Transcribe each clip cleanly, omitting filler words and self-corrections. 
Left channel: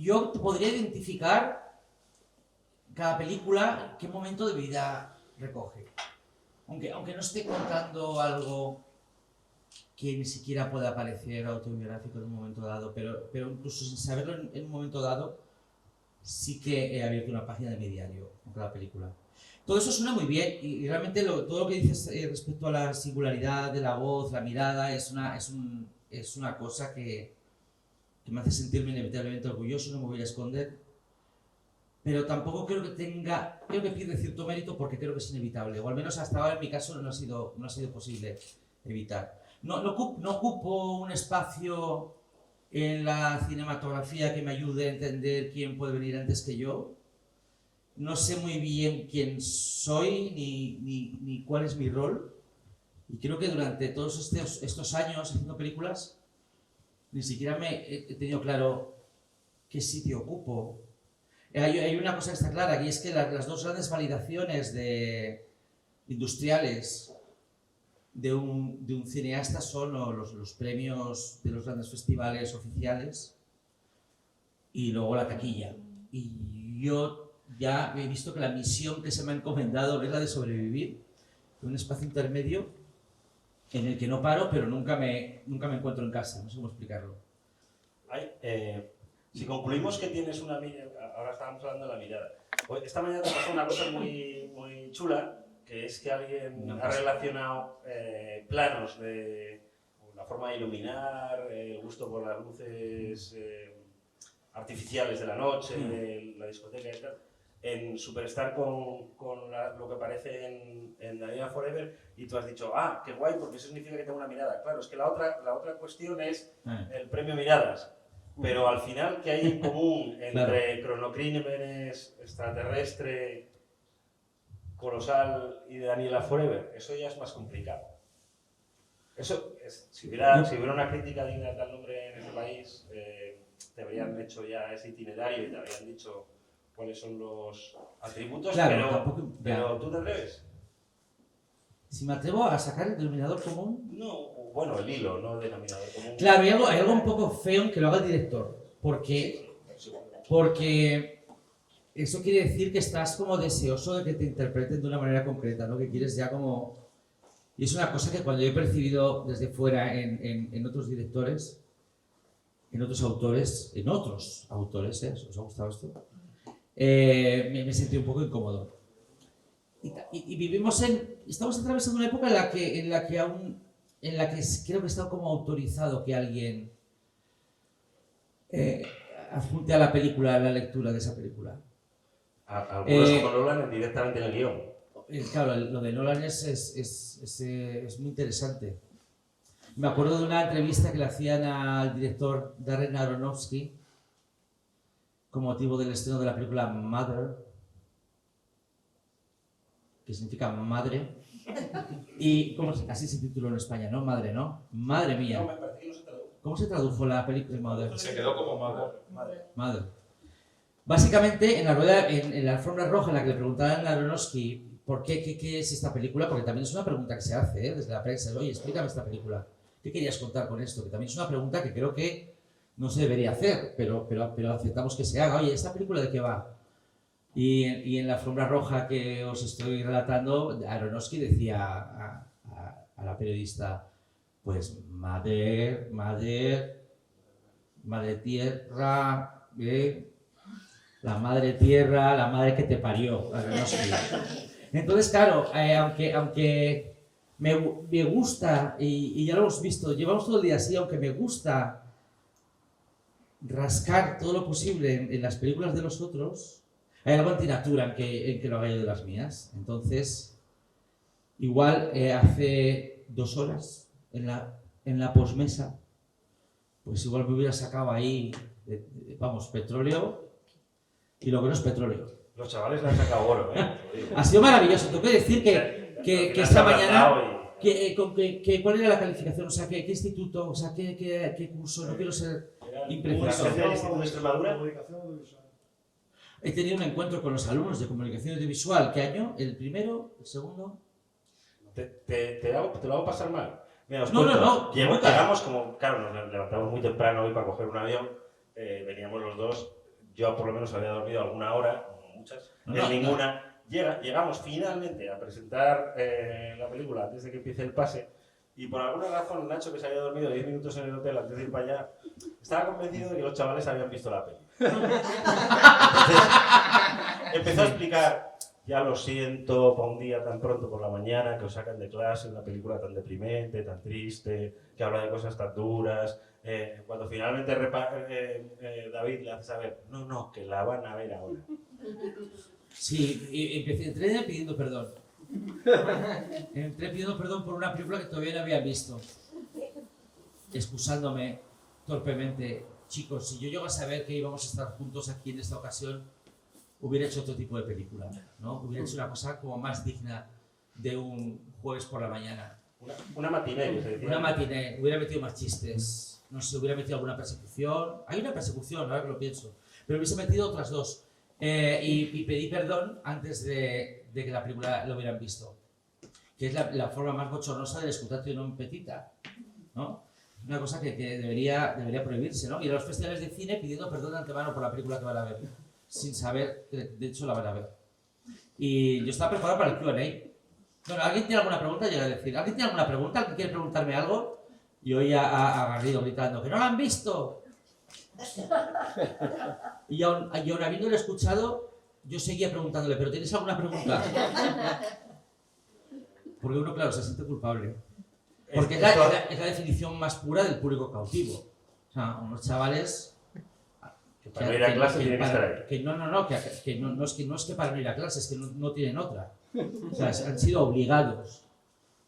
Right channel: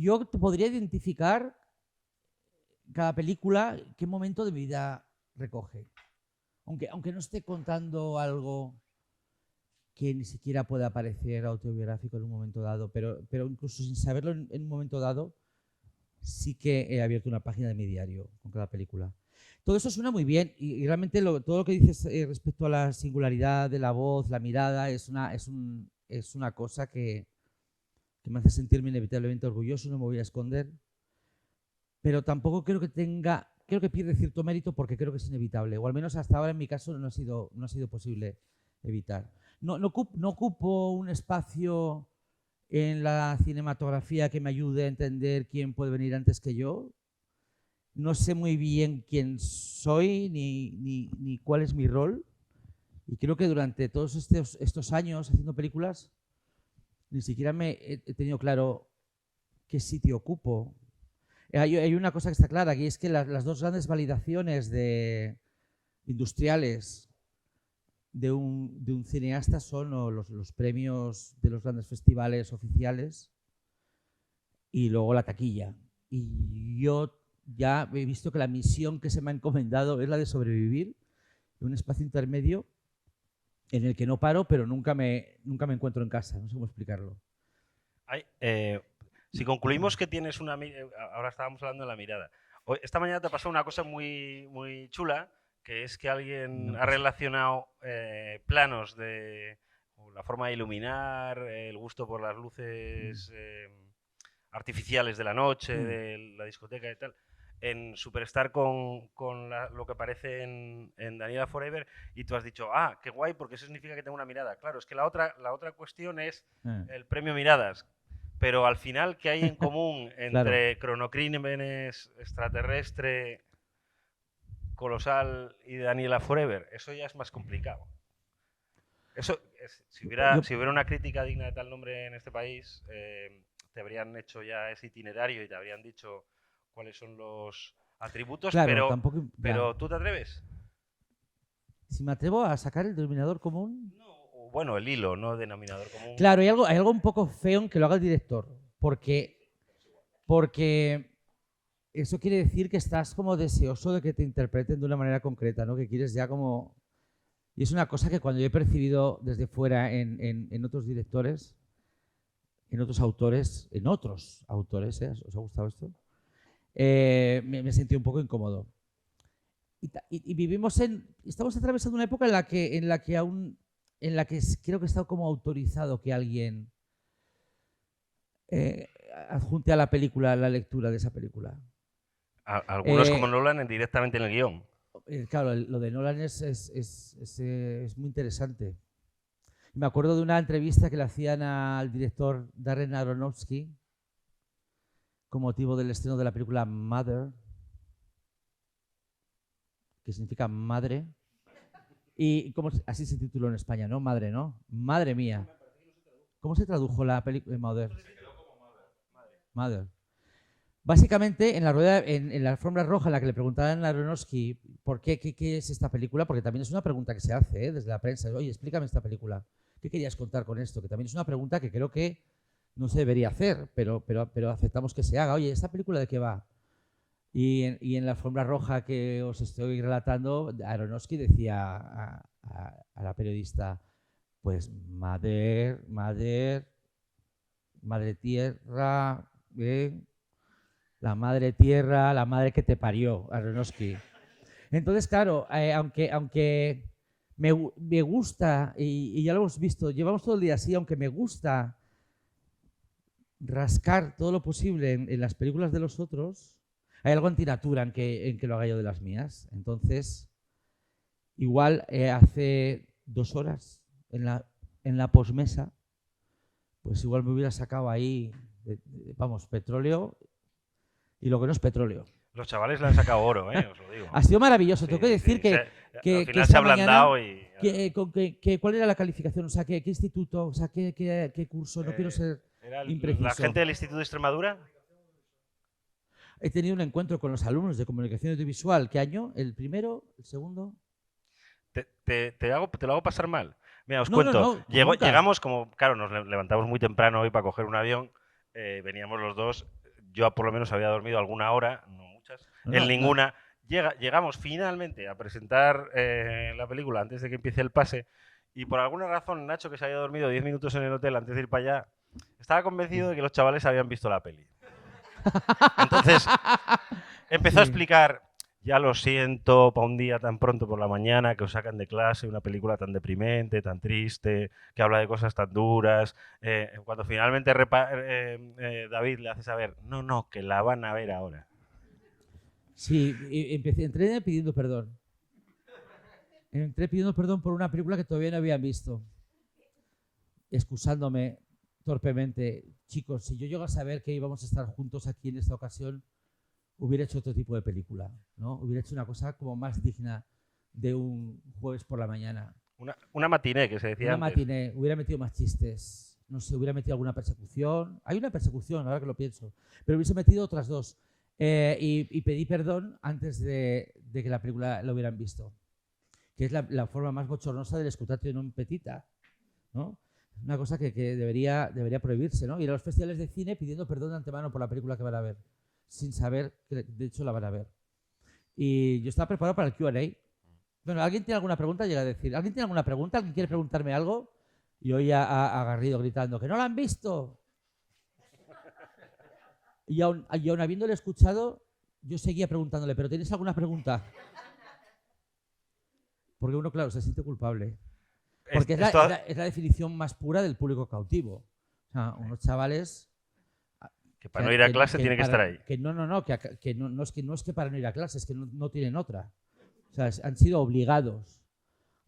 yo podría identificar cada película qué momento de vida recoge. Aunque no esté contando algo que ni siquiera pueda parecer autobiográfico en un momento dado, pero incluso sin saberlo en un momento dado, sí que he abierto una página de mi diario con cada película. Todo eso suena muy bien y realmente todo lo que dices respecto a la singularidad de la voz, la mirada, es una cosa que me hace sentirme inevitablemente orgulloso, no me voy a esconder, pero tampoco creo que pierde cierto mérito porque creo que es inevitable, o al menos hasta ahora en mi caso no ha sido posible evitar. No ocupo un espacio en la cinematografía que me ayude a entender quién puede venir antes que yo. No sé muy bien quién soy ni cuál es mi rol. Y creo que durante todos estos años haciendo películas ni siquiera he tenido claro qué sitio ocupo. Hay una cosa que está clara, y es que las dos grandes validaciones industriales de un cineasta son los premios de los grandes festivales oficiales y luego la taquilla. Y yo ya he visto que la misión que se me ha encomendado es la de sobrevivir en un espacio intermedio en el que no paro, pero nunca me encuentro en casa, no sé cómo explicarlo. Si concluimos que tienes una mirada, ahora estábamos hablando de la mirada. Esta mañana te pasó una cosa muy, muy chula, que es que alguien ha relacionado planos de la forma de iluminar, el gusto por las luces artificiales de la noche, de la discoteca y tal, en Superstar con lo que aparece en Daniela Forever, y tú has dicho, qué guay, porque eso significa que tengo una mirada. Claro, es que la otra cuestión es el premio Miradas. Pero al final, ¿qué hay en común entre Cronocrímenes, Extraterrestre, Colosal y Daniela Forever? Eso ya es más complicado. Si hubiera una crítica digna de tal nombre en este país, te habrían hecho ya ese itinerario y te habrían dicho cuáles son los atributos, claro, pero ¿tú te atreves? Si me atrevo a sacar el denominador común... No, bueno, el hilo, no denominador común. Claro, hay algo un poco feo en que lo haga el director, porque eso quiere decir que estás como deseoso de que te interpreten de una manera concreta, ¿no? Que quieres ya como... Y es una cosa que cuando yo he percibido desde fuera en otros directores, en otros autores, ¿os ha gustado esto? Me he sentido un poco incómodo. Y estamos atravesando una época en la que creo que está como autorizado que alguien adjunte a la película la lectura de esa película. Algunos como Nolan directamente en el guión. Claro, lo de Nolan es muy interesante. Me acuerdo de una entrevista que le hacían al director Darren Aronofsky con motivo del estreno de la película Mother, que significa madre, y así se tituló en España, ¿no? Madre, ¿no? Madre mía. No, me parece que no se tradujo. ¿Cómo se tradujo la película Mother? Se quedó como Mother. Básicamente, en la alfombra roja en la que le preguntaban a Aronofsky qué es esta película, porque también es una pregunta que se hace desde la prensa, oye, explícame esta película, ¿qué querías contar con esto? Que también es una pregunta que creo que no se debería hacer, pero aceptamos que se haga, oye, ¿esta película de qué va? Y en la alfombra roja que os estoy relatando, Aronofsky decía a la periodista, pues madre tierra, la madre tierra, la madre que te parió, Aronofsky. Entonces, claro, aunque me gusta, y ya lo hemos visto, llevamos todo el día así, aunque me gusta rascar todo lo posible en las películas de los otros, hay algo antinatura en que lo haga yo de las mías. Entonces, igual hace 2 horas en la posmesa, pues igual me hubiera sacado ahí, petróleo, y lo que no es petróleo. Los chavales le han sacado oro, Ha sido maravilloso. Tengo que decir que esta mañana... ¿Cuál era la calificación? O sea, ¿qué instituto? O sea, ¿qué curso? No quiero ser impreciso. ¿La gente del Instituto de Extremadura? He tenido un encuentro con los alumnos de comunicación audiovisual. ¿Qué año? ¿El primero? ¿El segundo? Te lo hago pasar mal. Mira, os cuento. Llegamos como... Claro, nos levantamos muy temprano hoy para coger un avión. Veníamos los dos yo por lo menos había dormido alguna hora, no muchas, en ninguna. Llegamos finalmente a presentar la película antes de que empiece el pase y por alguna razón Nacho, que se había dormido 10 minutos en el hotel antes de ir para allá, estaba convencido de que los chavales habían visto la peli. Entonces empezó a explicar: ya lo siento, para un día tan pronto por la mañana que os sacan de clase una película tan deprimente, tan triste, que habla de cosas tan duras. Cuando finalmente David le hace saber, no, que la van a ver ahora. Sí, entré pidiendo perdón. Entré pidiendo perdón por una película que todavía no había visto. Excusándome torpemente. Chicos, si yo llego a saber que íbamos a estar juntos aquí en esta ocasión, hubiera hecho otro tipo de película, ¿no? Hubiera hecho una cosa como más digna de un jueves por la mañana. Una matiné, que se decía. Una matiné, hubiera metido más chistes, no sé, hubiera metido alguna persecución. Hay una persecución, ahora que lo pienso, pero hubiese metido otras dos. Y pedí perdón antes de que la película lo hubieran visto, que es la forma más bochornosa del escutatio non petita, ¿no? Una cosa que debería prohibirse, ¿no? Ir a los festivales de cine pidiendo perdón de antemano por la película que van a ver, sin saber que de hecho la van a ver. Y yo estaba preparado para el Q&A. Bueno, ¿alguien tiene alguna pregunta? Llega a decir, ¿alguien tiene alguna pregunta? ¿Alguien quiere preguntarme algo? Y hoy a Garrido gritando, ¡que no la han visto! Y aún habiéndole escuchado, yo seguía preguntándole, ¿pero tienes alguna pregunta? Porque uno, claro, se siente culpable. Porque es la definición más pura del público cautivo. O sea, unos chavales... Que para no ir a clase tienen que estar ahí. Que no es que para no ir a clase, es que no tienen otra. O sea, han sido obligados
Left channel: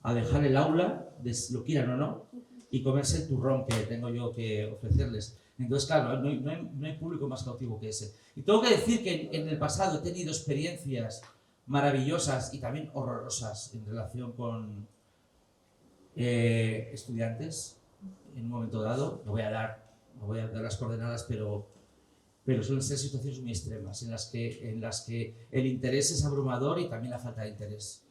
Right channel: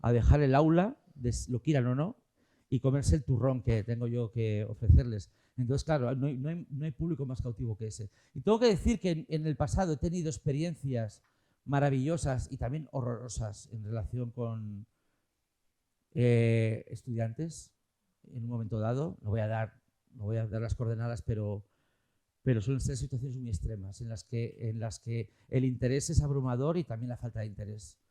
a dejar el aula, lo quieran o no, y comerse el turrón que tengo yo que ofrecerles. Entonces, claro, no hay público más cautivo que ese. Y tengo que decir que en el pasado he tenido experiencias maravillosas y también horrorosas en relación con estudiantes en un momento dado. No voy a dar las coordenadas, pero suelen ser situaciones muy extremas en las que el interés es abrumador y también la falta de interés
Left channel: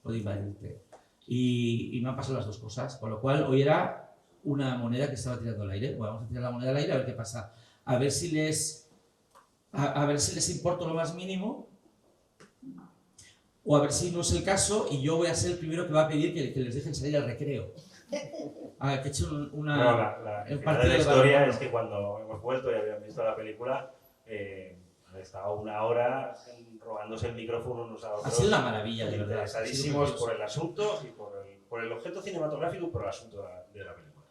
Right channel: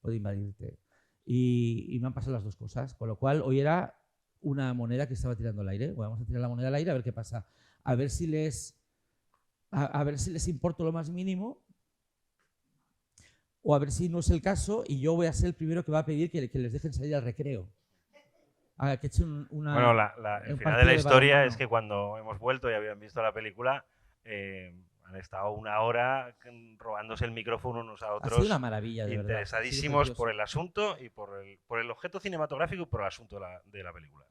puede invadirte. Y me han pasado las dos cosas, con lo cual hoy era una moneda que estaba tirando al aire. Bueno, vamos a tirar la moneda al aire a ver qué pasa. A ver si les importo lo más mínimo, o a ver si no es el caso y yo voy a ser el primero que va a pedir que les dejen salir al recreo. Que echen una... Bueno, el final de la historia es que cuando hemos vuelto y habían visto la película, han estado una hora robándose el micrófono unos a otros. Ha sido una maravilla, interesadísimos por el asunto y por el objeto cinematográfico y por el asunto de la película.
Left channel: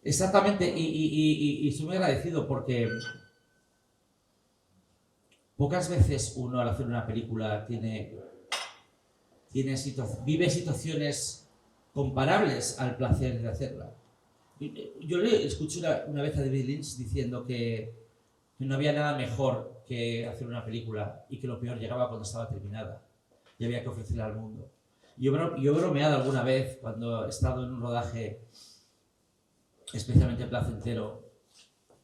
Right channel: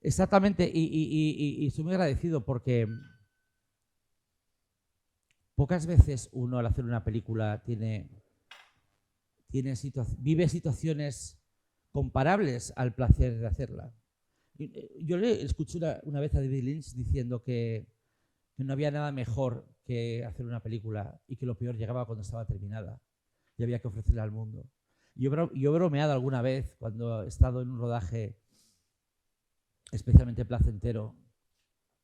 Exactamente, y estoy muy agradecido porque pocas veces uno al hacer una película vive situaciones comparables al placer de hacerla. Yo le escuché una vez a David Lynch diciendo que no había nada mejor que hacer una película y que lo peor llegaba cuando estaba terminada y había que ofrecerla al mundo. Yo he bromeado alguna vez cuando he estado en un rodaje especialmente placentero,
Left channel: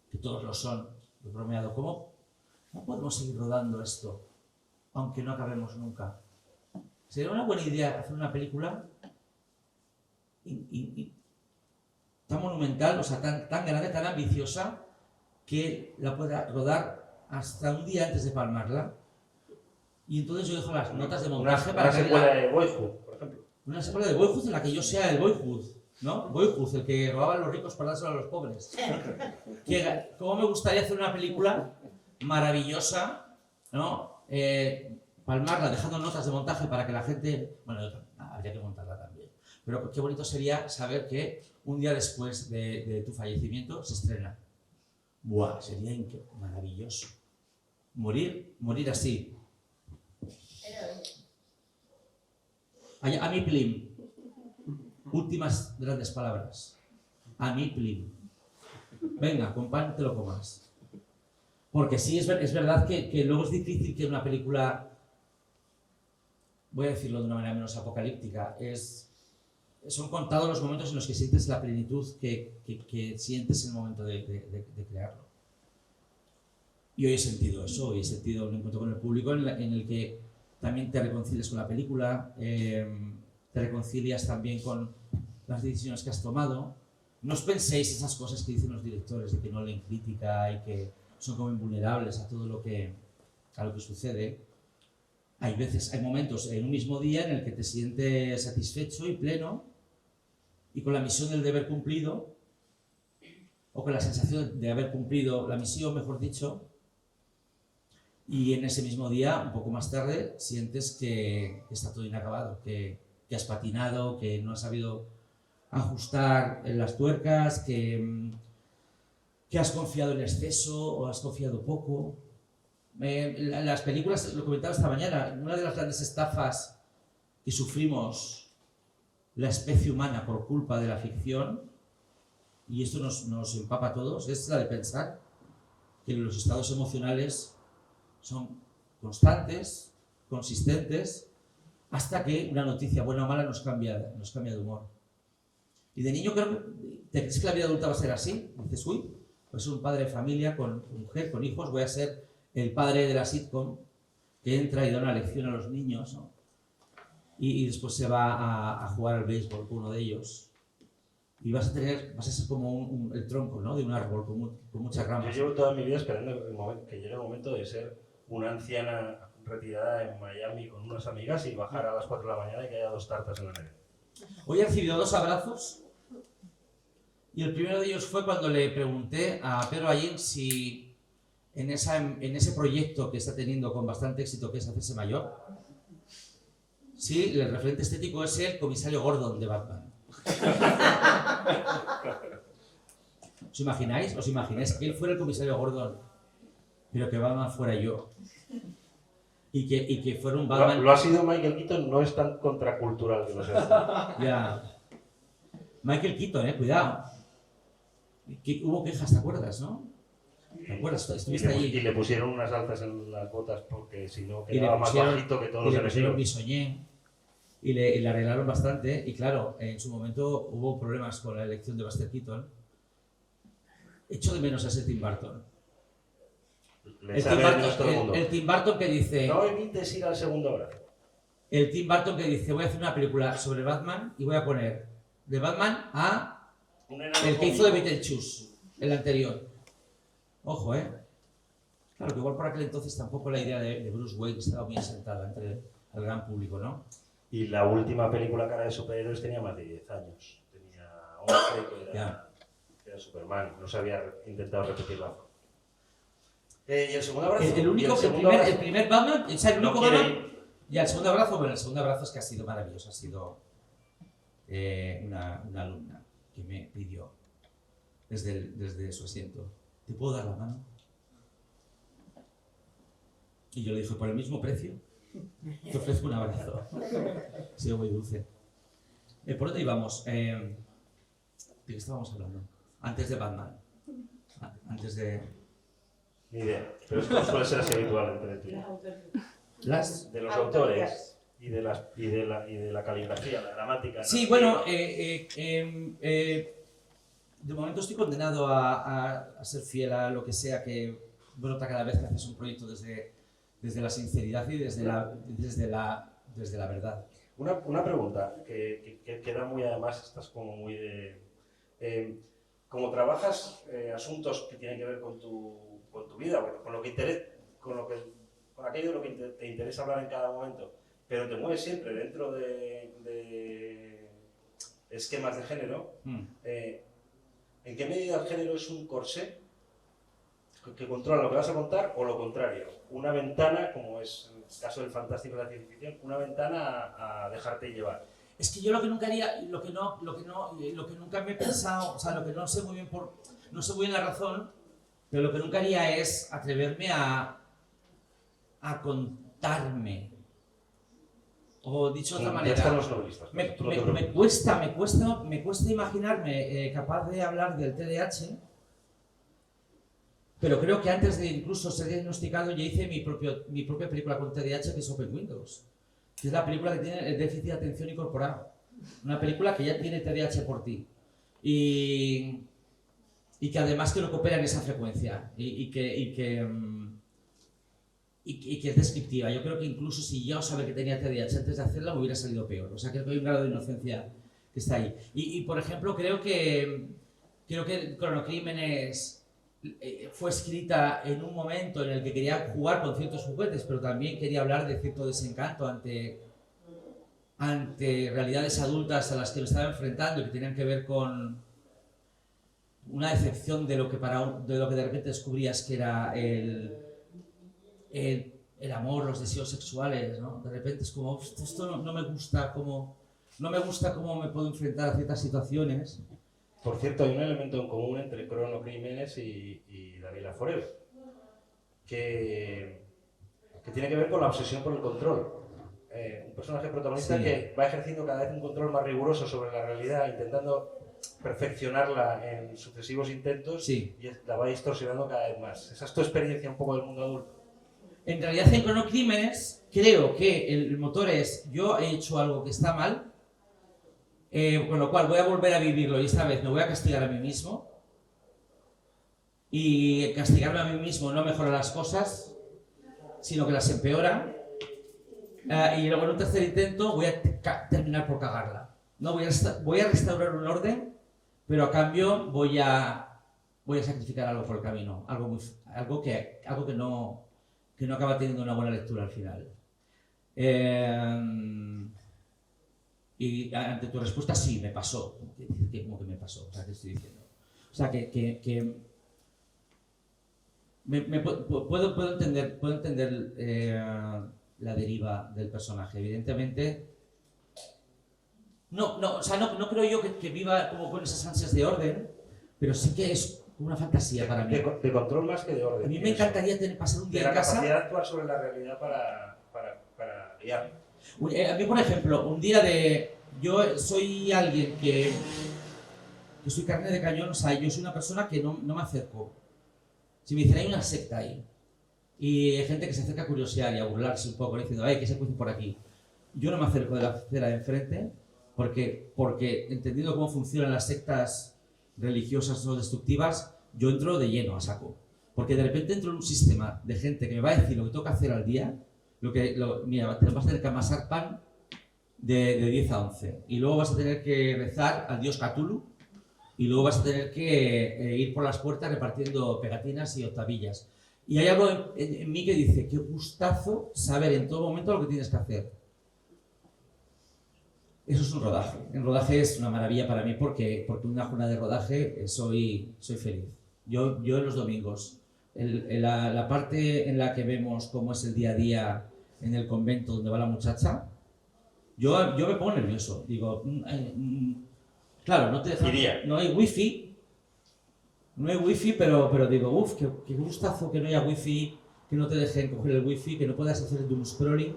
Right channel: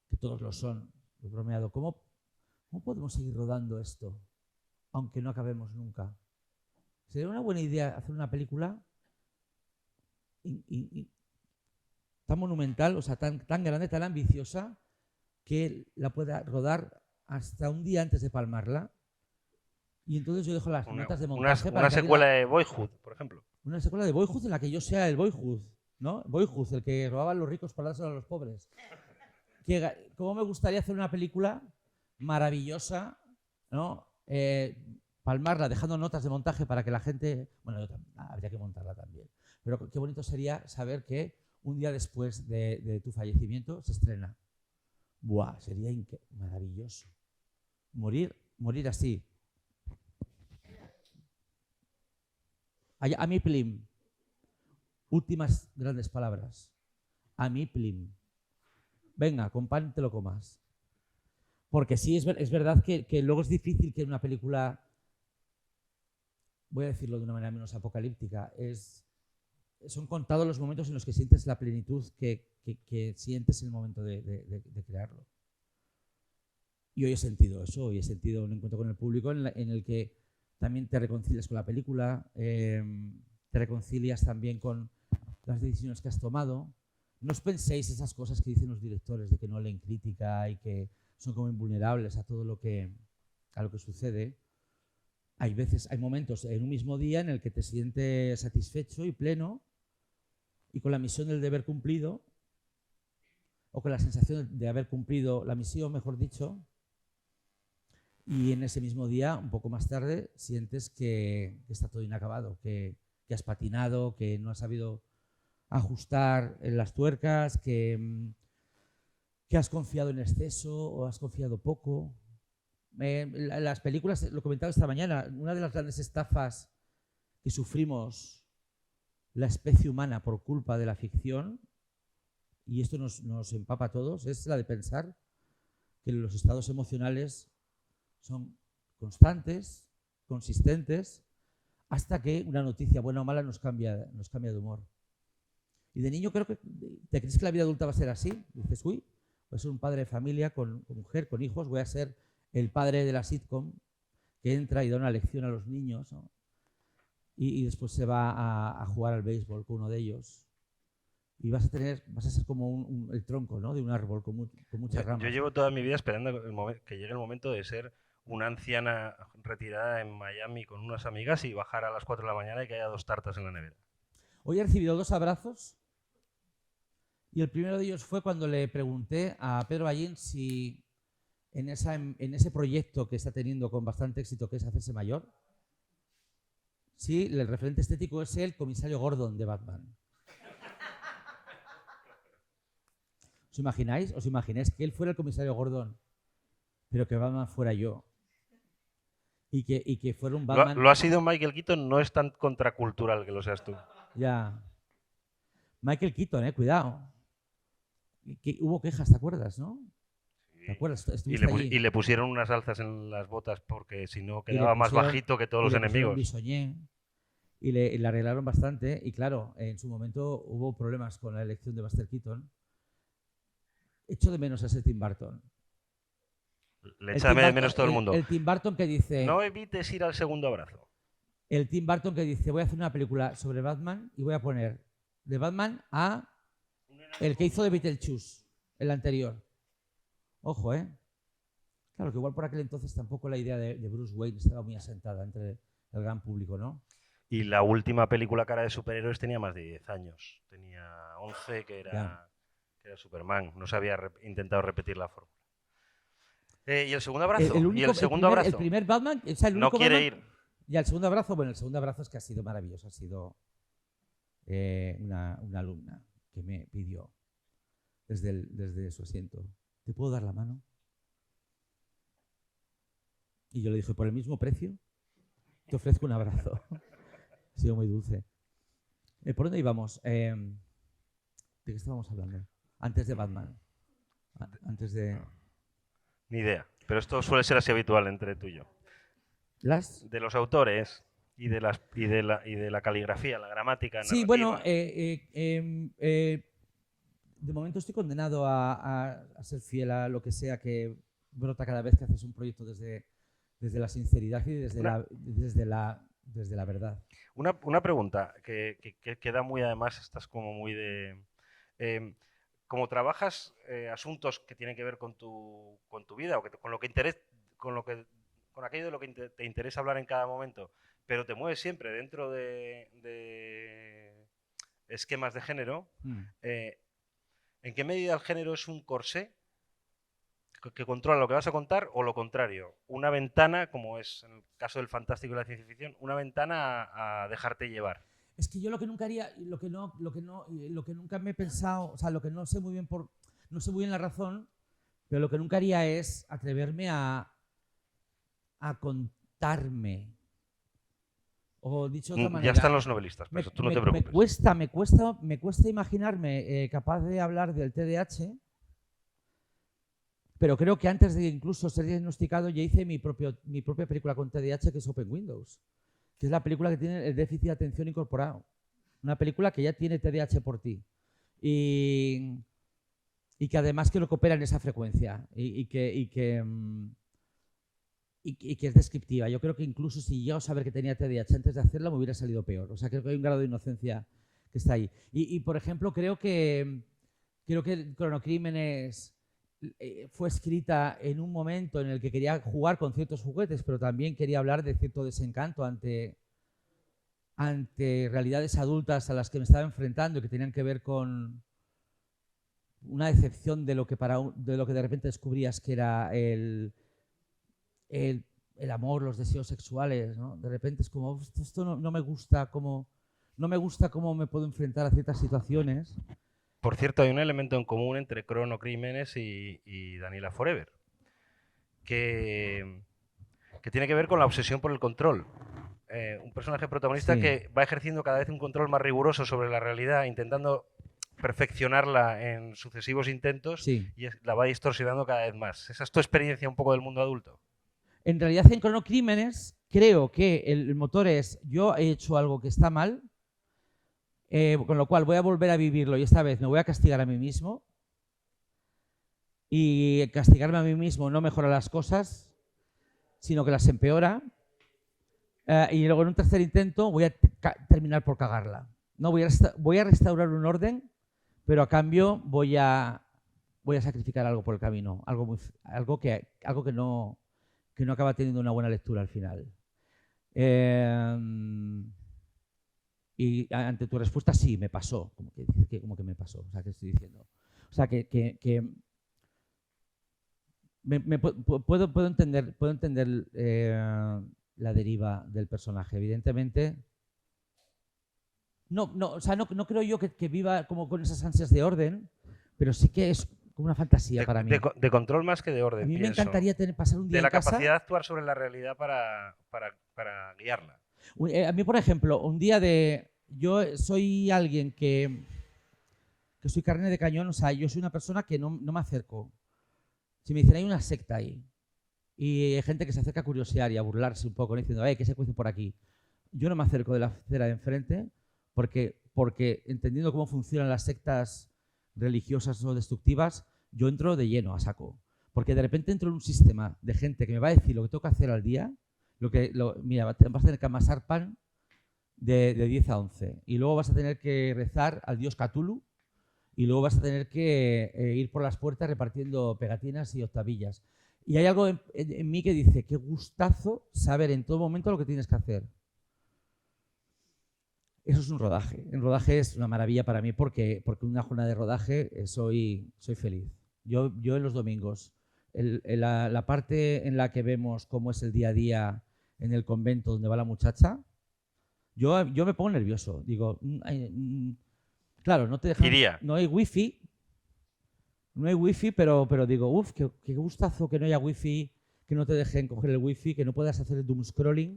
que todos lo son. He bromeado, ¿cómo podemos seguir rodando esto aunque no acabemos nunca? Sería una buena idea hacer una película tan monumental, o sea, tan grande, tan ambiciosa, que la pueda rodar hasta un día antes de palmarla. Y entonces yo dejo las notas de montaje una secuela de Boyhood, por ejemplo. Una secuela de Boyhood en la que yo sea el Boyhood, ¿no? Boyhood, el que robaban los ricos para dárselo a los pobres. ¿Cómo me gustaría hacer una película maravillosa, ¿no? Palmarla dejando notas de montaje para que la gente... Bueno, habría que montarla también. Pero qué bonito sería saber que un día después de tu fallecimiento se estrena. Buah, sería maravilloso. Morir así. A mi plim. Últimas grandes palabras. A mi plim. Venga, con pan te lo comas. Porque sí, es verdad que luego es difícil que una película, voy a decirlo de una manera menos apocalíptica, son contados los momentos en los que sientes la plenitud que sientes en el momento de crearlo. Y hoy he sentido eso, hoy he sentido un encuentro con el público en el que también te reconcilias con la película, te reconcilias también con las decisiones que has tomado. No os penséis esas cosas que dicen los directores de que no leen crítica y que son como invulnerables a todo a lo que sucede. Hay momentos en un mismo día en el que te sientes satisfecho y pleno y con la misión del deber cumplido, o con la sensación de haber cumplido la misión, mejor dicho, y en ese mismo día, un poco más tarde, sientes que está todo inacabado, que has patinado, que no has sabido ajustar las tuercas, que has confiado en exceso o has confiado poco. Las películas, lo comentaba esta mañana, una de las grandes estafas que sufrimos la especie humana por culpa de la ficción, y esto nos empapa a todos, es la de pensar que los estados emocionales son constantes, consistentes, hasta que una noticia buena o mala nos cambia de humor. Y de niño creo que te crees que la vida adulta va a ser así. Dices, uy, voy a ser un padre de familia con mujer, con hijos, voy a ser el padre de la sitcom que entra y da una lección a los niños, ¿no? Y después se va a jugar al béisbol con uno de ellos. Y vas a ser como el tronco, ¿no?, de un árbol con muchas ramas. Yo llevo toda mi vida esperando que llegue el momento de ser una anciana retirada en Miami con unas amigas y bajar a las 4 de la mañana y que haya 2 tartas en la nevera. Hoy he recibido 2 abrazos y el primero de ellos fue cuando le pregunté a Pedro Allín si en ese proyecto que está teniendo con bastante éxito, que es hacerse mayor, si el referente estético es el comisario Gordon de Batman. ¿Os imagináis? ¿Os imagináis que él fuera el comisario Gordon, pero que Batman fuera yo? Y que fuera un Batman... Lo ha sido Michael Keaton, no es tan contracultural que lo sea. Ya. Michael Keaton, cuidado. Que hubo quejas, ¿te acuerdas, no? ¿Te acuerdas? Y le pusieron unas alzas en las botas porque si no quedaba más bajito que todos los enemigos. Y le arreglaron bastante. Y claro, en su momento hubo problemas con la elección de Buster Keaton. Echo de menos a ese Tim Burton. Le echa de menos todo el mundo. El Tim Burton que dice... No evites ir al segundo abrazo. El Tim Burton que dice, voy a hacer una película sobre Batman y voy a poner de Batman a el que hizo de Beetlejuice, el anterior. Ojo, Claro, que igual por aquel entonces tampoco la idea de Bruce Wayne estaba muy asentada entre el gran público, ¿no? Y la última película cara de superhéroes tenía más de 10 años. Tenía 11 que era Superman. No se había intentado repetir la forma. ¿Y el segundo abrazo? El primer Batman, o sea, el no único quiere Batman, ir. Y el segundo abrazo, bueno, el segundo abrazo es que ha sido maravilloso. Ha sido una alumna que me pidió desde su asiento, ¿te puedo dar la mano? Y yo le dije, por el mismo precio, te ofrezco un abrazo. Ha sido muy dulce. ¿Por dónde íbamos? ¿De qué estábamos hablando? Antes de Batman. Antes de... Ni idea, pero esto suele ser así habitual entre tú y yo. De los autores y de la caligrafía, la gramática. Sí, bueno, de momento estoy condenado a ser fiel a lo que sea que brota cada vez que haces un proyecto desde la sinceridad y desde la verdad. Una pregunta que queda muy, además, estás como muy de... como trabajas asuntos que tienen que ver con tu vida, o con aquello de lo que te interesa hablar en cada momento, pero te mueves siempre dentro de esquemas de género, ¿en qué medida el género es un corsé que controla lo que vas a contar o lo contrario? Una ventana, como es el caso del fantástico y la ciencia ficción, una ventana a dejarte llevar. Es que yo lo que nunca haría, lo que nunca me he pensado, o sea, lo que no sé muy bien la razón, pero lo que nunca haría es atreverme a contarme. O dicho de otra manera, ya están los novelistas, tú no te preocupes. Me cuesta imaginarme capaz de hablar del TDAH, pero creo que antes de incluso ser diagnosticado ya hice mi propia película con TDAH, que es Open Windows, que es la película que tiene el déficit de atención incorporado. Una película que ya tiene TDAH por ti. Y que además que lo coopera en esa frecuencia. Y que es descriptiva. Yo creo que incluso si yo sabía que tenía TDAH antes de hacerla, me hubiera salido peor. O sea, que hay un grado de inocencia que está ahí. Y por ejemplo, creo que Cronocrímenes fue escrita en un momento en el que quería jugar con ciertos juguetes, pero también quería hablar de cierto desencanto ante realidades adultas a las que me estaba enfrentando y que tenían que ver con una decepción de lo que de repente descubrías que era el amor, los deseos sexuales, ¿no? De repente es como, esto no me gusta cómo me puedo enfrentar a ciertas situaciones. Por cierto, hay un elemento en común entre Chrono Crímenes y Daniela Forever, que tiene que ver con la obsesión por el control. Un personaje protagonista que va ejerciendo cada vez un control más riguroso sobre la realidad, intentando perfeccionarla en sucesivos intentos y la va distorsionando cada vez más. ¿Esa es tu experiencia un poco del mundo adulto? En realidad, en Chrono Crímenes, creo que el motor es: yo he hecho algo que está mal, con lo cual voy a volver a vivirlo y esta vez me voy a castigar a mí mismo. Y castigarme a mí mismo no mejora las cosas, sino que las empeora. Y luego en un tercer intento voy a terminar por cagarla. No, voy a restaurar un orden, pero a cambio voy a sacrificar algo por el camino, algo que no acaba teniendo una buena lectura al final. Y ante tu respuesta, sí, me pasó. Como que me pasó, o sea, que estoy diciendo. O sea, puedo entender la deriva del personaje. Evidentemente, no creo yo que viva como con esas ansias de orden, pero sí que es una fantasía para mí. De control más que de orden. A mí me encantaría pasar un día en casa. De la capacidad de actuar sobre la realidad para guiarla. A mí, por ejemplo, un día yo soy alguien que soy carne de cañón, o sea, yo soy una persona que no me acerco. Si me dicen, hay una secta ahí, y hay gente que se acerca a curiosear y a burlarse un poco, diciendo, ¿qué se puede por aquí? Yo no me acerco de la acera de enfrente, porque entendiendo cómo funcionan las sectas religiosas o destructivas, yo entro de lleno a saco. Porque de repente entro en un sistema de gente que me va a decir lo que tengo que hacer al día. Mira, te vas a tener que amasar pan de 10 a 11. Y luego vas a tener que rezar al dios Cthulhu. Y luego vas a tener que ir por las puertas repartiendo pegatinas y octavillas. Y hay algo en mí que dice, qué gustazo saber en todo momento lo que tienes que hacer. Eso es un rodaje. El rodaje es una maravilla para mí porque una jornada de rodaje soy feliz. Yo en los domingos, la parte en la que vemos cómo es el día a día en el convento donde va la muchacha, yo me pongo nervioso. Digo, claro, no te dejan, no hay wifi, pero digo, qué gustazo que no haya wifi, que no te dejen coger el wifi, que no puedas hacer doom scrolling,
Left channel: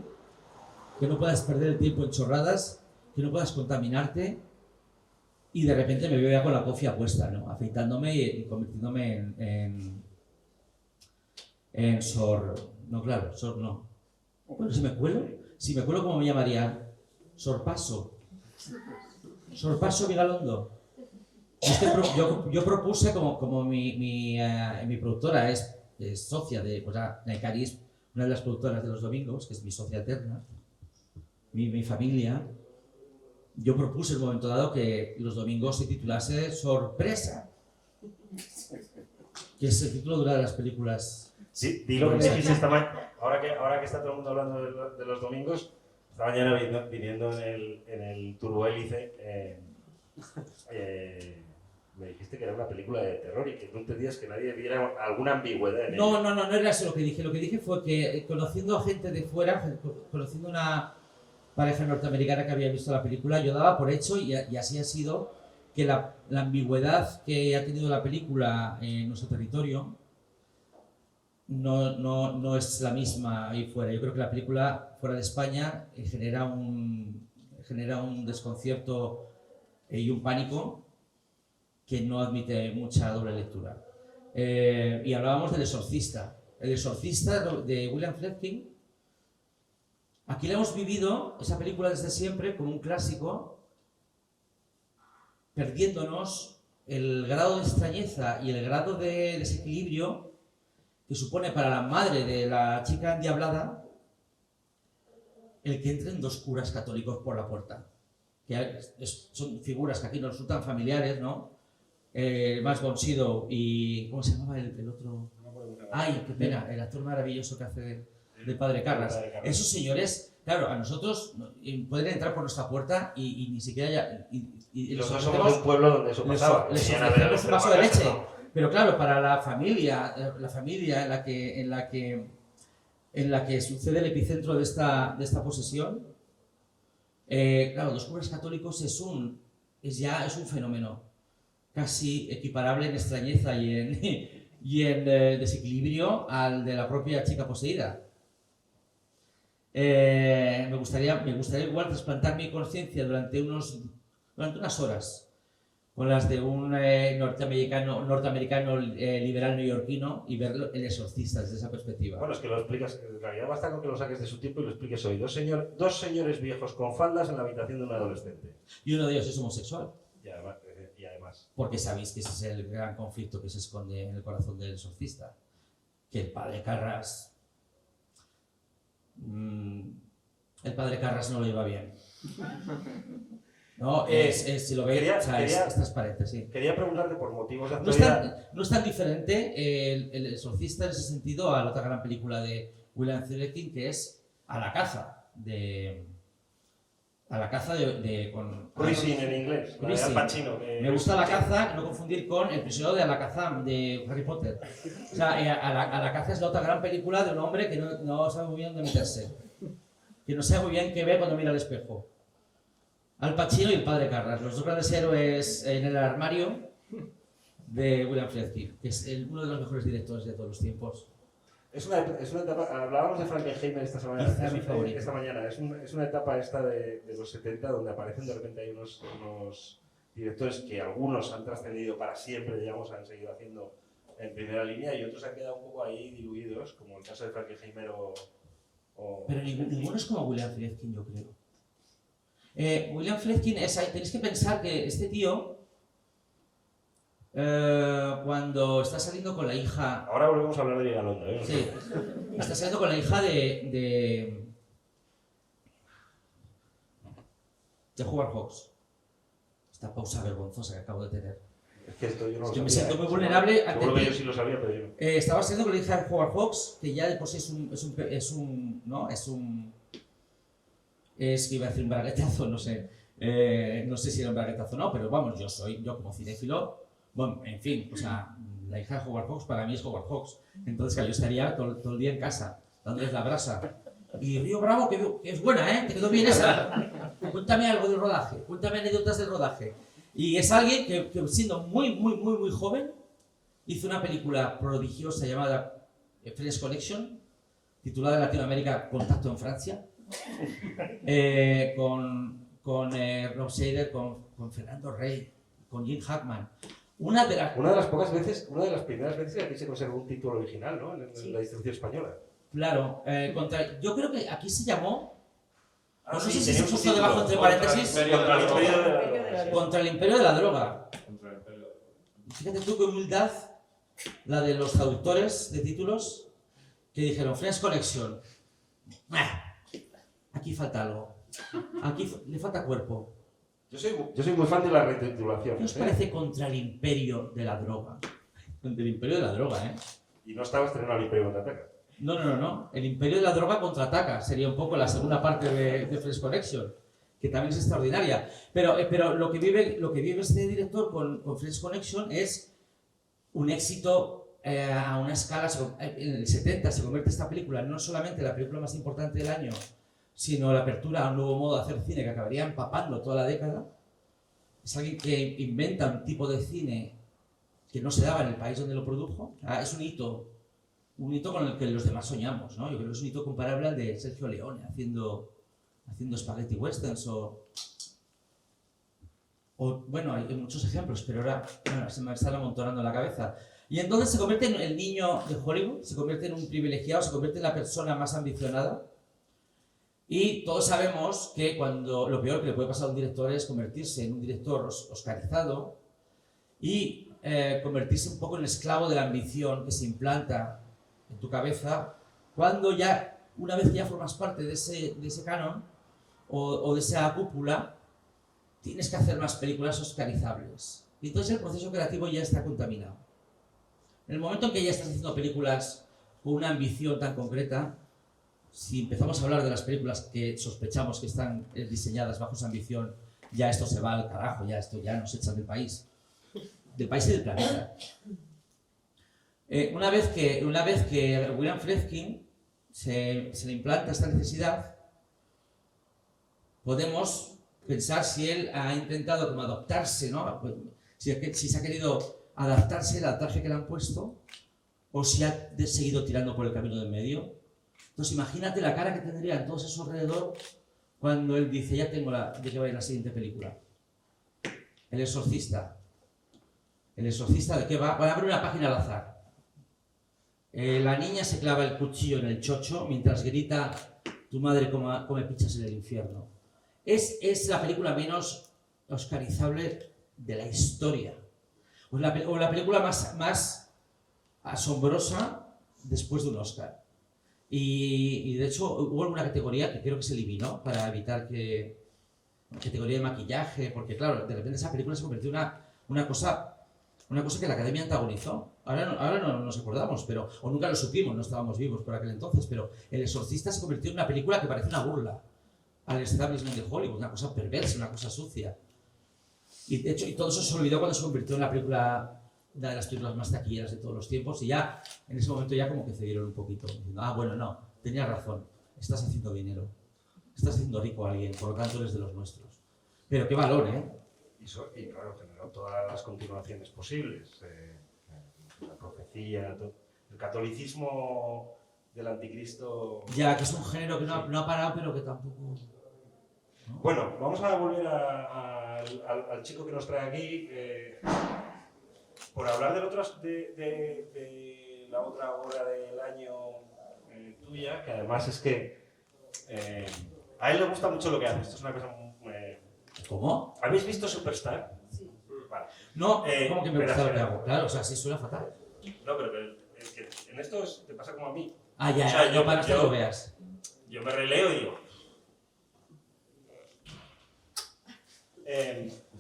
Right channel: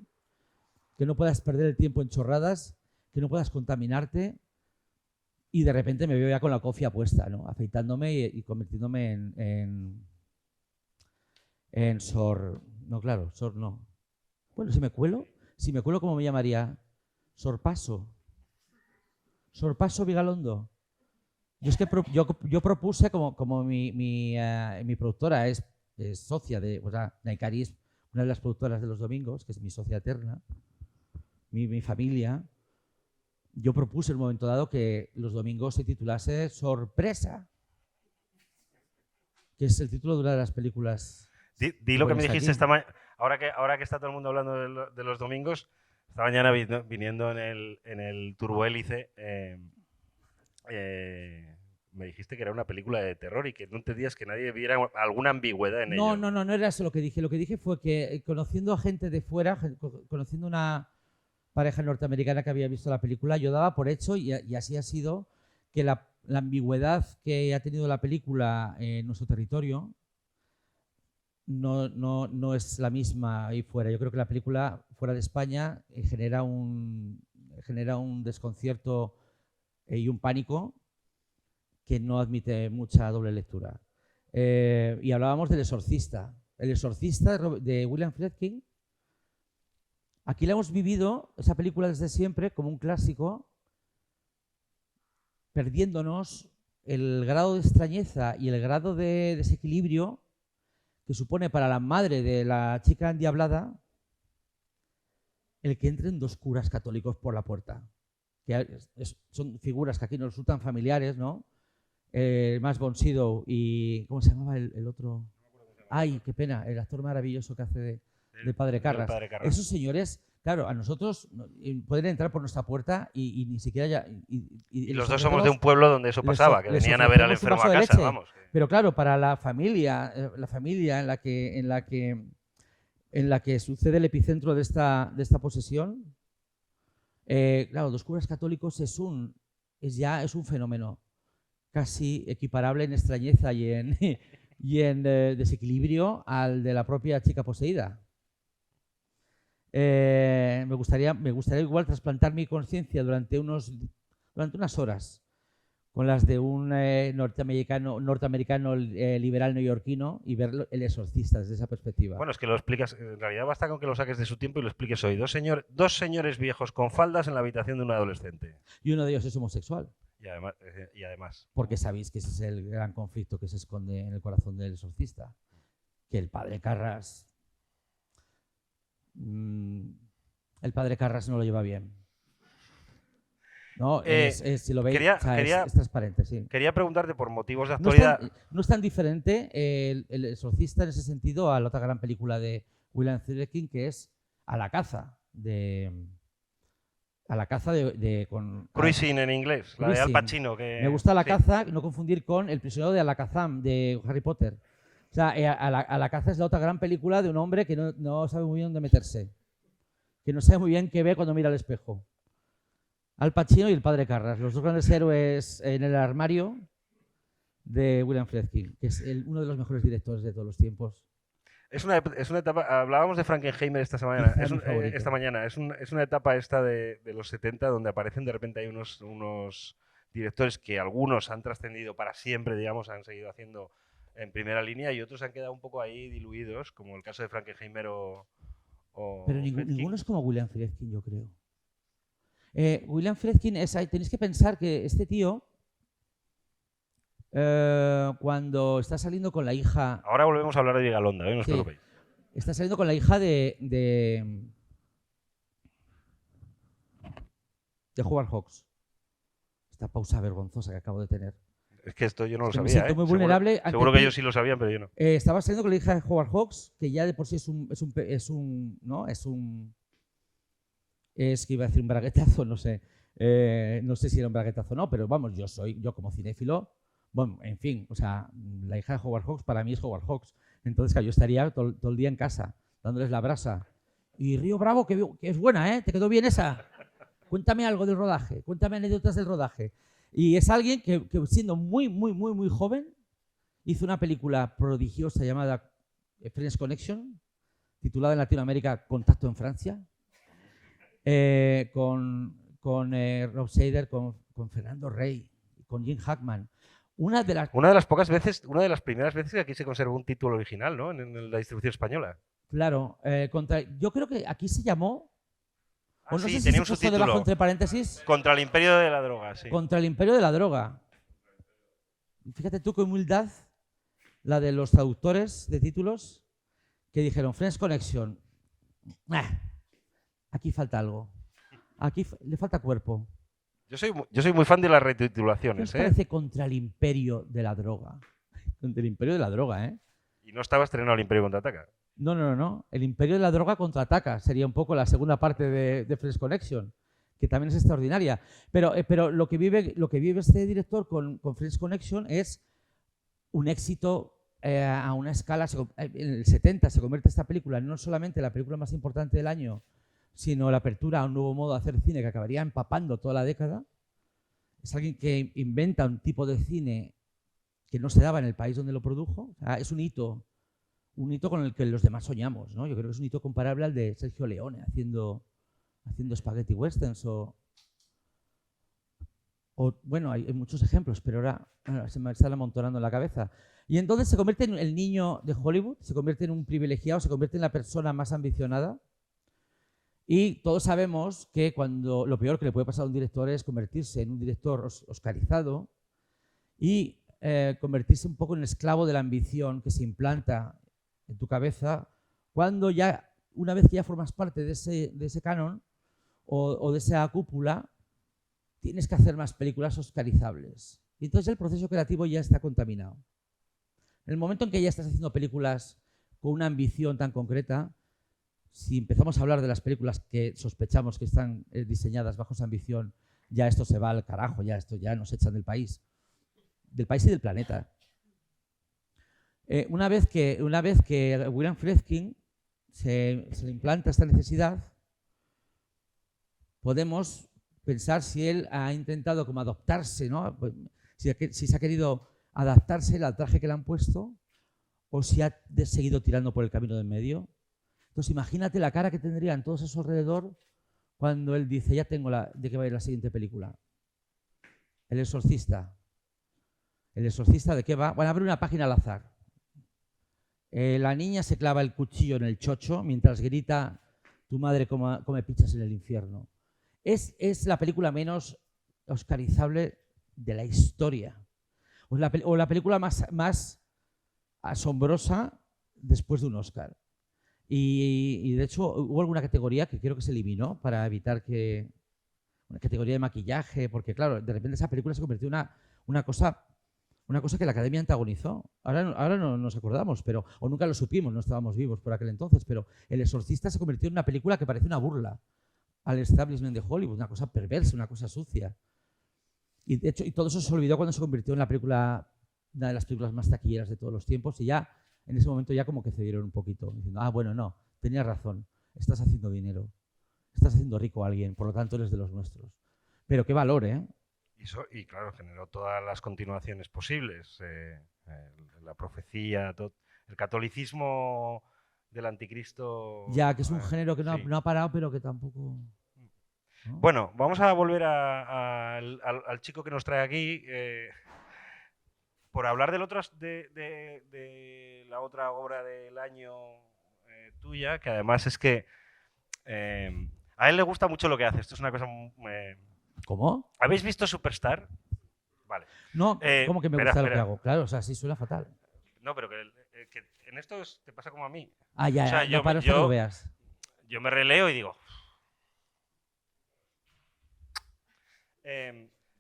que no puedas perder el tiempo en chorradas, que no puedas contaminarte. Y de repente me veo ya con la cofia puesta, ¿no? Afeitándome y convirtiéndome en Sor... No, claro, Sor no. Bueno, si me cuelo, ¿cómo me llamaría? Sorpaso. Sorpaso Vigalondo. Yo propuse, como mi productora es socia de Naikari, es una de las productoras de Los Domingos, que es mi socia eterna, mi familia. Yo propuse en un momento dado que Los Domingos se titulase Sorpresa, que es el título de una de las películas. Di lo que me dijiste esta mañana, ahora que está todo el mundo hablando de Los Domingos, esta mañana viniendo en el turbohélice, me dijiste que era una película de terror y que no entendías que nadie viera alguna ambigüedad en ello. No era eso lo que dije. Lo que dije fue que conociendo a gente de fuera, conociendo una pareja norteamericana que había visto la película, yo daba por hecho, y así ha sido, que la ambigüedad que ha tenido la película en nuestro territorio no es la misma ahí fuera. Yo creo que la película fuera de España genera un desconcierto y un pánico que no admite mucha doble lectura. Y hablábamos del Exorcista. El Exorcista de William Friedkin. Aquí la hemos vivido, esa película desde siempre, como un clásico, perdiéndonos el grado de extrañeza y el grado de desequilibrio que supone para la madre de la chica endiablada el que entren dos curas católicos por la puerta. Que son figuras que aquí nos resultan familiares, ¿no? Max von Sydow y... ¿Cómo se llamaba el otro? Ay, qué pena, el actor maravilloso que hace de Padre Carras. Esos señores, claro, a nosotros pueden entrar por nuestra puerta y ni siquiera ya... Y los dos somos de un pueblo donde eso pasaba, que venían a ver al enfermo a casa, vamos. Pero claro, para la familia en la que sucede el epicentro de esta posesión, claro, los curas católicos es un fenómeno casi equiparable en extrañeza y en desequilibrio al de la propia chica poseída. Me gustaría igual trasplantar mi conciencia durante unas horas con las de un norteamericano liberal neoyorquino y ver El Exorcista desde esa perspectiva. Bueno, es que lo explicas, en realidad basta con que lo saques de su tiempo y lo expliques hoy. Dos señores viejos con faldas en la habitación de un adolescente. Y uno de ellos es homosexual. Y además. Porque sabéis que ese es el gran conflicto que se esconde en el corazón del exorcista. Que el padre Carras... el padre Carras no lo lleva bien. No, si lo veis, es transparente, sí. Quería preguntarte por motivos de actualidad... No es tan diferente el exorcista en ese sentido a la otra gran película de William Friedkin, que es A la caza de Cruising en inglés, la de Al Pacino. Me gusta La caza y no confundir con El prisionero de Alcazam de Harry Potter. O sea, a la caza es la otra gran película de un hombre que no sabe muy bien dónde meterse. Que no sabe muy bien qué ve cuando mira al espejo. Al Pacino y el padre Carras, los dos grandes héroes en el armario de William Friedkin, que es uno de los mejores directores de todos los tiempos. Es una etapa, hablábamos de Frankenheimer esta mañana, es una etapa esta de los 70 donde aparecen de repente hay unos directores que algunos han trascendido para siempre, digamos, han seguido haciendo en primera línea y otros han quedado un poco ahí diluidos, como el caso de Frankenheimer Pero ninguno es como William Friedkin, yo creo. William Friedkin, tenéis que pensar que este tío, cuando está saliendo con la hija... Ahora volvemos a hablar de Vigalondo, ¿eh? Sí, está saliendo con la hija de Howard Hawks. Esta pausa vergonzosa que acabo de tener. Es que esto yo no lo Me sabía. siento muy vulnerable. Seguro que yo sí lo sabía, pero yo no. Estaba saliendo con la hija de Howard Hawks, que ya de por sí es que iba a decir un braguetazo, no sé. No sé si era un braguetazo o no, pero vamos, yo como cinéfilo, bueno, en fin, o sea, la hija de Howard Hawks para mí es Howard Hawks. Entonces, claro, yo estaría todo el día en casa, dándoles la brasa. Y Río Bravo, que es buena, ¿eh? ¿Te quedó bien esa? Cuéntame algo del rodaje, cuéntame anécdotas del rodaje. Y es alguien que siendo muy joven, hizo una película prodigiosa llamada Friends Connection, titulada en Latinoamérica Contacto en Francia, con Rob Seider, con Fernando Rey, con Jim Hackman. Una de las primeras veces que aquí se conservó un título original, ¿no? En la distribución española. Claro, yo creo que aquí se llamó... no sé si tenía un subtítulo debajo entre paréntesis. Contra el Imperio de la Droga. Sí. Contra el Imperio de la Droga. Fíjate tú qué humildad la de los traductores de títulos que dijeron Friends Connection. Aquí falta algo. Aquí le falta cuerpo. Yo soy muy fan de las retitulaciones. ¿Qué os parece Contra el Imperio de la Droga? Contra el Imperio de la Droga, ¿eh? Y no estaba estrenado el Imperio Contraataca. No. El Imperio de la Droga contraataca. Sería un poco la segunda parte de Friends Connection, que también es extraordinaria. Pero lo que vive este director con Friends Connection es un éxito a una escala. En el 70 se convierte esta película no solamente en la película más importante del año, sino la apertura a un nuevo modo de hacer cine que acabaría empapando toda la década. Es alguien que inventa un tipo de cine que no se daba en el país donde lo produjo. Es un hito con el que los demás soñamos, ¿no? Yo creo que es un hito comparable al de Sergio Leone haciendo spaghetti westerns bueno, hay muchos ejemplos, pero ahora se me están amontonando en la cabeza. Y entonces se convierte en el niño de Hollywood, se convierte en un privilegiado, se convierte en la persona más ambicionada. Y todos sabemos que lo peor que le puede pasar a un director es convertirse en un director oscarizado y convertirse un poco en esclavo de la ambición que se implanta en tu cabeza cuando una vez que ya formas parte de ese canon o de esa cúpula, tienes que hacer unas películas oscarizables. Y entonces el proceso creativo ya está contaminado. En el momento en que ya estás haciendo películas con una ambición tan concreta, si empezamos a hablar de las películas que sospechamos que están diseñadas bajo esa ambición, ya esto se va al carajo, ya esto ya nos echan del país y del planeta. Una vez que William Friedkin se le implanta esta necesidad, podemos pensar si él ha intentado como adaptarse, ¿no? Si se ha querido adaptarse al traje que le han puesto o si ha seguido tirando por el camino del medio. Entonces imagínate la cara que tendrían todos esos alrededor cuando él dice, ya tengo de qué va a ir la siguiente película. El exorcista. ¿El exorcista de qué va? Van a abrir una página al azar. La niña se clava el cuchillo en el chocho mientras grita, tu madre come pizzas en el infierno. Es la película menos oscarizable de la historia. O la película más asombrosa después de un Oscar. Y de hecho hubo alguna categoría que creo que se eliminó para evitar que... categoría de maquillaje, porque claro, de repente esa película se convirtió en una cosa que la Academia antagonizó. Ahora no nos acordamos, o nunca lo supimos, no estábamos vivos por aquel entonces, pero El Exorcista se convirtió en una película que parece una burla al establishment de Hollywood, una cosa perversa, una cosa sucia. Y de hecho, todo eso se olvidó cuando se convirtió en una de las películas más taquilleras de todos los tiempos, y ya en ese momento ya como que cedieron un poquito, diciendo, bueno, no, tenías razón, estás haciendo dinero, estás haciendo rico a alguien, por lo tanto eres de los nuestros. Pero qué valor, ¿eh? Y claro, generó todas las continuaciones posibles, la profecía, el catolicismo del anticristo. Ya, que es un género que no ha parado, pero que tampoco... ¿no? Bueno, vamos a volver al chico que nos trae aquí, por hablar de la otra hora del año tuya, que además es que a él le gusta mucho lo que hace. Esto es una cosa muy... ¿Cómo? ¿Habéis visto Superstar? Sí. Vale. No, ¿cómo que me gusta lo que espera. hago? Claro, o sea, sí suena fatal. No, pero que en esto te pasa como a mí. Ya, O sea, yo para que lo veas. Yo me releo y digo...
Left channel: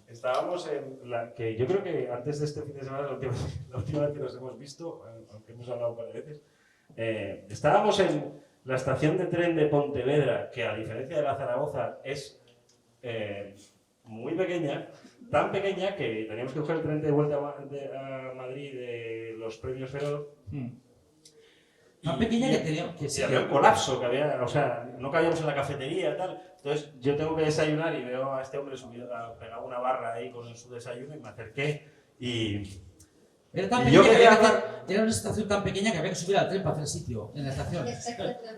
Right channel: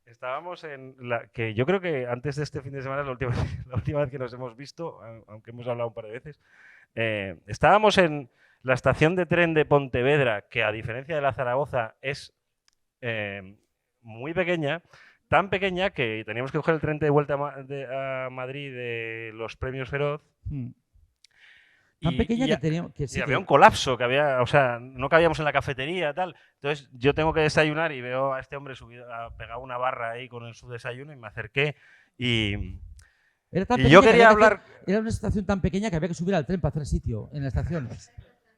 estábamos en que yo creo que antes de este fin de semana, la última vez que nos hemos visto, aunque hemos hablado un par de veces, estábamos en la estación de tren de Pontevedra, que a diferencia de la Zaragoza es muy pequeña, tan pequeña que teníamos que coger el tren de vuelta a Madrid de los premios Feroz. Tan pequeña que tenía... Sí, había un colapso, no cabíamos en la cafetería, tal. Entonces yo tengo que desayunar y veo a este hombre pegado una barra ahí con su desayuno y me acerqué y yo quería hablar... Era una estación tan pequeña que había que subir al tren para hacer sitio en la estación.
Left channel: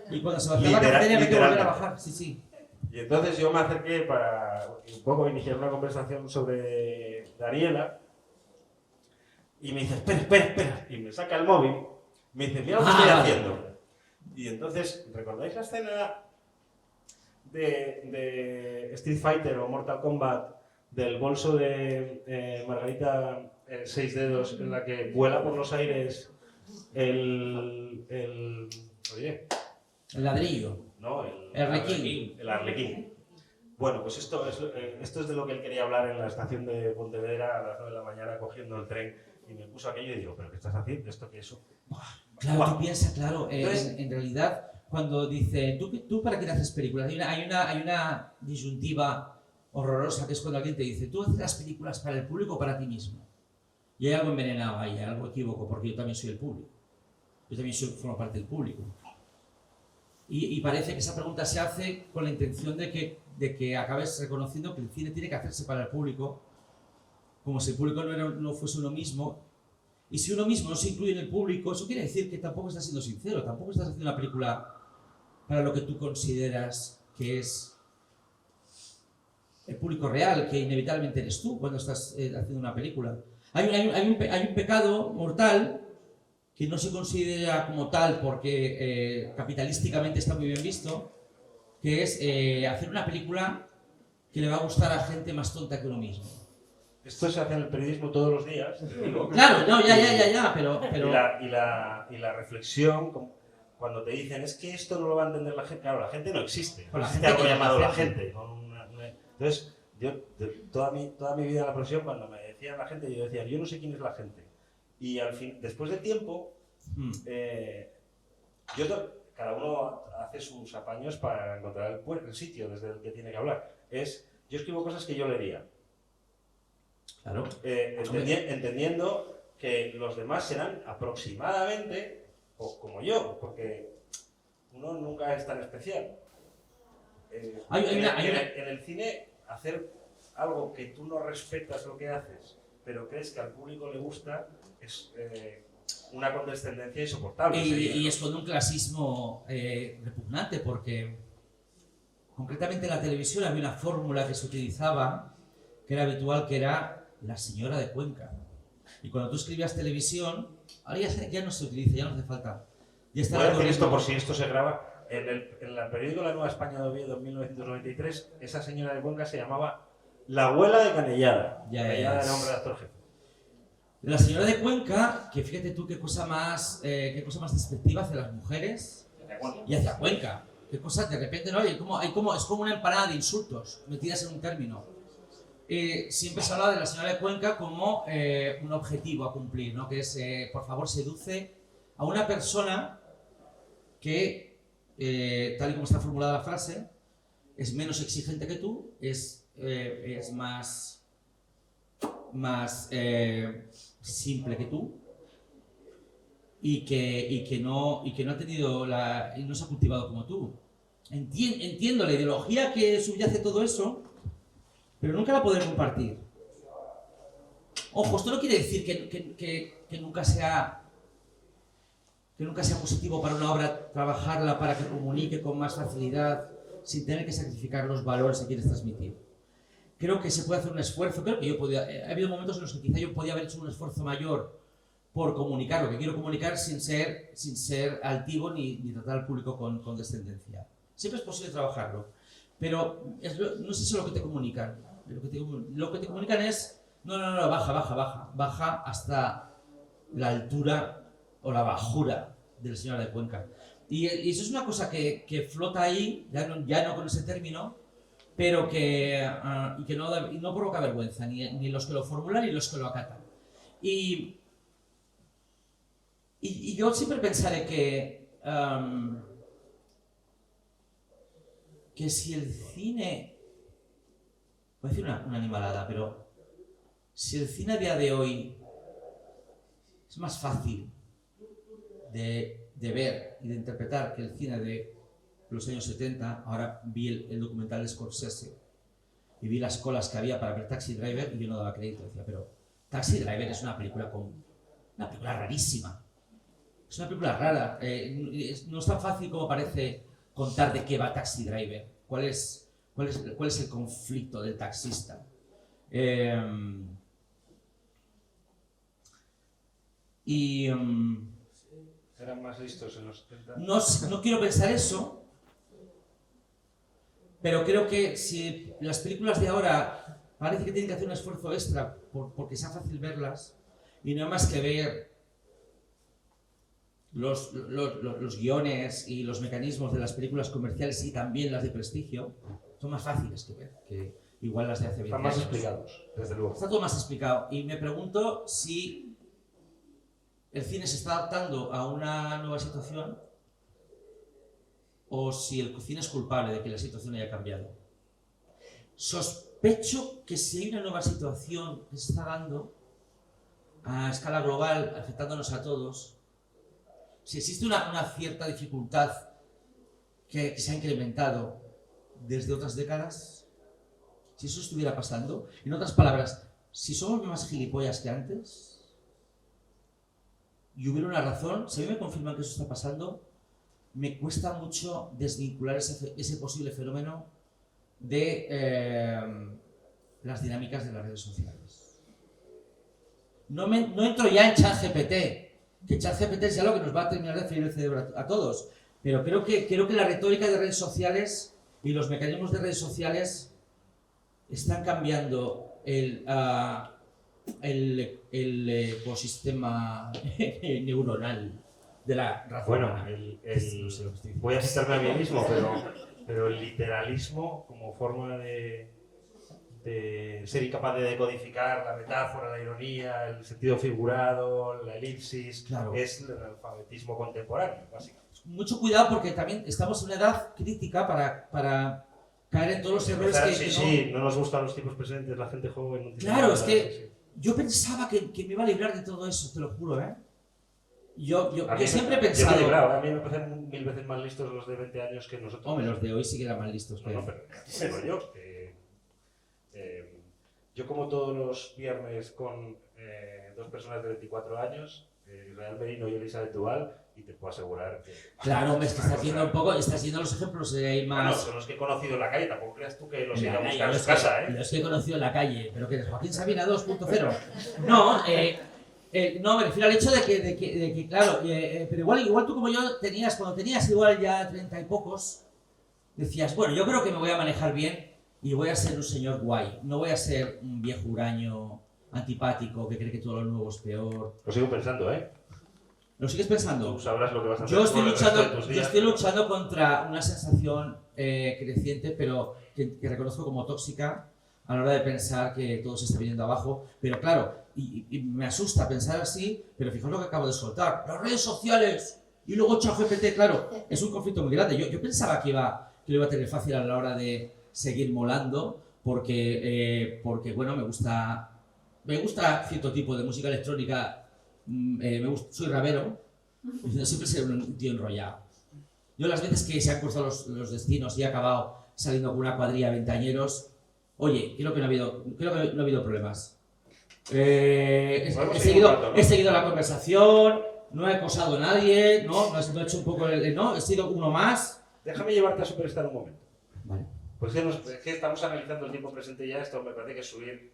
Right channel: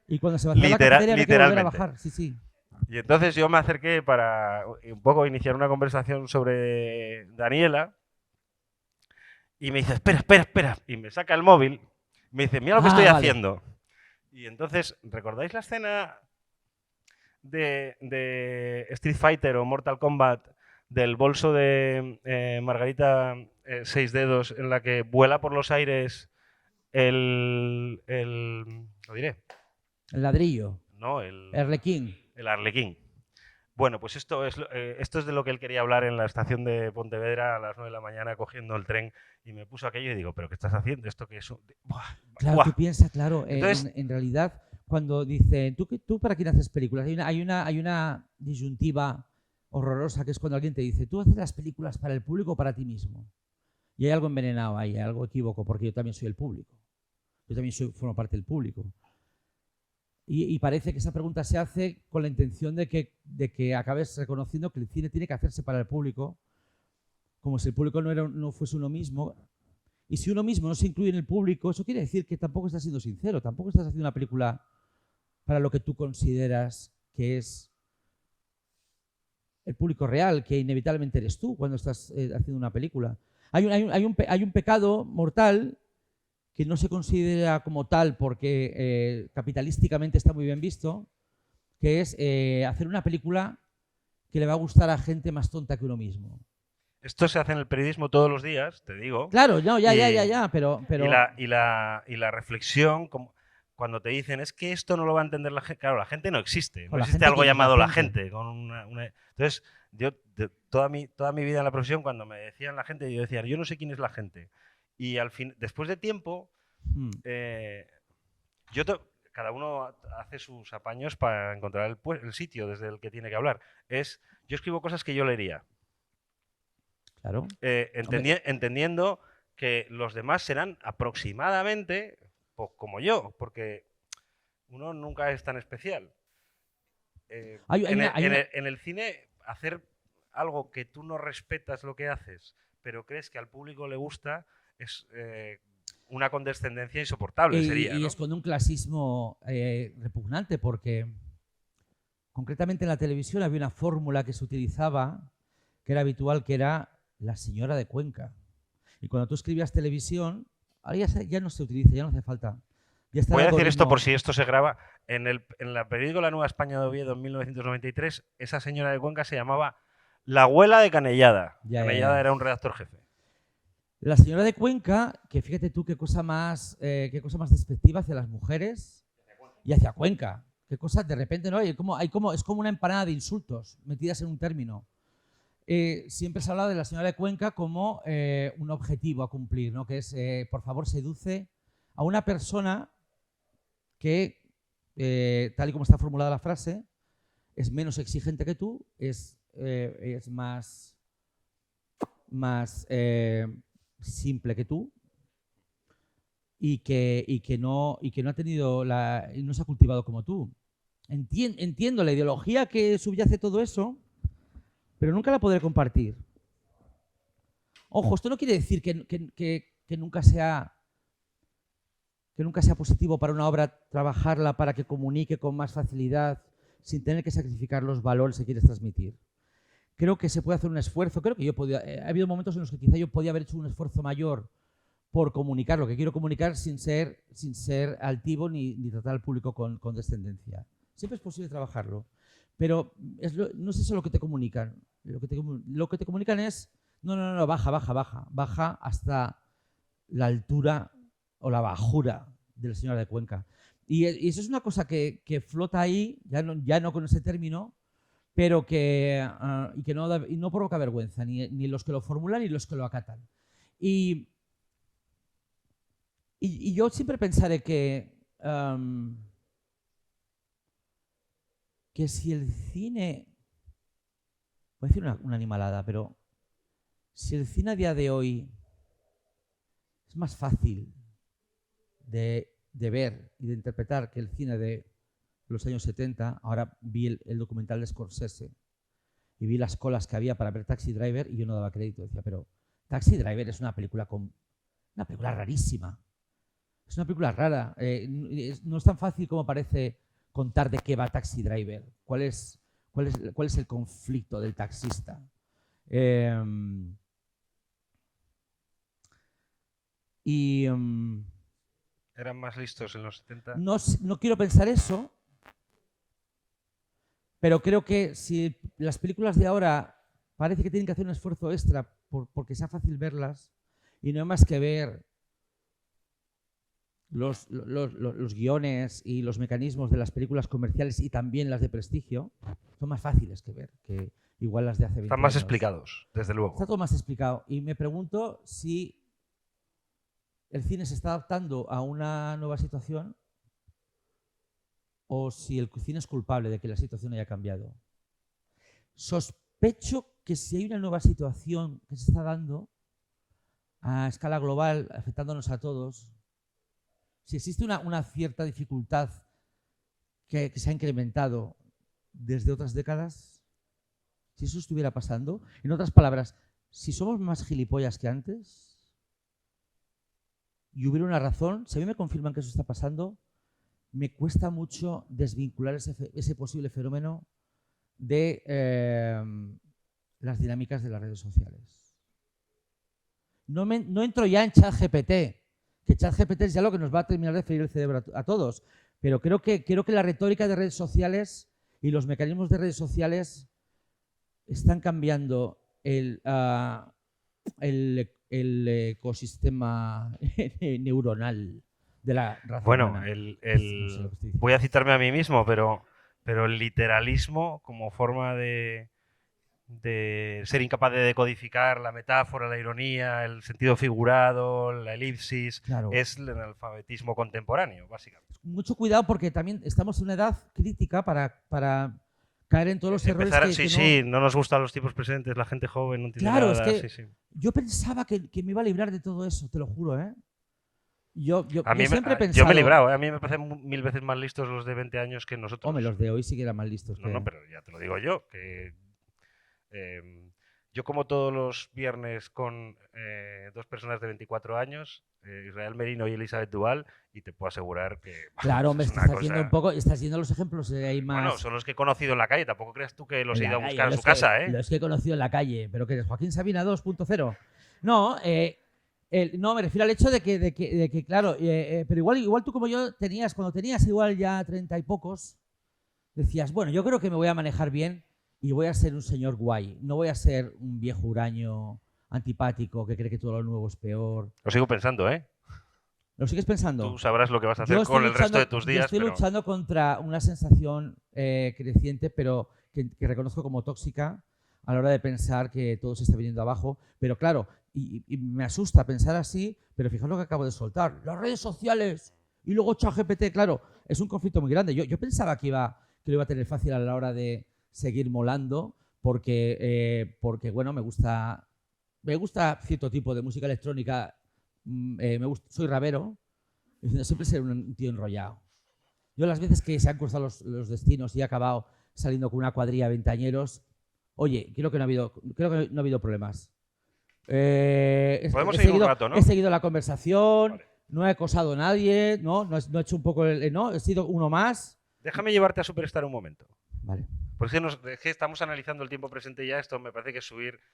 Y cuando se bajaba la cafetería había que volver a literalmente. bajar. Sí. Y entonces yo me acerqué para un poco iniciar una conversación sobre Daniela y me dice, espera, y me saca el móvil, me dice, mira lo que estoy haciendo. Y entonces, ¿recordáis la escena de Street Fighter o Mortal Kombat del bolso de Margarita Seis Dedos en la que vuela por los aires lo diré? El ladrillo. No, el arlequín. El arlequín. Bueno, pues esto es de lo que él quería hablar en la estación de Pontevedra a las 9 de la mañana cogiendo el tren y me puso aquello y digo, ¿pero qué estás haciendo? ¿Esto qué es? Claro, tú piensas, claro, Entonces, en realidad, cuando dice, ¿tú para quién haces películas? Hay una disyuntiva horrorosa que es cuando alguien te dice, ¿tú haces las películas para el público o para ti mismo? Y hay algo envenenado ahí, algo equívoco, porque yo también soy el público. Yo también formo parte del público. Y parece que esa pregunta se hace con la intención de que acabes reconociendo que el cine tiene que hacerse para el público, como si el público no fuese uno mismo. Y si uno mismo no se incluye en el público, eso quiere decir que tampoco estás siendo sincero, tampoco estás haciendo una película para lo que tú consideras que es el público real, que inevitablemente eres tú cuando estás haciendo una película. Hay un pecado mortal que no se considera como tal porque capitalísticamente está muy bien visto, que es hacer una película que le va a gustar a gente más tonta que uno mismo. Esto se hace en el periodismo todos los días, te digo. Claro, no, ya, pero... Y la reflexión, cuando te dicen, es que esto no lo va a entender la gente. Claro, la gente no existe. No existe algo llamado la gente. Entonces, yo toda mi vida en la profesión, cuando me decían la gente y yo decía, yo no sé quién es la gente. Y al fin, después de tiempo, cada uno hace sus apaños para encontrar el sitio desde el que tiene que hablar. Yo escribo cosas que yo leería. Claro. Entendiendo que los demás serán aproximadamente como yo, porque uno nunca es tan especial. En el cine, hacer algo que tú no respetas lo que haces, pero crees que al público le gusta, es una condescendencia insoportable. Y es con un clasismo repugnante, porque concretamente en la televisión había una fórmula que se utilizaba, que era habitual, que era la señora de Cuenca. Y cuando tú escribías televisión, ahora ya no se utiliza, ya no hace falta. Voy a decir esto por si esto se graba. En el periódico La Nueva España de Oviedo en 1993, esa señora de Cuenca se llamaba la abuela de Canellada. Canellada era un redactor jefe. La señora de Cuenca, que fíjate tú qué cosa más despectiva hacia las mujeres y hacia Cuenca. Qué cosas de repente, ¿no? Es como una empanada de insultos metidas en un término. Siempre se habla de la señora de Cuenca como un objetivo a cumplir, ¿no? Que es, por favor, seduce a una persona que, tal y como está formulada la frase, es menos exigente que tú, es más simple que tú y que no ha tenido y no se ha cultivado como tú. Entiendo la ideología que subyace todo eso, pero nunca la podré compartir. Ojo, esto no quiere decir que nunca sea positivo para una obra trabajarla para que comunique con más facilidad sin tener que sacrificar los valores que quieres transmitir. Creo que se puede hacer un esfuerzo, creo que ha habido momentos en los que quizá yo podía haber hecho un esfuerzo mayor por comunicar lo que quiero comunicar sin ser altivo ni tratar al público con condescendencia. Siempre es posible trabajarlo, pero no es eso lo que te comunican. Lo que te comunican es, no, baja hasta la altura o la bajura de la señora de Cuenca. Y eso es una cosa que flota ahí, ya no con ese término, pero que no provoca vergüenza, ni los que lo formulan ni los que lo acatan. Y yo siempre pensaré que si el cine, voy a decir una animalada, pero si el cine a día de hoy es más fácil de ver y de interpretar que el cine de los años 70, ahora vi el documental de Scorsese y vi las colas que había para ver Taxi Driver y yo no daba crédito, decía, pero Taxi Driver es una película rarísima, es una película rara, no es tan fácil como parece contar de qué va Taxi Driver, cuál es el conflicto del taxista. ¿Eran más listos en los 70? No quiero pensar eso, pero creo que si las películas de ahora parece que tienen que hacer un esfuerzo extra porque sea fácil verlas, y no hay más que ver los guiones y los mecanismos de las películas comerciales y también las de prestigio, son más fáciles que ver que igual las de hace 20 Están más años. Explicados, desde luego. Está todo más explicado. Y me pregunto si el cine se está adaptando a una nueva situación o si el cine es culpable de que la situación haya cambiado. Sospecho que si hay una nueva situación que se está dando a escala global, afectándonos a todos, si existe una cierta dificultad que se ha incrementado desde otras décadas, si eso estuviera pasando, en otras palabras, si somos más gilipollas que antes y hubiera una razón, si a mí me confirman que eso está pasando, me cuesta mucho desvincular ese posible fenómeno de las dinámicas de las redes sociales. No entro ya en ChatGPT, que ChatGPT es ya lo que nos va a terminar de freír el cerebro a todos, pero creo que la retórica de redes sociales y los mecanismos de redes sociales están cambiando el ecosistema neuronal de la raza humana. Voy a citarme a mí mismo, pero el literalismo como forma de de ser incapaz de decodificar la metáfora, la ironía, el sentido figurado, la elipsis, Claro. es el analfabetismo contemporáneo, básicamente. Mucho cuidado porque también estamos en una edad crítica para caer en todos los errores Sí, no nos gustan los tipos presentes, la gente joven no entiende Claro, nada, es que sí. yo pensaba que me iba a librar de todo eso, te lo juro, ¿eh? Yo A mí siempre he yo pensado... me he librado, a mí me parecen 1000 veces más listos los de 20 años que nosotros. Hombre, los de hoy sí que eran más listos. No, pero ya te lo digo yo, que yo como todos los viernes con dos personas de 24 años, Israel Merino y Elizabeth Duval, y te puedo asegurar que... Claro, me es una estás cosa- haciendo un poco, estás haciendo los ejemplos ahí más... Bueno, son los que he conocido en la calle, tampoco creas tú que los he En ido a la buscar a calle, su casa, ¿eh? Los que he conocido en la calle, pero que eres Joaquín Sabina 2.0. No, no, me refiero al hecho de que claro, pero igual tú como yo cuando tenías igual ya 30 y pocos, decías, bueno, yo creo que me voy a manejar bien y voy a ser un señor guay, no voy a ser un viejo huraño antipático que cree que todo lo nuevo es peor. Lo sigo pensando, ¿eh? ¿Lo sigues pensando? Tú sabrás lo que vas a hacer Yo con estoy el resto de tus yo días. estoy pero- luchando contra una sensación creciente, pero que reconozco como tóxica a la hora de pensar que todo se está viniendo abajo. Pero claro, y me asusta pensar así, pero fijaos lo que acabo de soltar. Las redes sociales y luego ChatGPT, claro, es un conflicto muy grande. Yo pensaba que lo iba a tener fácil a la hora de seguir molando, porque bueno, me gusta cierto tipo de música electrónica. Soy rapero, siempre ser un tío enrollado. Yo las veces que se han cruzado los destinos y he acabado saliendo con una cuadrilla de veinteañeros, oye, creo que no ha habido problemas. Podemos seguir un rato, ¿no? He seguido la conversación, no he acosado a nadie, no he hecho un poco no, he sido uno más. Déjame llevarte a Superstar un momento. Vale. Pues es que estamos analizando el tiempo presente ya, esto me parece que es subir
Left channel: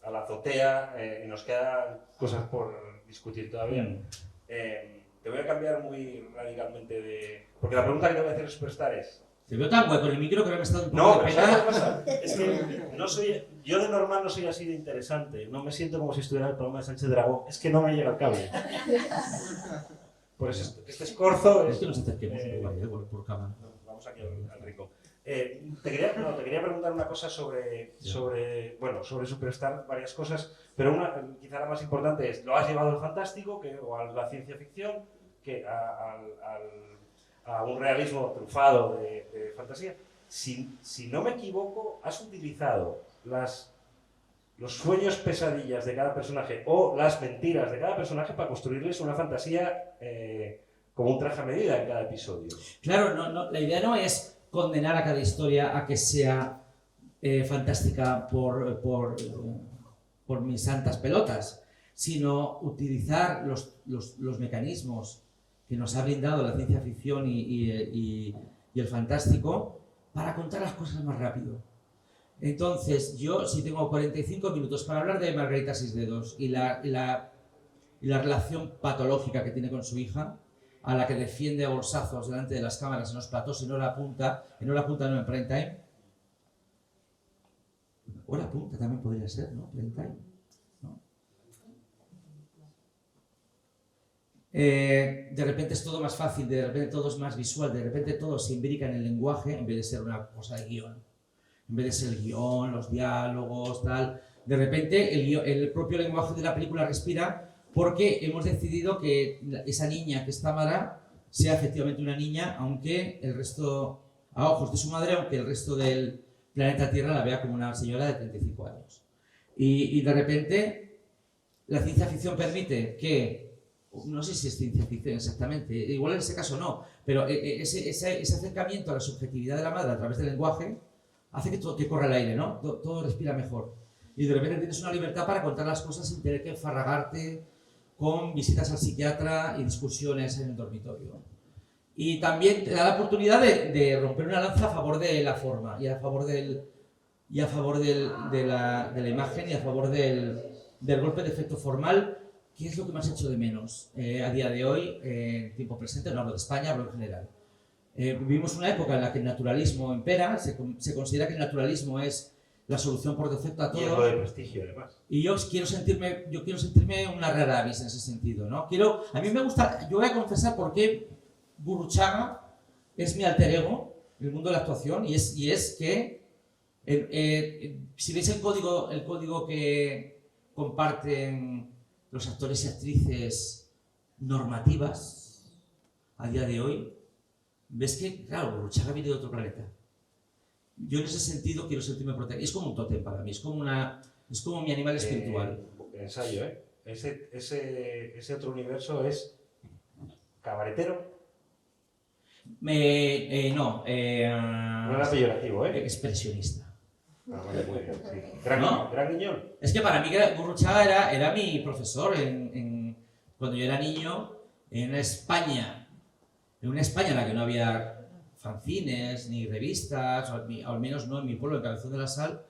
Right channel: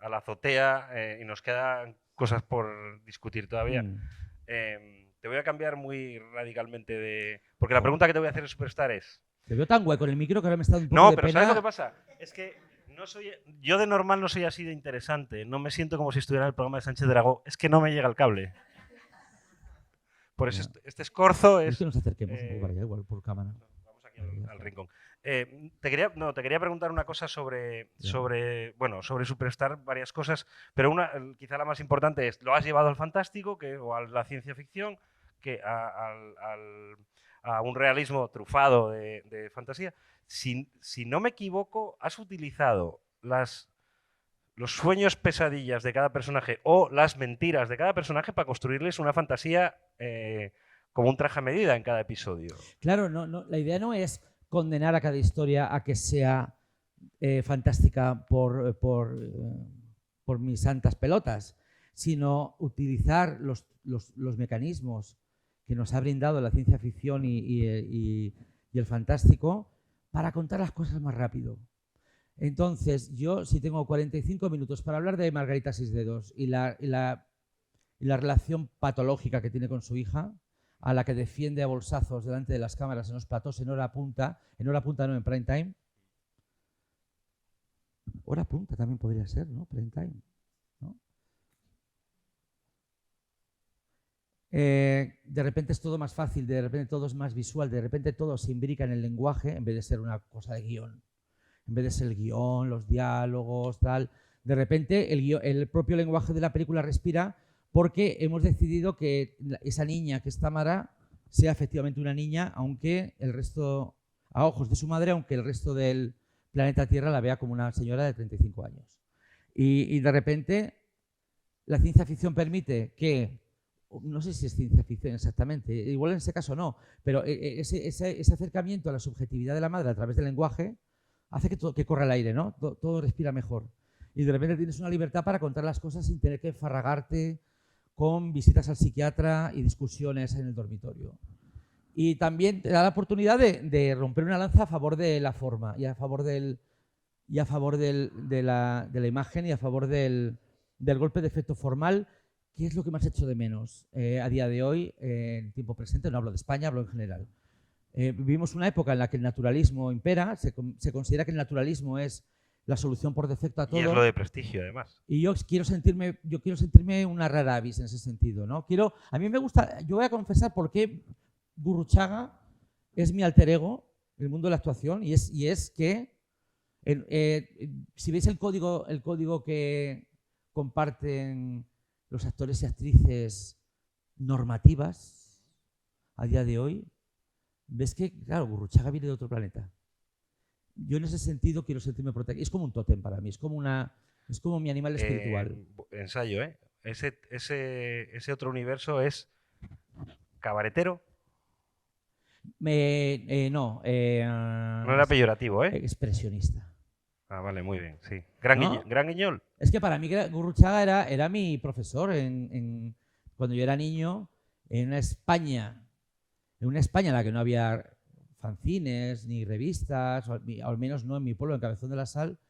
a la azotea y nos quedan cosas por discutir todavía. Te voy a cambiar muy radicalmente de... Porque la pregunta que te voy a hacer en Superstar es... Te veo tan guay con el micro que ahora me está dando un No, poco pero de ¿sabes lo pena. que pasa? Es que yo de normal no soy así de interesante. No me siento como si estuviera en el programa de Sánchez Dragón. Es que no me llega el cable. Por eso este escorzo Es es... que nos acerquemos por cámara. Vamos aquí al rincón. Te quería preguntar una cosa sobre Superstar, varias cosas, pero quizá la más importante es, ¿lo has llevado al fantástico o a la ciencia ficción, que a un realismo trufado de fantasía? Si no me equivoco, has utilizado los sueños pesadillas de cada personaje o las mentiras de cada personaje para construirles una fantasía como un traje a medida en cada episodio. Claro, no, la idea no es condenar a cada historia a que sea fantástica por mis santas pelotas, sino utilizar los mecanismos que nos ha brindado la ciencia ficción y el fantástico para contar las cosas más rápido. Entonces, yo si tengo 45 minutos para hablar de Margarita Sisdedos y la relación patológica que tiene con su hija, a la que defiende a bolsazos delante de las cámaras en los platós en hora punta no en prime time. Hora punta también podría ser, ¿no? Prime time, ¿no? De repente es todo más fácil, de repente todo es más visual, de repente todo se imbrica en el lenguaje en vez de ser una cosa de guión. En vez de ser el guión, los diálogos, tal. De repente el propio lenguaje de la película respira, porque hemos decidido que esa niña que es Tamara sea efectivamente una niña, aunque el resto, a ojos de su madre, aunque el resto del planeta Tierra la vea como una señora de 35 años. Y de repente la ciencia ficción permite que, no sé si es ciencia ficción exactamente, igual en ese caso no, pero ese acercamiento a la subjetividad de la madre a través del lenguaje hace que corra el aire, ¿no? Todo respira mejor. Y de repente tienes una libertad para contar las cosas sin tener que enfarragarte con visitas al psiquiatra y discusiones en el dormitorio. Y también te da la oportunidad de romper una lanza a favor de la forma y a favor de la imagen y a favor del golpe de efecto formal, que es lo que más hecho de menos a día de hoy, en tiempo presente. No hablo de España, hablo en general. Vivimos una época en la que el naturalismo impera, se considera que el naturalismo es la solución por defecto a todo. Y es lo de prestigio, además. Y yo quiero sentirme una rara avis en ese sentido, ¿no? A mí me gusta, yo voy a confesar por qué Gurruchaga es mi alter ego en el mundo de la actuación, y es que Si veis el código que comparten los actores y actrices normativas a día de hoy, ves que, claro, Gurruchaga viene de otro planeta. Yo en ese sentido quiero sentirme protegido. Es como un tótem para mí, es como mi animal espiritual. Ensayo, ¿eh? Ese otro universo es cabaretero. No era peyorativo, ¿eh? Expresionista. Ah, vale, muy bien, sí. Gran Guiñol. Es que para mí Gurruchaga era mi profesor cuando yo era niño en una España en la que no había fanzines ni revistas, al menos no en mi pueblo, en Cabezón de la Sal.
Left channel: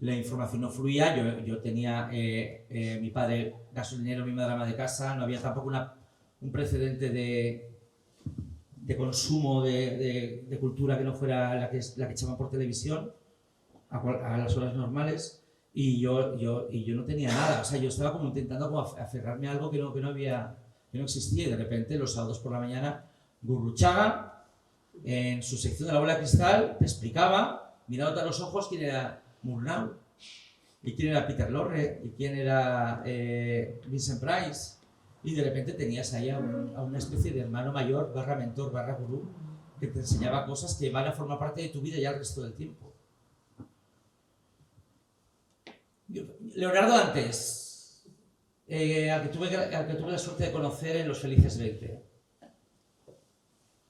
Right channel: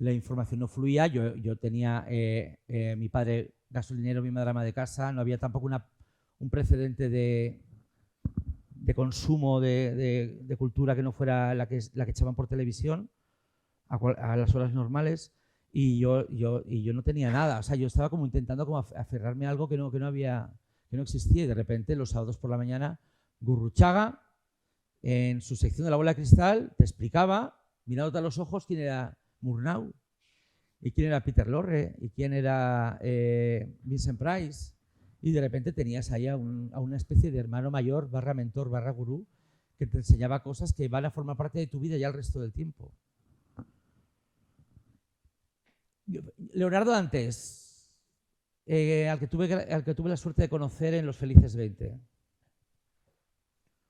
La información no fluía, yo tenía mi padre gasolinero, mi madre ama de casa, no había tampoco un precedente de consumo de cultura que no fuera la que echaban por televisión a las horas normales, y yo no tenía nada. O sea, yo estaba como intentando como aferrarme a algo que no existía, y de repente los sábados por la mañana Gurruchaga en su sección de la bola de cristal te explicaba, mirándote a los ojos, quién era Murnau, y quién era Peter Lorre, y quién era Vincent Price, y de repente tenías ahí a una especie de hermano mayor, barra mentor, barra gurú, que te enseñaba cosas que van a formar parte de tu vida ya el resto del tiempo. Leonardo Dantes, al que tuve la suerte de conocer en Los Felices 20.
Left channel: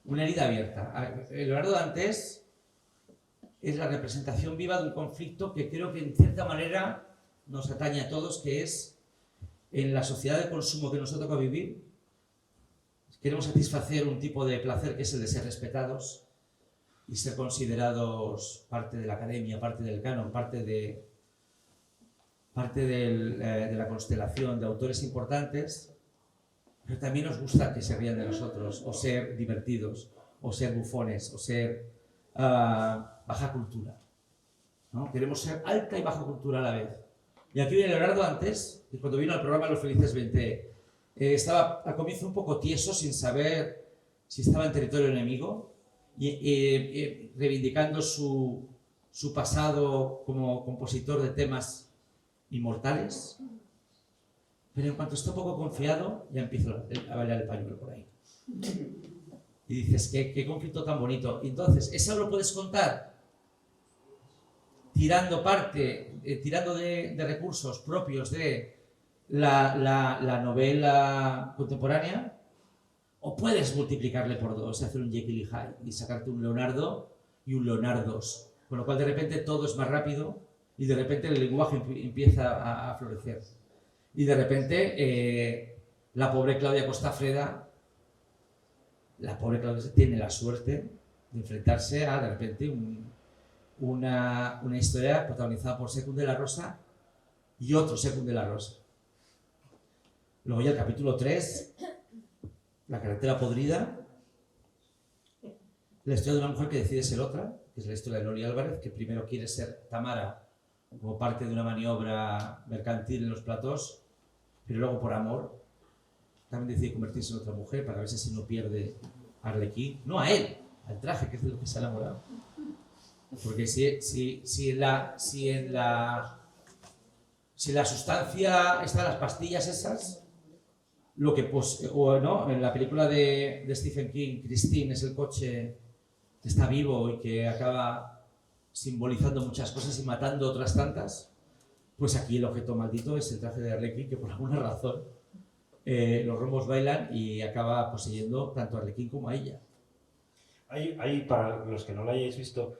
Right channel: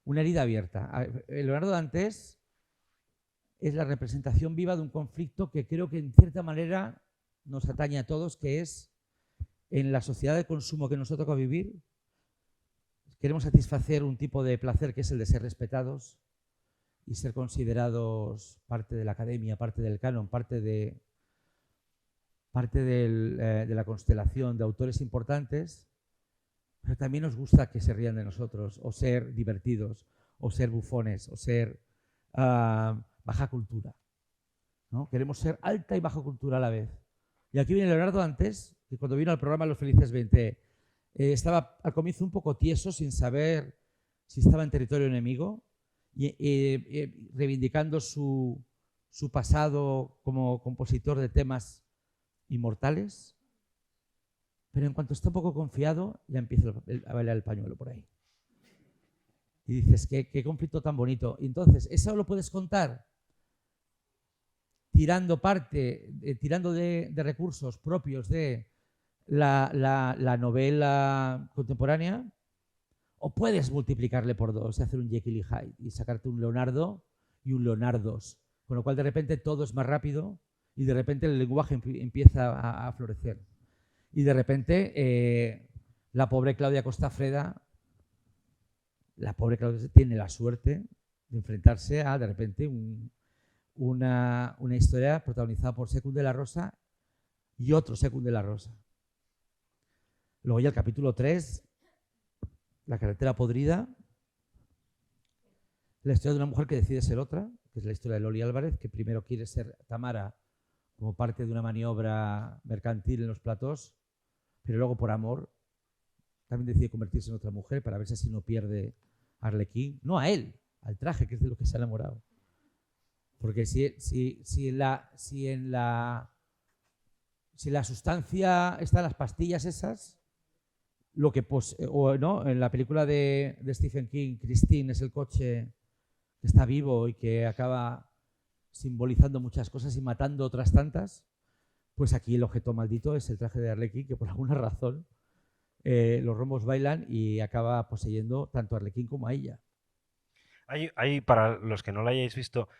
Una herida abierta. Leonardo Dantes es la representación viva de un conflicto que creo que en cierta manera nos atañe a todos, que es en la sociedad de consumo que nos ha tocado vivir. Queremos satisfacer un tipo de placer que es el de ser respetados y ser considerados parte de la academia, parte del canon, parte de la constelación de autores importantes, pero también nos gusta que se rían de nosotros, o ser divertidos, o ser bufones, o ser baja cultura, ¿no? Queremos ser alta y baja cultura a la vez. Y aquí viene Leonardo Dantes, que cuando vino al programa Los Felices 20 estaba al comienzo un poco tieso, sin saber si estaba en territorio enemigo, y reivindicando su pasado como compositor de temas inmortales, pero en cuanto está un poco confiado, ya empiezo a bailar el pañuelo por ahí. Y dices, qué conflicto tan bonito. Y entonces, ¿eso lo puedes contar tirando de recursos propios de la novela contemporánea? ¿O puedes multiplicarle por dos, hacer un Jekyll y Hyde y sacarte un Leonardo y un Leonardos? Con lo cual de repente todo es más rápido y de repente el lenguaje empieza a florecer. Y de repente la pobre Claudia Costafreda tiene la suerte de enfrentarse a de repente una historia protagonizada por Secund de la Rosa y otro Secund de la Rosa. Luego ya el capítulo 3, La carretera podrida, la historia de una mujer que decide ser otra, que es la historia de Lori Álvarez, que primero quiere ser Tamara como parte de una maniobra mercantil en los platós, pero luego por amor también decide convertirse en otra mujer para ver si no pierde a Arlequín, no a él, al traje, que es de lo que se ha enamorado. Porque si en la sustancia están las pastillas esas, lo que en la película de Stephen King, Christine es el coche que está vivo y que acaba simbolizando muchas cosas y matando otras tantas, pues aquí el objeto maldito es el traje de Arlequín, que por alguna razón los rombos bailan y acaba poseyendo tanto a Arlequín como a ella. Hay, para los que no lo hayáis visto,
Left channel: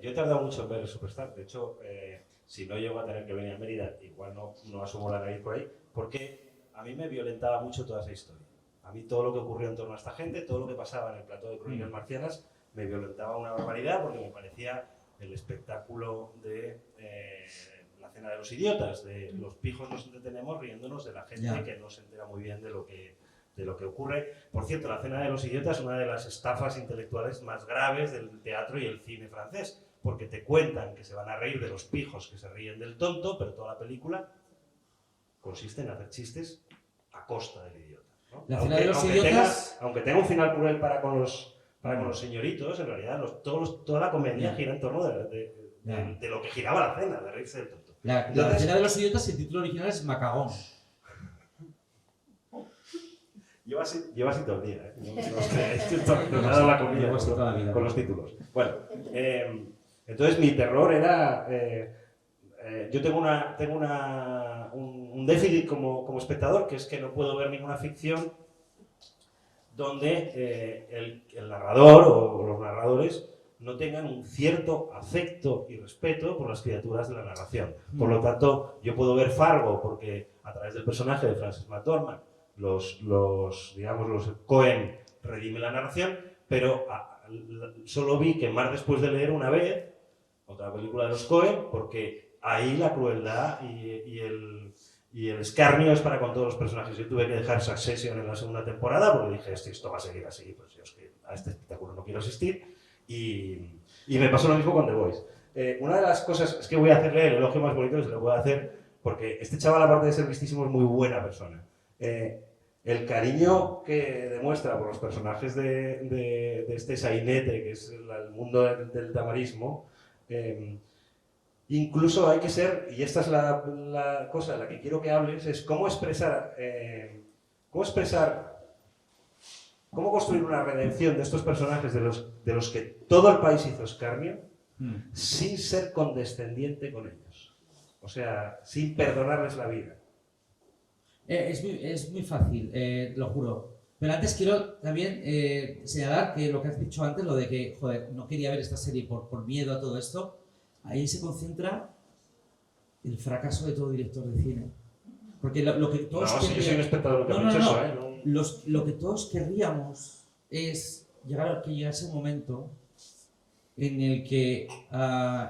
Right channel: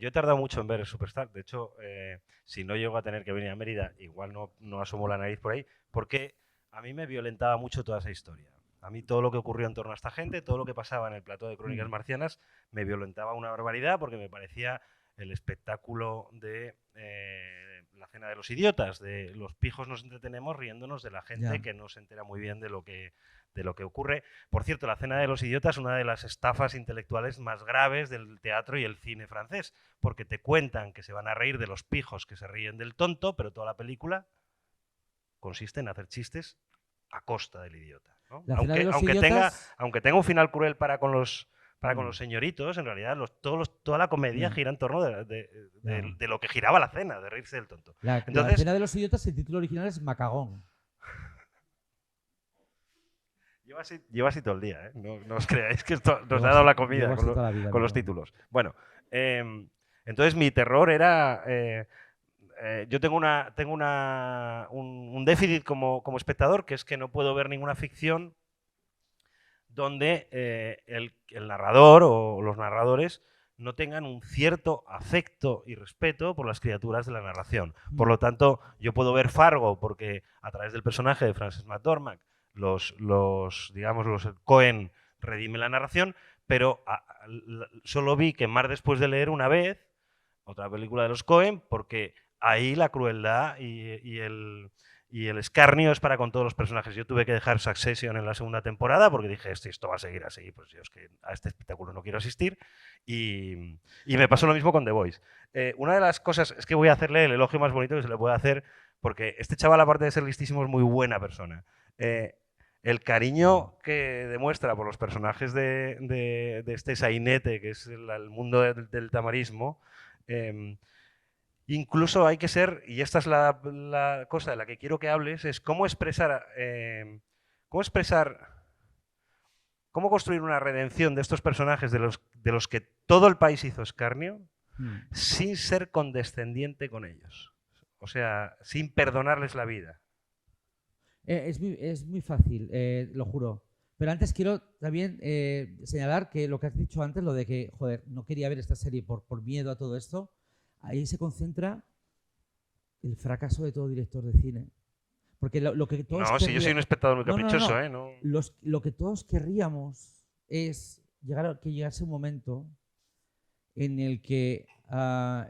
yo he tardado mucho en ver el Superstar. De hecho, si no llego a tener que venir a Mérida, igual no asomo la nariz por ahí, porque a mí me violentaba mucho toda esa historia. A mí todo lo que ocurrió en torno a esta gente, todo lo que pasaba en el plató de Crónicas Marcianas, me violentaba una barbaridad porque me parecía el espectáculo de la cena de los idiotas, de los pijos nos entretenemos riéndonos de la gente que no se entera muy bien de lo que ocurre. Por cierto, la cena de los idiotas es una de las estafas intelectuales más graves del teatro y el cine francés, porque te cuentan que se van a reír de los pijos que se ríen del tonto, pero toda la película consiste en hacer chistes a costa del idiota, ¿no? Aunque tenga un final cruel para con los señoritos, en realidad toda la comedia gira en torno de de lo que giraba la cena, de reírse del tonto. La Entonces, cena de los idiotas, el título original es Macagón. Lleva así todo el día, ¿eh? No os creáis que esto nos ha dado la comida con los títulos. Bueno, entonces mi terror era... yo tengo un déficit como espectador, que es que no puedo ver ninguna ficción donde el narrador o los narradores no tengan un cierto afecto y respeto por las criaturas de la narración. Por lo tanto, yo puedo ver Fargo porque a través del personaje de Frances McDormand los Coen redimen la narración, pero solo vi que Mar después de leer una vez, otra película de los Coen, porque ahí la crueldad y el escarnio es para con todos los personajes. Yo tuve que dejar Succession en la segunda temporada porque dije, esto va a seguir así, pues yo es que a este espectáculo no quiero asistir, y me pasó lo mismo con The Voice. Una de las cosas, es que voy a hacerle el elogio más bonito que se le puede hacer, porque este chaval, aparte de ser listísimo, es muy buena persona. El cariño que demuestra por los personajes de este sainete, que es el mundo del tamarismo, incluso hay que ser, y esta es la cosa de la que quiero que hables, es cómo construir una redención de estos personajes de los que todo el país hizo escarnio, sin ser condescendiente con ellos. O sea, sin perdonarles la vida. Es muy fácil, lo juro. Pero antes quiero también señalar que lo que has dicho antes, lo de que, joder, no quería ver esta serie por miedo a todo esto, ahí se concentra el fracaso de todo director de cine. Porque lo que todos... No, si yo soy un espectador caprichoso, Lo que todos querríamos es que llegase un momento en el que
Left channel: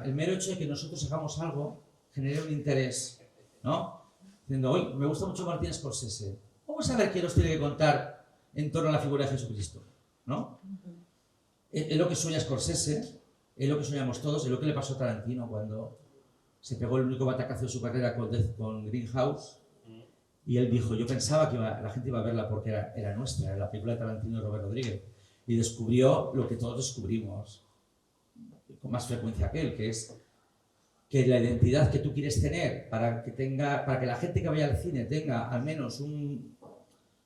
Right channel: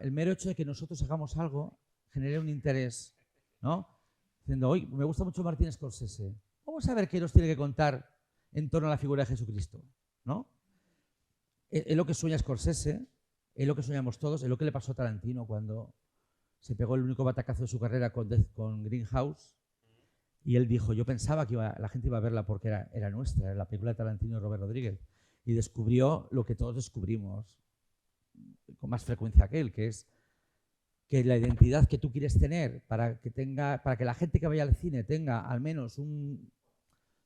el mero hecho de que nosotros hagamos algo genere un interés, ¿no? Diciendo, hoy me gusta mucho Martin Scorsese. Vamos a ver qué nos tiene que contar en torno a la figura de Jesucristo, ¿no? Es lo que sueña Scorsese, es lo que soñamos todos, es lo que le pasó a Tarantino cuando se pegó el único batacazo de su carrera con Greenhouse. Y él dijo, yo pensaba que la gente iba a verla porque era nuestra, era la película de Tarantino de Robert Rodríguez. Y descubrió lo que todos descubrimos con más frecuencia que él, que es que la identidad que tú quieres tener para que la gente que vaya al cine tenga al menos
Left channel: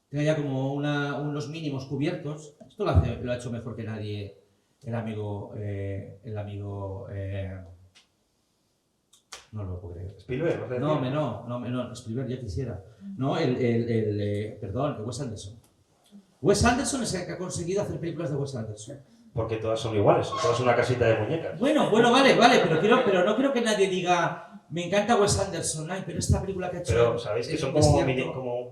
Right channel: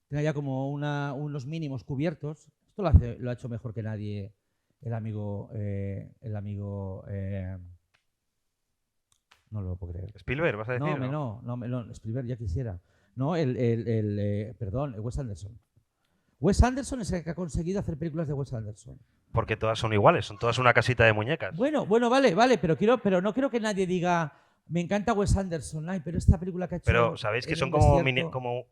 tenga ya como unos mínimos cubiertos. Esto lo ha hecho mejor que nadie el amigo no lo puedo creer. ¿Spielberg, vas a decir? No, Spielberg ya quisiera. No, perdón, Wes Anderson. Wes Anderson es el que ha conseguido hacer películas de Wes Anderson. Porque todas son iguales, son todas una casita de muñecas. Bueno, vale, pero no quiero que nadie diga, me encanta Wes Anderson, pero esta película que ha hecho... Pero sabéis que son como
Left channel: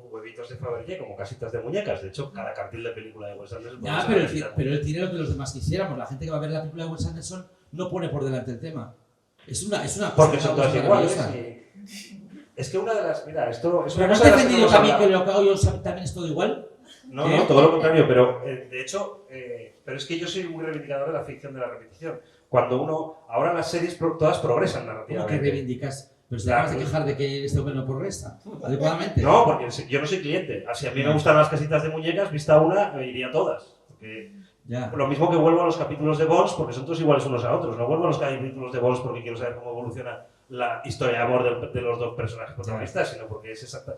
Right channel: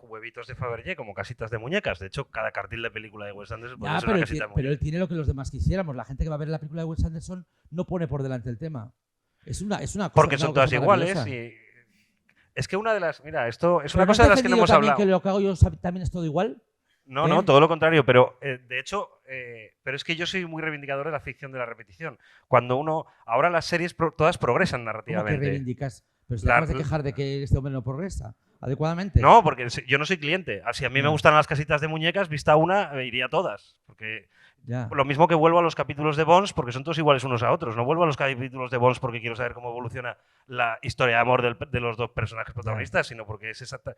huevitos de Fabergé, como casitas de muñecas. De hecho, cada cartel de película de Wes Anderson puede ser una casita de muñecas. Pero él tiene lo que los demás quisiéramos. La gente que va a ver la película de Wes Anderson no pone por delante el tema. Es una porque son todas iguales. Es que una de las... Mira, esto es una cosa de las que no hemos hablado. ¿Que lo que hago yo también es todo igual? No, todo lo contrario. Pero, de hecho... pero es que yo soy muy reivindicador de la ficción de la repetición. Cuando ahora las series todas progresan narrativamente. ¿Cómo que reivindicas? Pero si te vas a quejar de que este hombre no progresa adecuadamente. No, porque yo no soy cliente. Si a mí me gustan las casitas de muñecas, vista una, me iría a todas. Porque lo mismo que vuelvo a los capítulos de Bones, porque son todos iguales unos a otros. No vuelvo a los capítulos de Bones porque quiero saber cómo evoluciona la historia de amor de los dos personajes protagonistas, sino porque es exacta.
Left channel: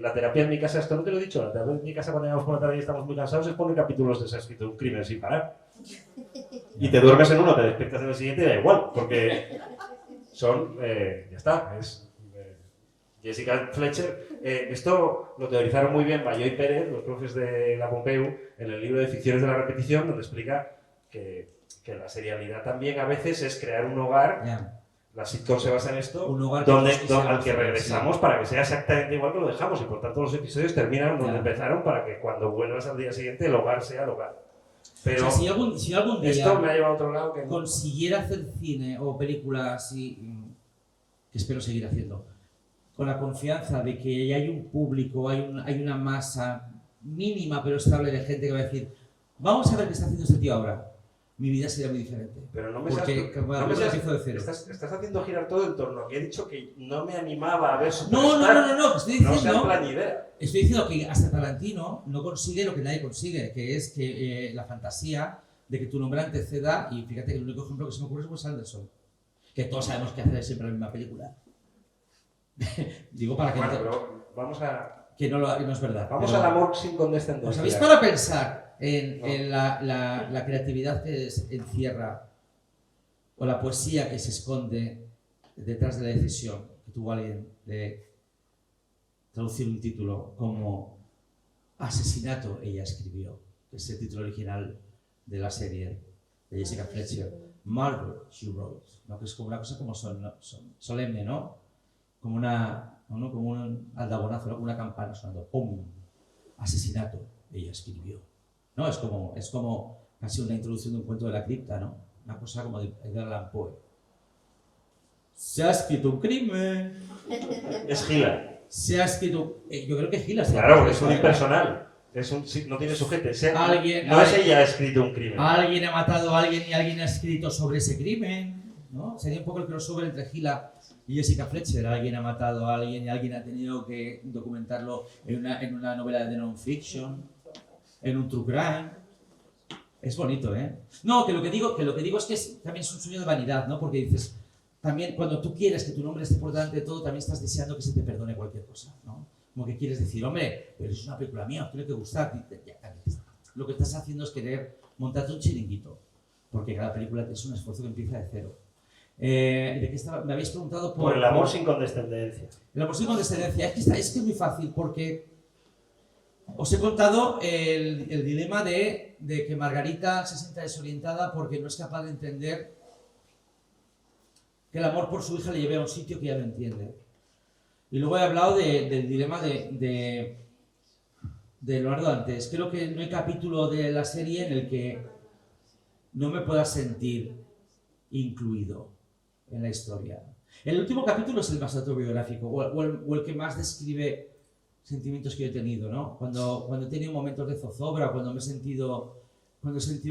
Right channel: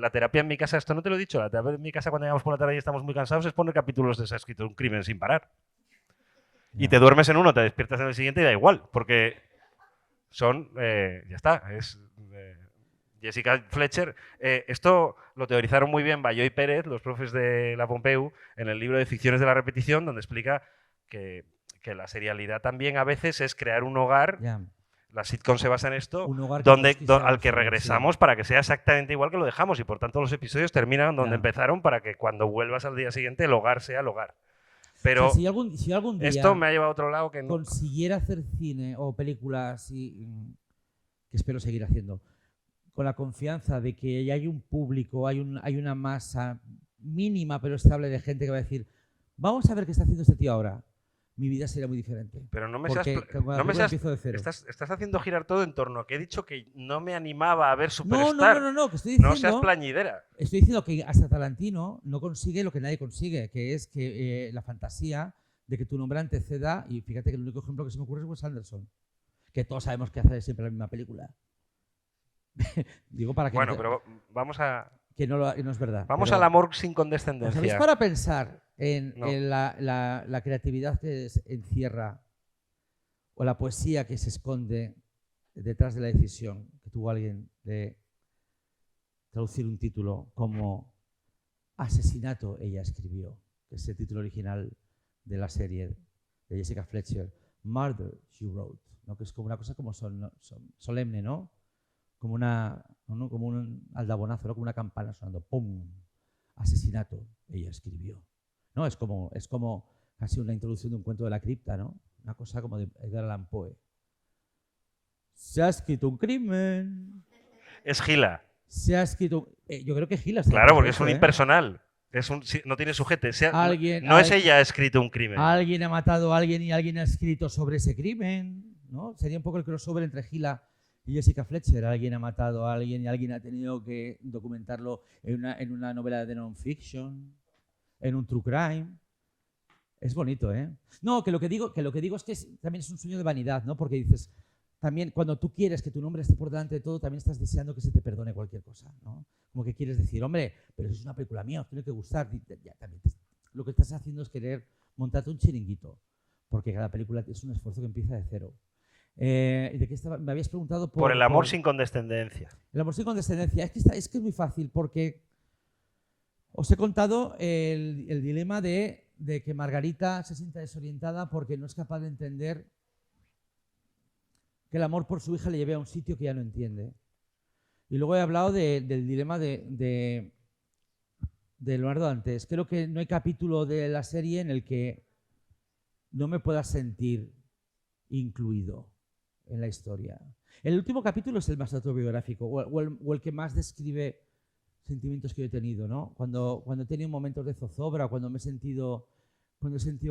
La terapia en mi casa, esto no te lo he dicho, la terapia en mi casa cuando llegamos por la tarde y estamos muy cansados es poner capítulos de Se ha escrito un crimen sin parar. Y te duermes en uno, te despiertas en el siguiente y da igual, porque son, ya está, es Jessica Fletcher. Esto lo teorizaron muy bien Bayó y Pérez, los profes de la Pompeu, en el libro de Ficciones de la Repetición, donde explica que la serialidad también a veces es crear un hogar. La sitcom se basa en esto, al que regresamos para que sea exactamente igual que lo dejamos, y por tanto los episodios terminan donde empezaron para que cuando vuelvas al día siguiente el hogar sea el hogar. Pero o sea, si algún día esto me ha llevado a otro lado que consiguiera hacer cine o películas que espero seguir haciendo con la confianza de que ya hay un público, hay una masa mínima pero estable de gente que va a decir, vamos a ver qué está haciendo este tío ahora. Mi vida sería muy diferente. Pero estás haciendo girar todo en torno a que he dicho que no me animaba a ver Superstar. No, estoy diciendo, no seas plañidera. Estoy diciendo que hasta Tarantino no consigue lo que nadie consigue, que es que la fantasía de que tu nombre anteceda, y fíjate que el único ejemplo que se me ocurre es Wes Anderson. que todos sabemos que hace siempre la misma película. Digo para que Bueno, pero vamos a... que no es verdad. Vamos pero, al amor sin ¿os condescendencia. habéis para pensar en, No. en la creatividad que encierra o la poesía que se esconde detrás de la decisión que tuvo alguien de traducir un título como Asesinato, ella escribió, que es el título original de la serie de Jessica Fletcher, Murder, She Wrote, ¿no? Que es como una cosa como solemne, ¿no? Como un aldabonazo, ¿no? Como una campana sonando, ¡pum! Asesinato, ella escribió. ¿No? Es como casi una introducción de un cuento de la cripta, ¿no? Una cosa como de Edgar Allan Poe. Se ha escrito un crimen. Es Gila. Se ha escrito... yo creo que Gila... Claro, porque es un impersonal. No tiene sujeto. No es ella ha escrito un crimen. Alguien ha matado a alguien y alguien ha escrito sobre ese crimen, ¿no? Sería un poco el crossover entre Gila y Jessica Fletcher. Alguien ha matado a alguien y alguien ha tenido que documentarlo en una novela de non-fiction, en un true crime. Es bonito, ¿eh? No, que lo que digo es que también es un sueño de vanidad, ¿no? Porque dices, también cuando tú quieres que tu nombre esté por delante de todo, también estás deseando que se te perdone cualquier cosa, ¿no? Como que quieres decir, hombre, pero es una película mía, tiene que gustar. Lo que estás haciendo es querer montarte un chiringuito, porque cada película es un esfuerzo que empieza de cero. Me habéis preguntado por el amor sin condescendencia. El amor sin condescendencia. Es que es muy fácil, porque os he contado el dilema de que Margarita se sienta desorientada porque no es capaz de entender que el amor por su hija le lleve a un sitio que ella no entiende. Y luego he hablado del dilema de Leonardo Dantes. Creo que no hay capítulo de la serie en el que no me pueda sentir incluido en la historia. El último capítulo es el más autobiográfico, o el que más describe sentimientos que yo he tenido, ¿no? Cuando he tenido momentos de zozobra, cuando he sentido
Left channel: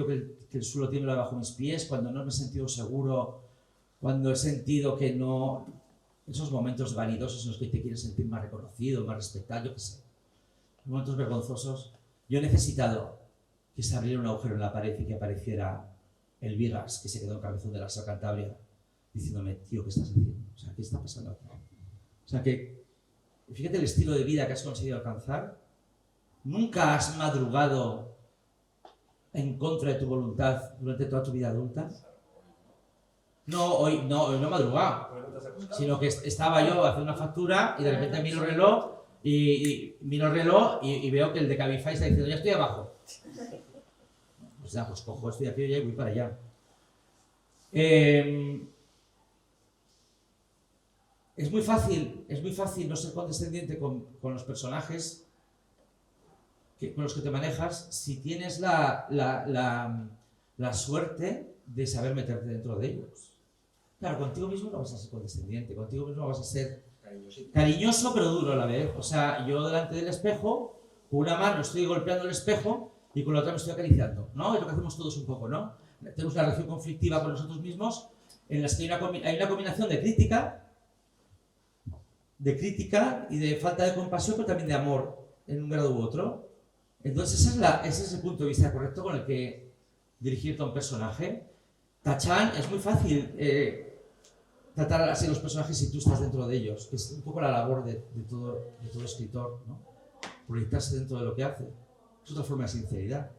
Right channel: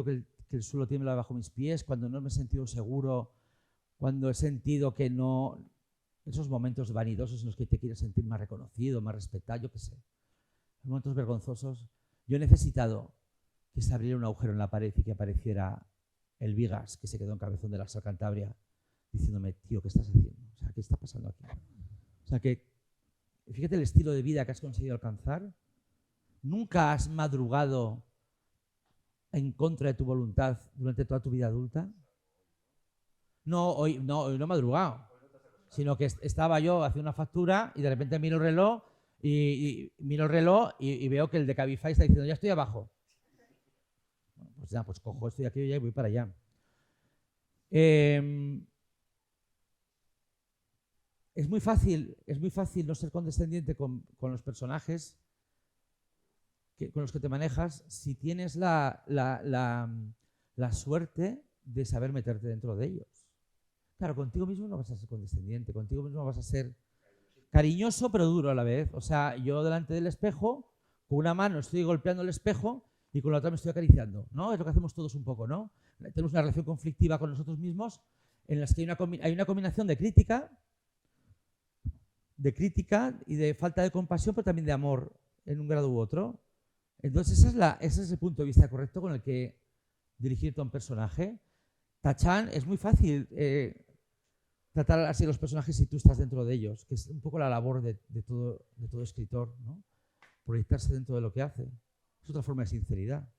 que el suelo tiembla bajo mis pies, cuando no me he sentido seguro, cuando he sentido que no... Esos momentos vanidosos en los que te quieres sentir más reconocido, más respetado, yo qué sé. Momentos vergonzosos. Yo he necesitado que se abriera un agujero en la pared y que apareciera el Vigas, que se quedó en Cabezón de la Sal Cantabria, diciéndome, tío, ¿qué estás haciendo? O sea, ¿qué está pasando aquí? O sea, que fíjate el estilo de vida que has conseguido alcanzar. Nunca has madrugado en contra de tu voluntad durante toda tu vida adulta. Hoy no he madrugado, sino que estaba yo haciendo una factura y de repente miro el reloj y veo que el de Cabify está diciendo, ya estoy abajo. O sea, pues cojo, estoy aquí y voy para allá. Es muy fácil no ser condescendiente con los personajes con los que te manejas si tienes la suerte de saber meterte dentro de ellos. Claro, contigo mismo no vas a ser condescendiente, contigo mismo vas a ser cariñoso pero duro a la vez. O sea, yo delante del espejo, con una mano estoy golpeando el espejo y con la otra me estoy acariciando, ¿no? Es lo que hacemos todos un poco, ¿no? Tenemos una relación conflictiva con nosotros mismos en la que hay una combinación de crítica y de falta de compasión, pero también de amor en un grado u otro. Entonces ese es el punto de vista correcto con el que dirigirte a un personaje. Tachan, es muy fácil tratar así a los personajes si tú estás dentro de ellos, que es un poco la labor de todo escritor, ¿no? Proyectarse dentro de lo que hace. Es otra forma de sinceridad.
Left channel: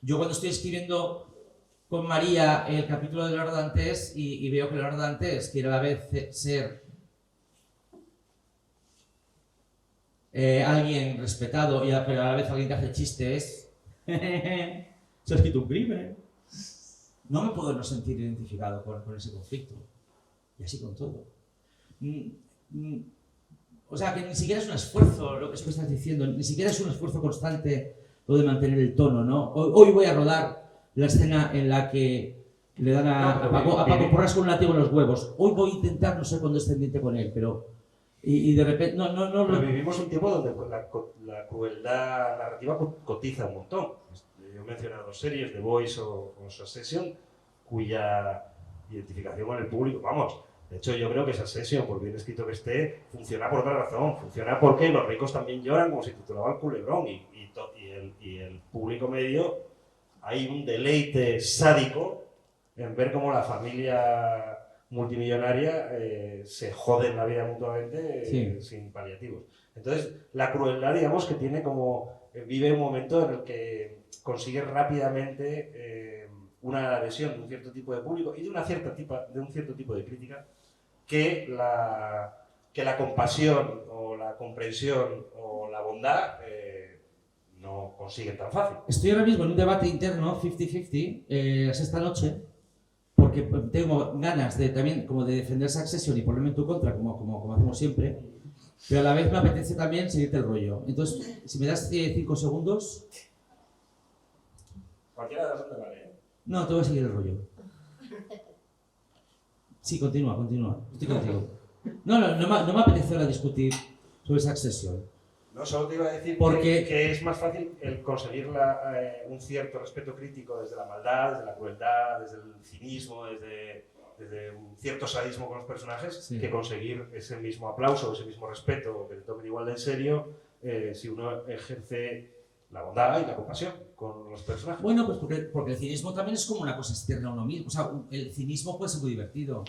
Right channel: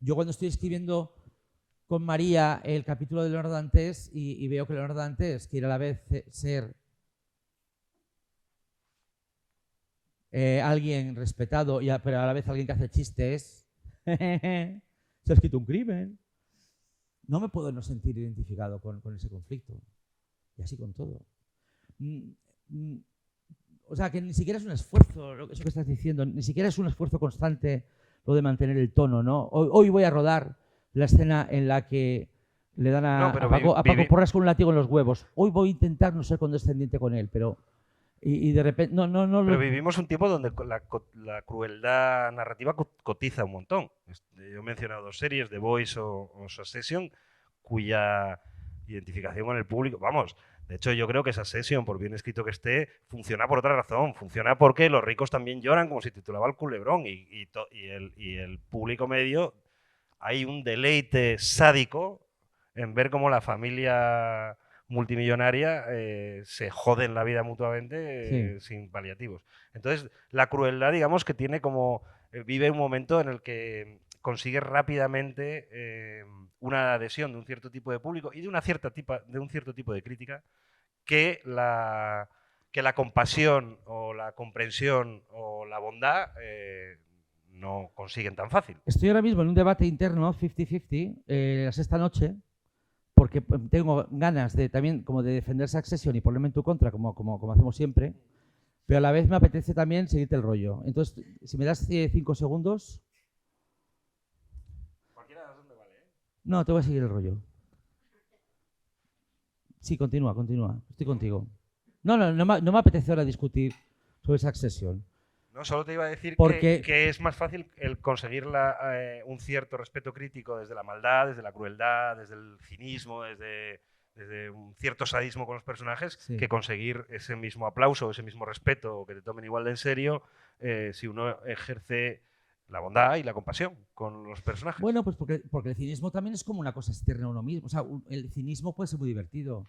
Yo cuando estoy escribiendo con María el capítulo de Leonardo Dantes y veo que Leonardo Dantes quiere a la vez ser alguien respetado pero a la vez alguien que hace chistes, se ha escrito un crimen. No me puedo no sentir identificado con ese conflicto. Y así con todo. O sea, que ni siquiera es un esfuerzo lo que estás diciendo, ni siquiera es un esfuerzo constante lo de mantener el tono, ¿no? Hoy voy a rodar la escena en la que le dan a Paco Porras con un látigo en los huevos. Hoy voy a intentar no ser condescendiente con él, pero... Y de repente... Pero vivimos un tiempo donde la crueldad narrativa cotiza un montón. Yo he mencionado dos series, The Voice o Succession, cuya identificación con el público, vamos, de hecho yo creo que Succession, por bien escrito que esté, funciona por otra razón, funciona porque los ricos también lloran, como se titulaba el culebrón, y el público medio, hay un deleite sádico en ver cómo la familia multimillonaria se joden la vida mutuamente sin paliativos. Entonces, la crueldad, digamos, que tiene como... vive un momento en el que consigue rápidamente una adhesión de un cierto tipo de público y de un cierto tipo de crítica que la compasión o la comprensión o la bondad no consiguen tan fácil. Estoy ahora mismo en un debate interno, 50-50, esta noche, porque tengo ganas de también como de defender Succession y ponerme en tu contra, como hacemos siempre, pero a la vez me apetece también seguirte el rollo. Entonces, si me das 5 segundos... Cualquiera de las dos me vale, ¿eh? No, te voy a seguir el rollo. Sí, continúa. Estoy contigo. No me apetece ahora discutir sobre Succession. No, solo te iba a decir que es más fácil el conseguir un cierto respeto crítico desde la maldad, desde la crueldad, desde el cinismo, desde un cierto sadismo con los personajes, que conseguir ese mismo aplauso, ese mismo respeto, o que te tomen igual de en serio, si uno ejerce la bondad y la compasión con los personajes. Bueno, pues porque el cinismo también es como una cosa externa a uno mismo. O sea, el cinismo puede ser muy divertido.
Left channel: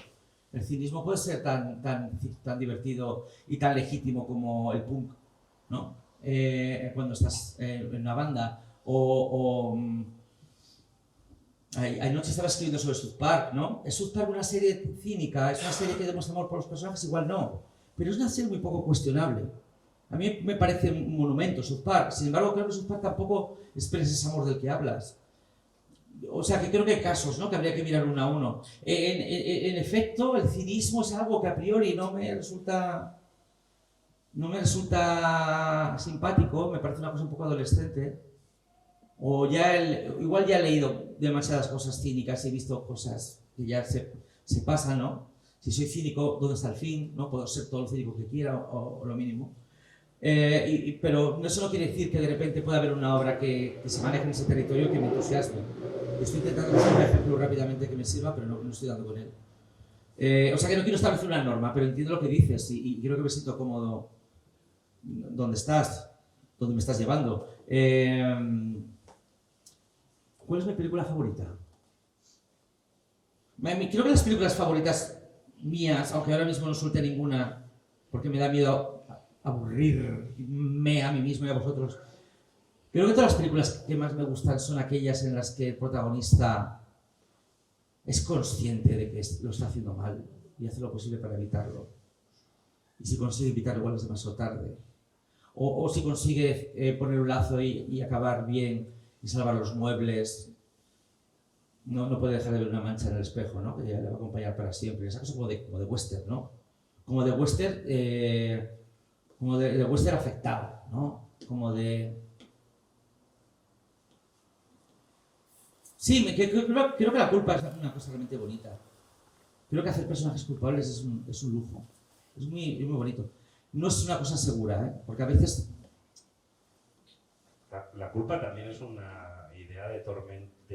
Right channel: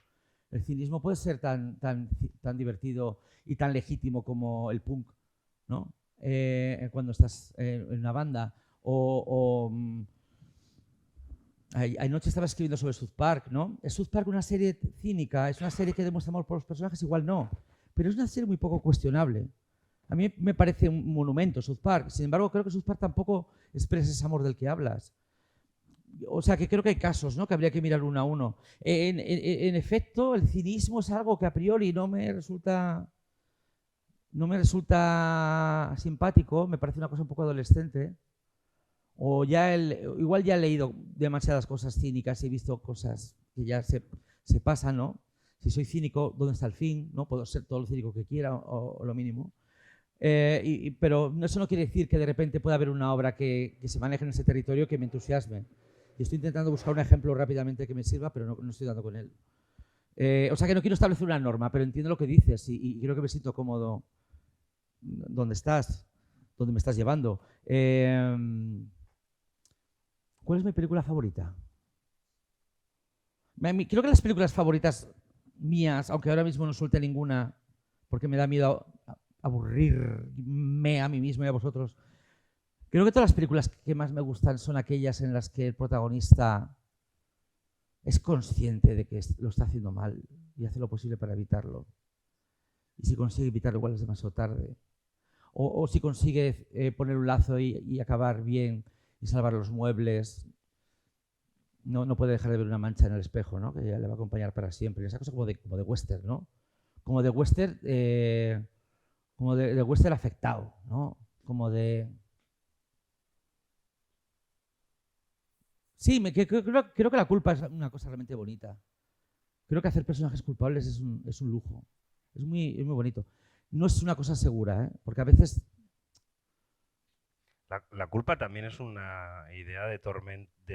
El cinismo puede ser tan divertido y tan legítimo como el punk, ¿no? Cuando estás en una banda. Anoche estaba escribiendo sobre South Park, ¿no? ¿Es South Park una serie cínica? ¿Es una serie que demuestra amor por los personajes? Igual no. Pero es una serie muy poco cuestionable. A mí me parece un monumento South Park. Sin embargo, creo que South Park tampoco expresa ese amor del que hablas. O sea, que creo que hay casos, ¿no?, que habría que mirar uno a uno. En efecto, el cinismo es algo que a priori no me resulta simpático, me parece una cosa un poco adolescente. O igual ya he leído demasiadas cosas cínicas y he visto cosas que ya se pasan, ¿no? Si soy cínico, ¿dónde está el fin? ¿No? Puedo ser todo lo cínico que quiera o lo mínimo. Pero eso no quiere decir que de repente pueda haber una obra que se maneje en ese territorio que me entusiasme. Estoy intentando buscar un ejemplo rápidamente que me sirva, pero no estoy dando con él. O sea que no quiero establecer una norma, pero entiendo lo que dices y creo que me siento cómodo donde estás, donde me estás llevando. ¿Cuál es mi película favorita? Creo que las películas favoritas mías, aunque ahora mismo no suelte ninguna, porque me da miedo aburrirme a mí mismo y a vosotros, creo que todas las películas que más me gustan son aquellas en las que el protagonista es consciente de que lo está haciendo mal y hace lo posible para evitarlo. Y si consigue evitarlo, igual es demasiado tarde. O si consigue poner un lazo y acabar bien y salvar los muebles, no puede dejar de ver una mancha en el espejo, ¿no?, que le va a acompañar para siempre. Esa cosa como de western, ¿no? Como de western afectado, ¿no? Como de... Sí, creo que la culpa es una cosa realmente bonita. Creo que hacer personajes culpables es un lujo. Es muy bonito. No es una cosa segura, ¿eh? Porque a veces... La culpa también es una idea de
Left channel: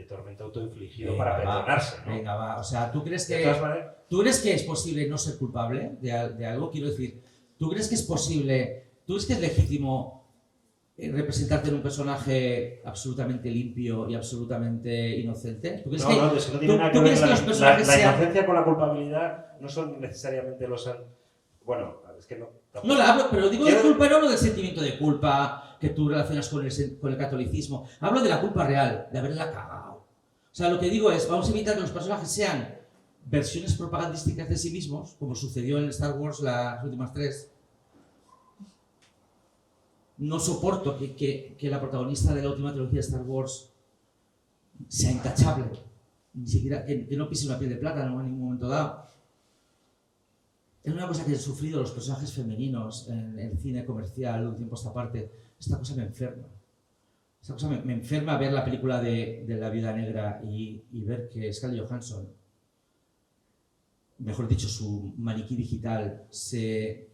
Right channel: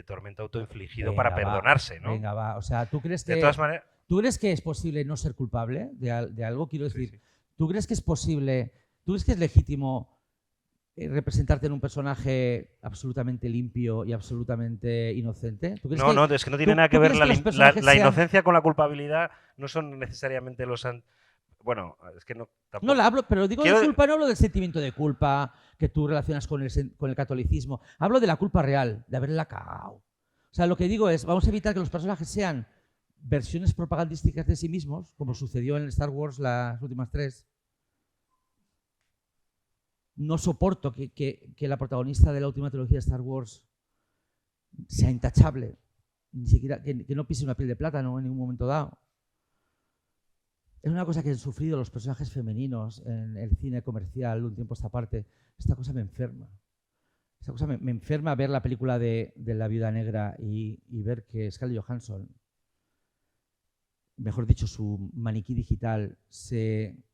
tormento autoinfligido para perdonarse, ¿no? Venga, va. O sea, ¿tú crees que, de todas maneras, ¿tú crees que es posible no ser culpable de algo? Quiero decir, ¿tú crees que es posible, tú crees que es legítimo representarte en un personaje absolutamente limpio y absolutamente inocente? No, es que no tiene nada que ver la inocencia con la culpabilidad. No son necesariamente los... Bueno, es que no... Tampoco. No la hablo, pero digo de culpa, no hablo del sentimiento de culpa que tú relacionas con el catolicismo. Hablo de la culpa real, de haberla cagado. O sea, lo que digo es, vamos a evitar que los personajes sean versiones propagandísticas de sí mismos, como sucedió en Star Wars las últimas 3. No soporto que la protagonista de la última trilogía de Star Wars sea intachable. Ni siquiera que no pise una piel de plátano en ningún momento dado. Es una cosa que han sufrido los personajes femeninos en el cine comercial de un tiempo a esta parte. Esta cosa me enferma. Esta cosa me enferma ver la película de La Viuda Negra y ver que Scarlett Johansson, mejor dicho, su maniquí digital se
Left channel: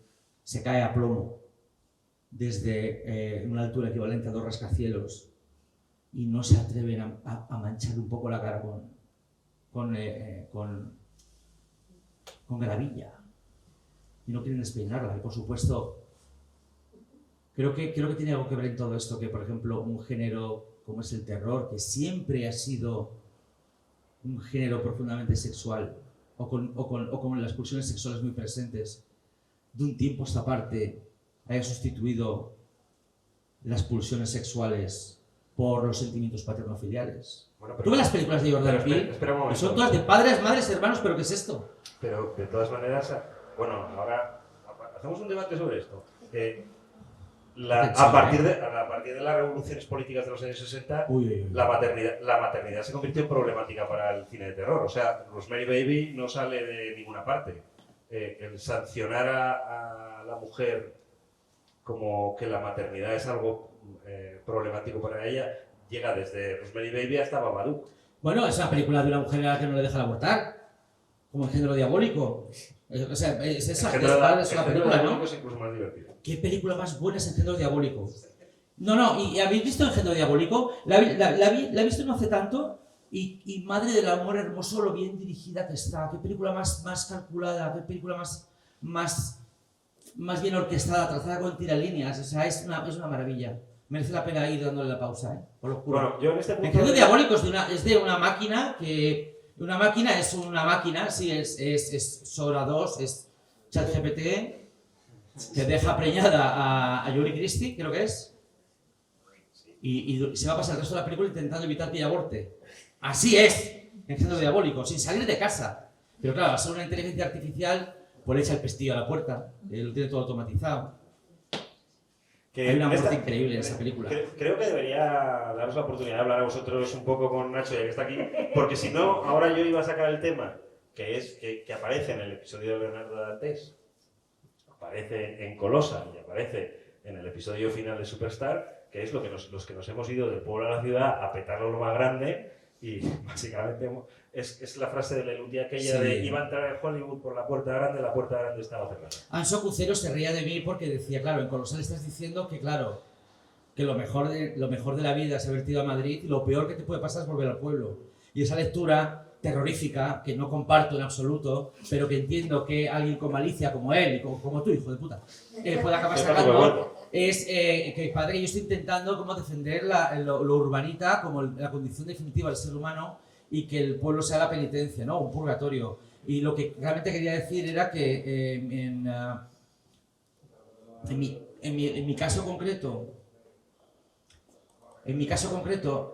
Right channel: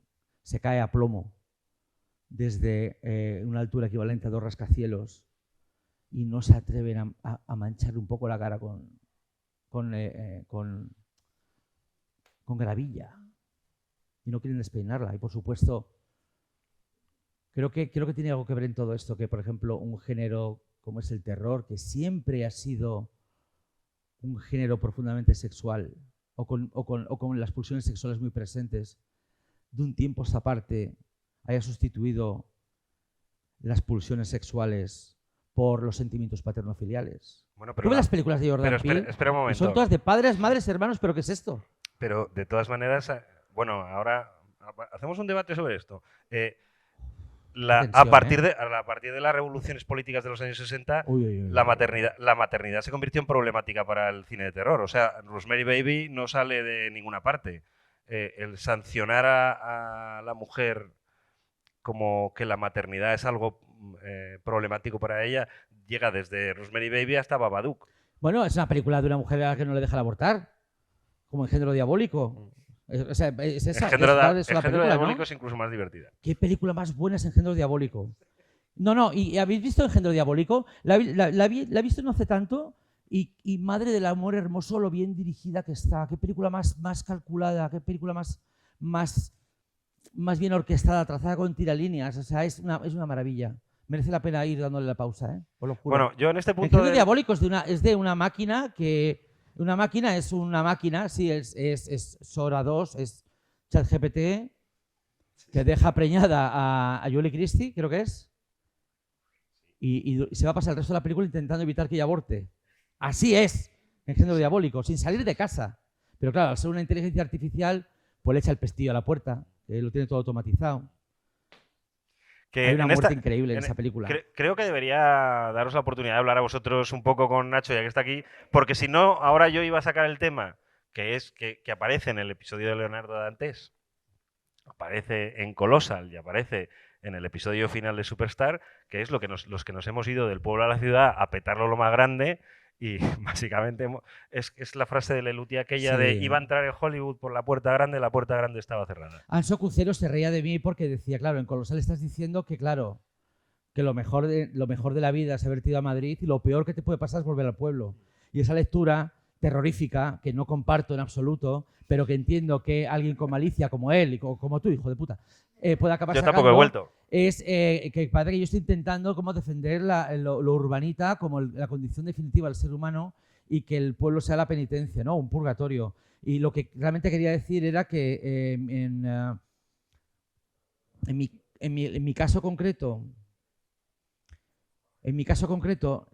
cae a plomo desde una altura equivalente a 2 rascacielos y no se atreven a manchar un poco la cara con gravilla. Y no quieren despeinarla. Y por supuesto, creo que tiene algo que ver en todo esto, que por ejemplo un género como es el terror, que siempre ha sido un género profundamente sexual, o con las pulsiones sexuales muy presentes, de un tiempo a esta parte haya sustituido las pulsiones sexuales por los sentimientos paternofiliales. Bueno, ¿Tú ves las películas de Jordan Peele? Espera un momento. Son todas de padres, madres, hermanos, ¿pero qué es esto? Pero de todas maneras, bueno, ahora hacemos un debate sobre esto. A partir de las revoluciones políticas de los años 60, la maternidad se convirtió en problemática para el cine de terror. O sea, Rosemary Baby no sale de ninguna parte. El sancionar a la mujer como que la maternidad es algo problemático para ella llega desde Rosemary Baby hasta Babadook. Bueno, es una película de una mujer a la que no le dejan abortar, como Engendro Diabólico. O sea, es esa Engendro película, Diabólico, ¿no? es incluso más divertida. ¿Qué película más buena es Engendro Diabólico? No, ¿y habéis visto Engendro Diabólico? La he visto no hace tanto y madre del amor hermoso, lo bien dirigida que está. Qué película más calculada, qué película más bien orquestada, trazada con tiralíneas. O sea, es una maravilla. Merece la pena ir dándole la pausa, ¿eh? Os lo juro. Bueno, yo en este punto... Engendro Diabólico es de una máquina que... Una máquina es una máquina, sí, es Sora 2, es ChatGPT, que deja preñada a Julie Christie, creo que es, y se va a pasar el resto de la película intentando evitar que ella aborte. Así es, Engendro Diabólico, sin salir de casa. Pero claro, al ser una inteligencia artificial, pues le echa el pestillo a la puerta, lo tiene todo automatizado. Hay una muerte increíble en esa película. Creo que debería daros la oportunidad de hablar a vosotros un poco con Nacho, ya que está aquí, porque si no, ahora yo iba a sacar el tema, que aparece en el episodio de Leonardo Dantes, aparece en Colossal y aparece en el episodio final de Superstar, que es los que nos hemos ido del pueblo a la ciudad a petarlo lo más grande. Y básicamente es la frase de Leluti aquella de iba a entrar en Hollywood por la puerta grande estaba cerrada. Anso Cucero se reía de mí porque decía, claro, en Colosal estás diciendo que, claro, que lo mejor de la vida es haberte ido a Madrid y lo peor que te puede pasar es volver al pueblo. Y esa lectura terrorífica, que no comparto en absoluto, pero que entiendo que alguien con malicia como él, como tú, hijo de puta, puede acabar Yo sacando, tampoco he vuelto. es que padre, yo estoy intentando como defender lo urbanita como la condición definitiva del ser humano y que el pueblo sea la penitencia, ¿no? Un purgatorio. Y lo que realmente quería decir era que en mi caso concreto,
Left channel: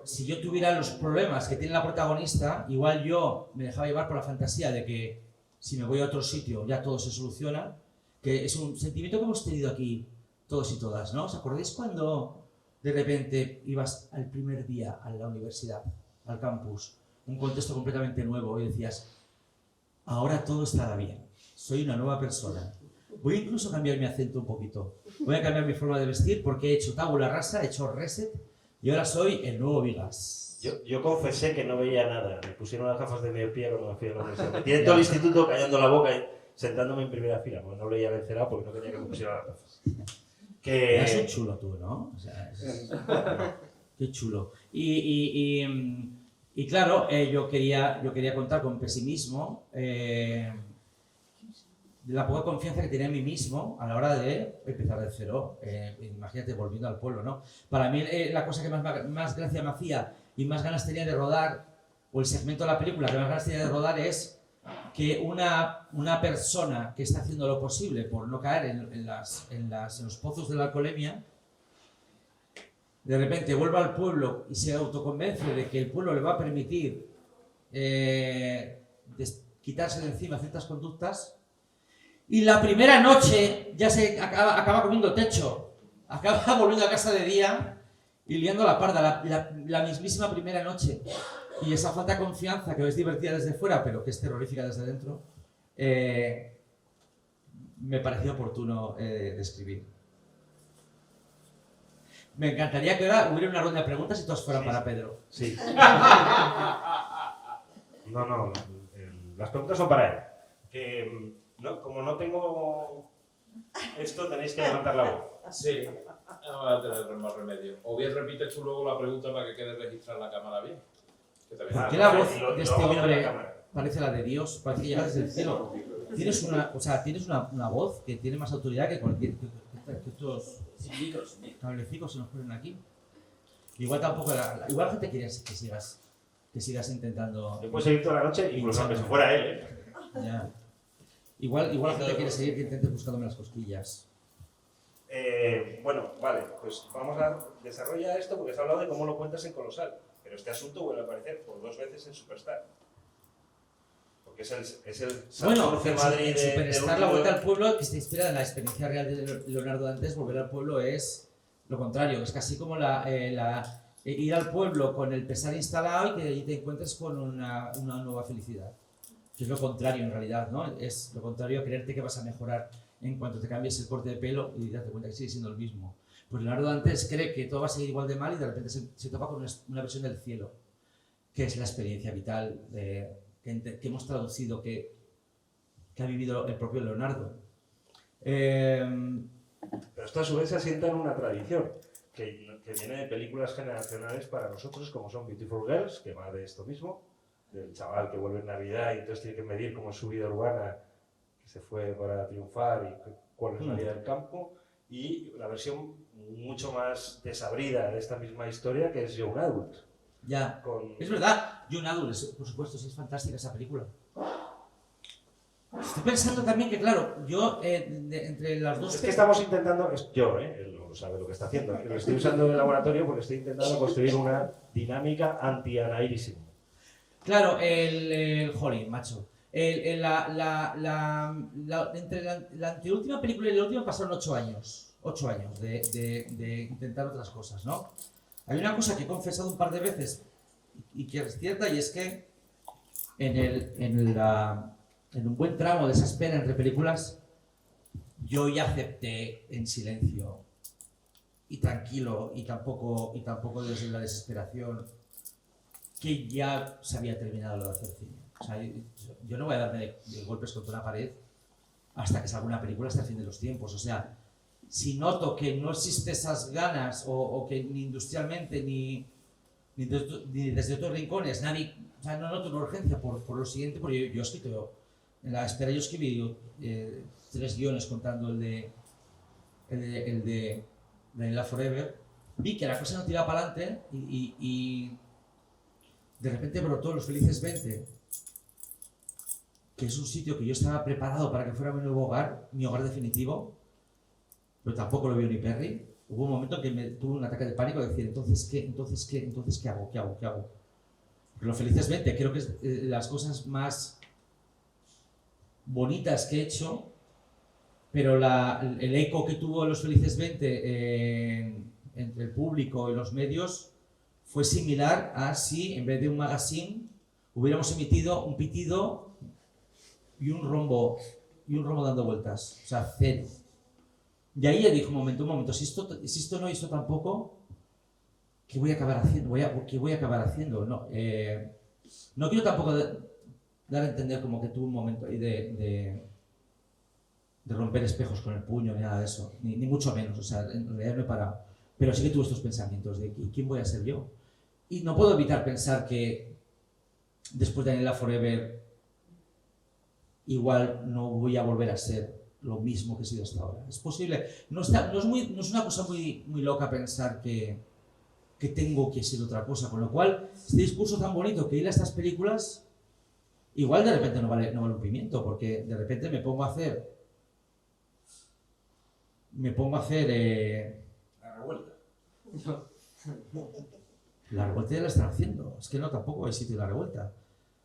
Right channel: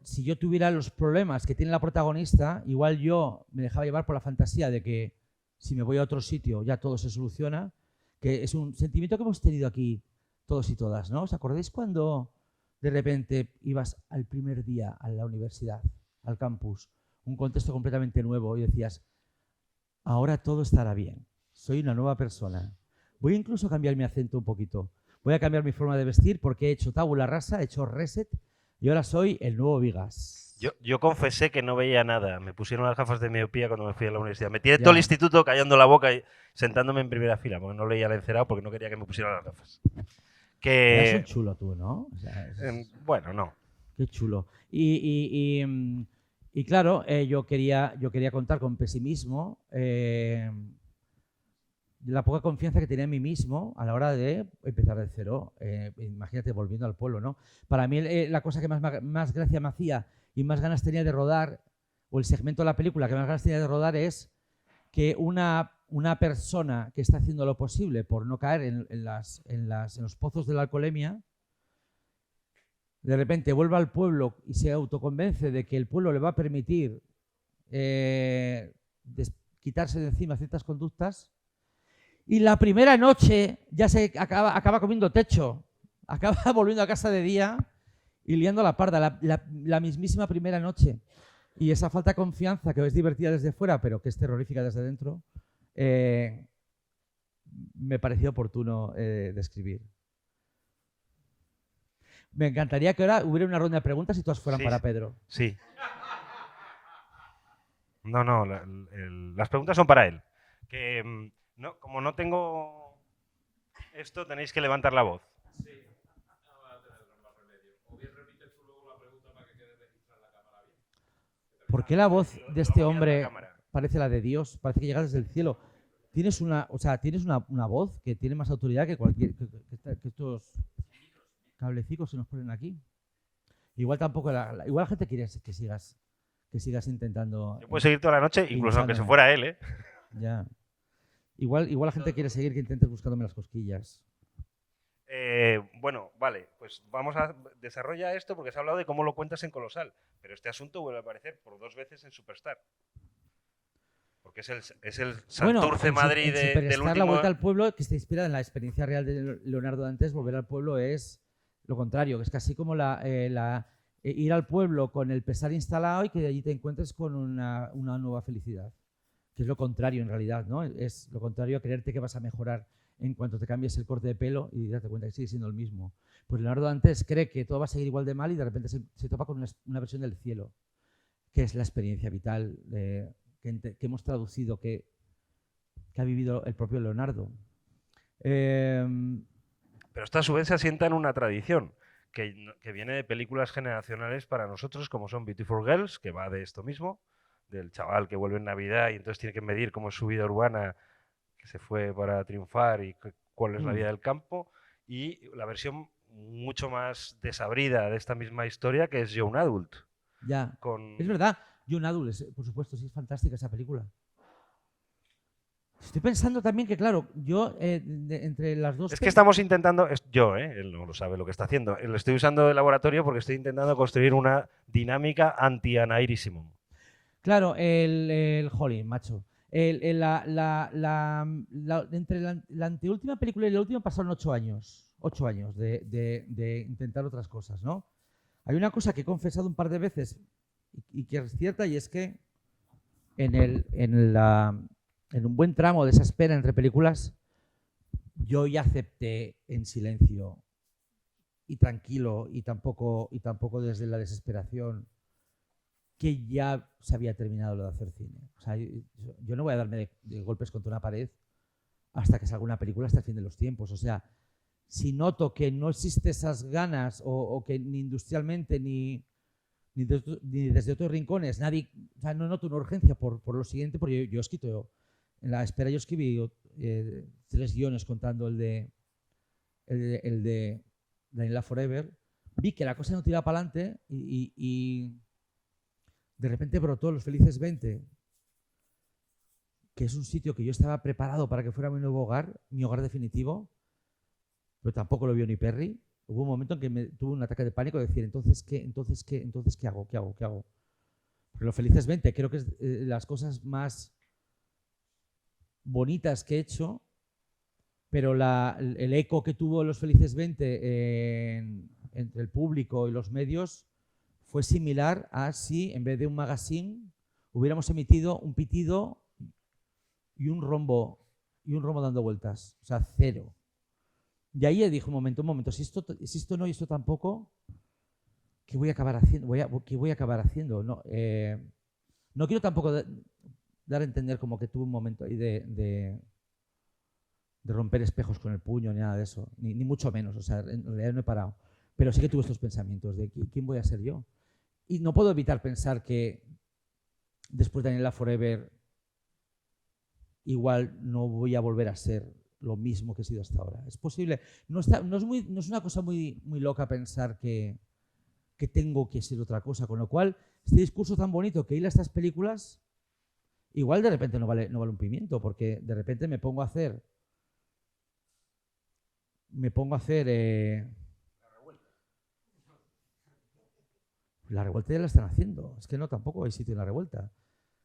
si yo tuviera los problemas que tiene la protagonista, igual yo me dejaba llevar por la fantasía de que si me voy a otro sitio ya todo se soluciona, que es un sentimiento que hemos tenido aquí todos y todas, ¿no? ¿Os acordáis cuando de repente ibas al primer día a la universidad, al campus, un contexto completamente nuevo y decías, ahora todo estará bien, soy una nueva persona, voy a incluso cambiar mi acento un poquito, voy a cambiar mi forma de vestir porque he hecho tabula rasa, he hecho reset y ahora soy el nuevo Vigas? Yo confesé que no veía nada, me pusieron las gafas de miopía cuando me fui a la universidad, me tiré todo el instituto callando la boca y sentándome en primera fila, porque no leía el encerado porque no quería que me pusieran las gafas. Eres un chulo tú, ¿no? O sea, bueno, no. Qué chulo. Y claro, yo quería contar con pesimismo de la poca confianza que tenía en mí mismo a la hora de empezar de cero. Imagínate, volviendo al pueblo, ¿no? Para mí la cosa que más gracia me hacía y más ganas tenía de rodar, o el segmento de la película que más ganas tenía de rodar es que una persona que está haciendo lo posible por no caer en los pozos de la alcoholemia, de repente vuelve al pueblo y se autoconvence de que el pueblo le va a permitir quitarse de encima ciertas conductas, y la primera noche ya se acaba comiendo techo, acaba volviendo a casa de día y liando la parda, la mismísima primera noche. Y esa falta de confianza que es divertida desde fuera, pero que es terrorífica desde dentro, me pareció oportuno describir. Me encantaría que ahora hubiera una ronda de preguntas y todas fueran para Pedro. Sí. No, las preguntas son para él. Que como no tengo esto, tenéis que levantar la voz. Sí, no voy a tener más remedio. O bien repites tú luego la pregunta para que quede registrada en la cámara bien. ¿Por qué la voz de este hombre parece la de Dios? Parece que llega desde el cielo. Tienes una voz que tiene más autoridad que cualquier... que estos cablecicos se nos ponen aquí. Igual tampoco... igual la gente quiere que sigas intentando... Yo puedo seguir toda la noche, incluso aunque se fuera él, ¿eh? Ya. Igual la gente quiere seguir que intente buscándome las cosquillas. Bueno, vale, pues vamos a desarrollar esto porque se ha hablado de cómo lo cuentas en Colosal, pero este asunto vuelve a aparecer por 2 veces en Superstar. Porque es el Santurce Madrid del La último... vuelta al pueblo, que se inspira en la experiencia real de Leonardo Dantes, volver al pueblo es lo contrario, es casi como ir al pueblo con el pesar instalado y que allí te encuentres con una nueva felicidad. Que es lo contrario en realidad, ¿no? Es lo contrario a creerte que vas a mejorar en cuanto te cambies el corte de pelo y date cuenta que sigue siendo el mismo. Pues Leonardo Dantes cree que todo va a seguir igual de mal y de repente se topa con una versión del cielo, que es la experiencia vital que hemos traducido, que ha vivido el propio Leonardo. Pero esto a su vez se asienta en una tradición que viene de películas generacionales para nosotros, como son Beautiful Girls, que va de esto mismo, del chaval que vuelve en Navidad y entonces tiene que medir cómo es su vida urbana, que se fue para triunfar y cuál es la vida del campo, y la versión mucho más desabrida de esta misma historia, que es Young Adult. Ya, es verdad, Young Adult, por supuesto, sí, es fantástica esa película. Estoy pensando también que, claro, yo entre las dos... Es que estamos intentando, él no sabe lo que está haciendo, lo estoy usando de laboratorio porque estoy intentando construir una dinámica anti-Anairísimo. Claro, jolín, macho. Entre la anteúltima película y la última pasaron 8 años. 8 años de intentar otras cosas, ¿no? Hay una cosa que he confesado un par de veces y que es cierta, y es que en un buen tramo de esa espera entre películas, yo ya acepté en silencio y tranquilo y tampoco desde la desesperación que ya se había terminado lo de hacer cine. O sea, yo no voy a darme de golpes contra una pared hasta que salga una película hasta el fin de los tiempos. O sea, si noto que no existe esas ganas o que ni industrialmente ni desde otros rincones nadie, o sea, no noto una urgencia por lo siguiente, porque yo he escrito, en la espera yo escribí 3 guiones contando el de Daniela Forever, vi que la cosa no tiraba para adelante y de repente brotó Los Felices 20, que es un sitio que yo estaba preparado para que fuera mi nuevo hogar, mi hogar definitivo, pero tampoco lo vio ni Perry. Hubo un momento que me tuve un ataque de pánico de decir, ¿entonces qué hago? Pero Los Felices 20 creo que es las cosas más bonitas que he hecho, pero el eco que tuvo Los Felices 20 entre el público y los medios fue similar a si en vez de un magazine hubiéramos emitido un pitido y un rombo dando vueltas, o sea, 0. Y ahí ya dijo, un momento, si esto no hizo tampoco, ¿qué voy a acabar haciendo? No quiero tampoco dar a entender como que tuve un momento ahí de romper espejos con el puño, ni nada de eso, ni mucho menos, o sea, en realidad me he parado. Pero sí que tuve estos pensamientos de ¿quién voy a ser yo? Y no puedo evitar pensar que después de Daniela Forever igual no voy a volver a ser lo mismo que he sido hasta ahora. Es posible, no es una cosa muy loca pensar que tengo que ser otra cosa, con lo cual este discurso tan bonito que hila estas películas igual de repente no vale un pimiento, porque de repente me pongo a hacer La revuelta. La revuelta ya la están haciendo, es que no, tampoco hay sitio en la revuelta.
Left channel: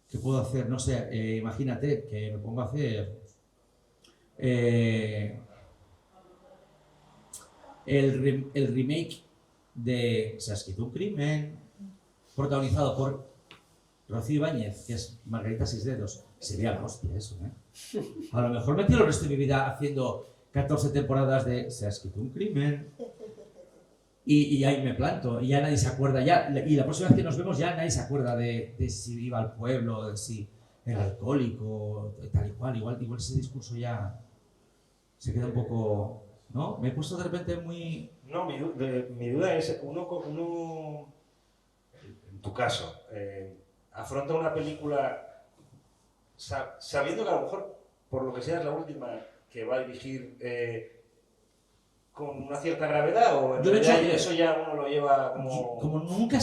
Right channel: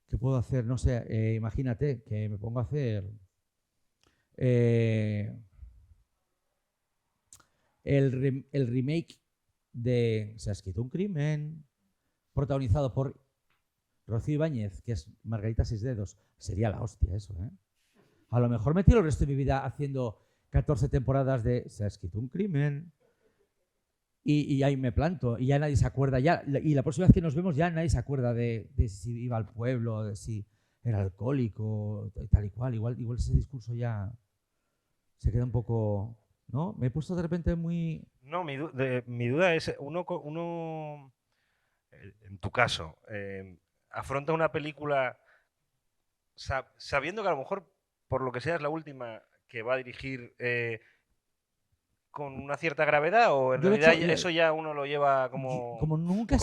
¿Qué puedo hacer? No sé, imagínate que me pongo a hacer el remake de Se ha escrito un crimen, protagonizado por Rocío Ibáñez, que es Margarita Sisdedos. Sería la hostia eso, ¿eh? A lo mejor me tiro el resto de mi vida haciendo 14 temporadas de Se ha escrito un crimen y ahí me planto y ya nadie se acuerda, y la próxima vez que nos vemos ya nadie se acuerda de si iba al pueblo, de si era alcohólico, tal y cual. Igual ese discurso ya se queda un poco, ¿no? Me he puesto de repente muy... No, mi duda es, uno en tu caso, afronta una película sabiendo que a lo mejor, por lo que sea, es la última que va a dirigir con una cierta gravedad, o en realidad eso ya uno lo lleva como nunca he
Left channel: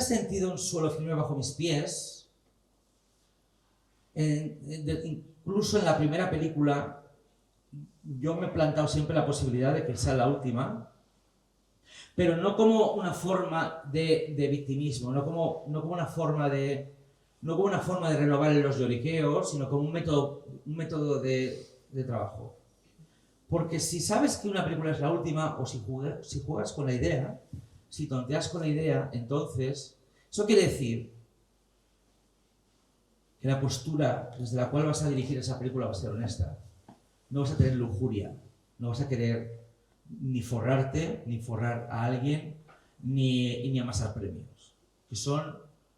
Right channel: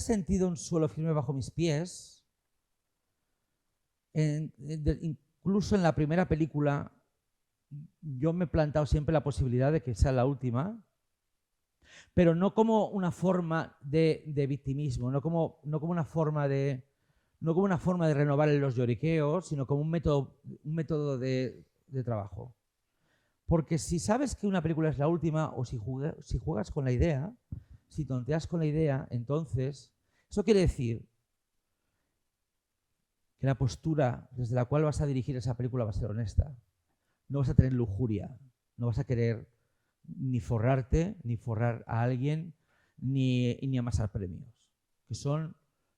sentido un suelo firme bajo mis pies, incluso en la primera película, yo me he plantado siempre la posibilidad de que sea la última, pero no como una forma de victimismo, no como una forma de renovar los lloriqueos, sino como un método de trabajo. Porque si sabes que una película es la última, o si juegas con la idea, si tonteas con la idea, entonces, eso quiere decir que la postura desde la cual vas a dirigir esa película va a ser honesta. No vas a tener lujuria, no vas a querer ni forrarte, ni forrar a alguien, ni amasar premios, que son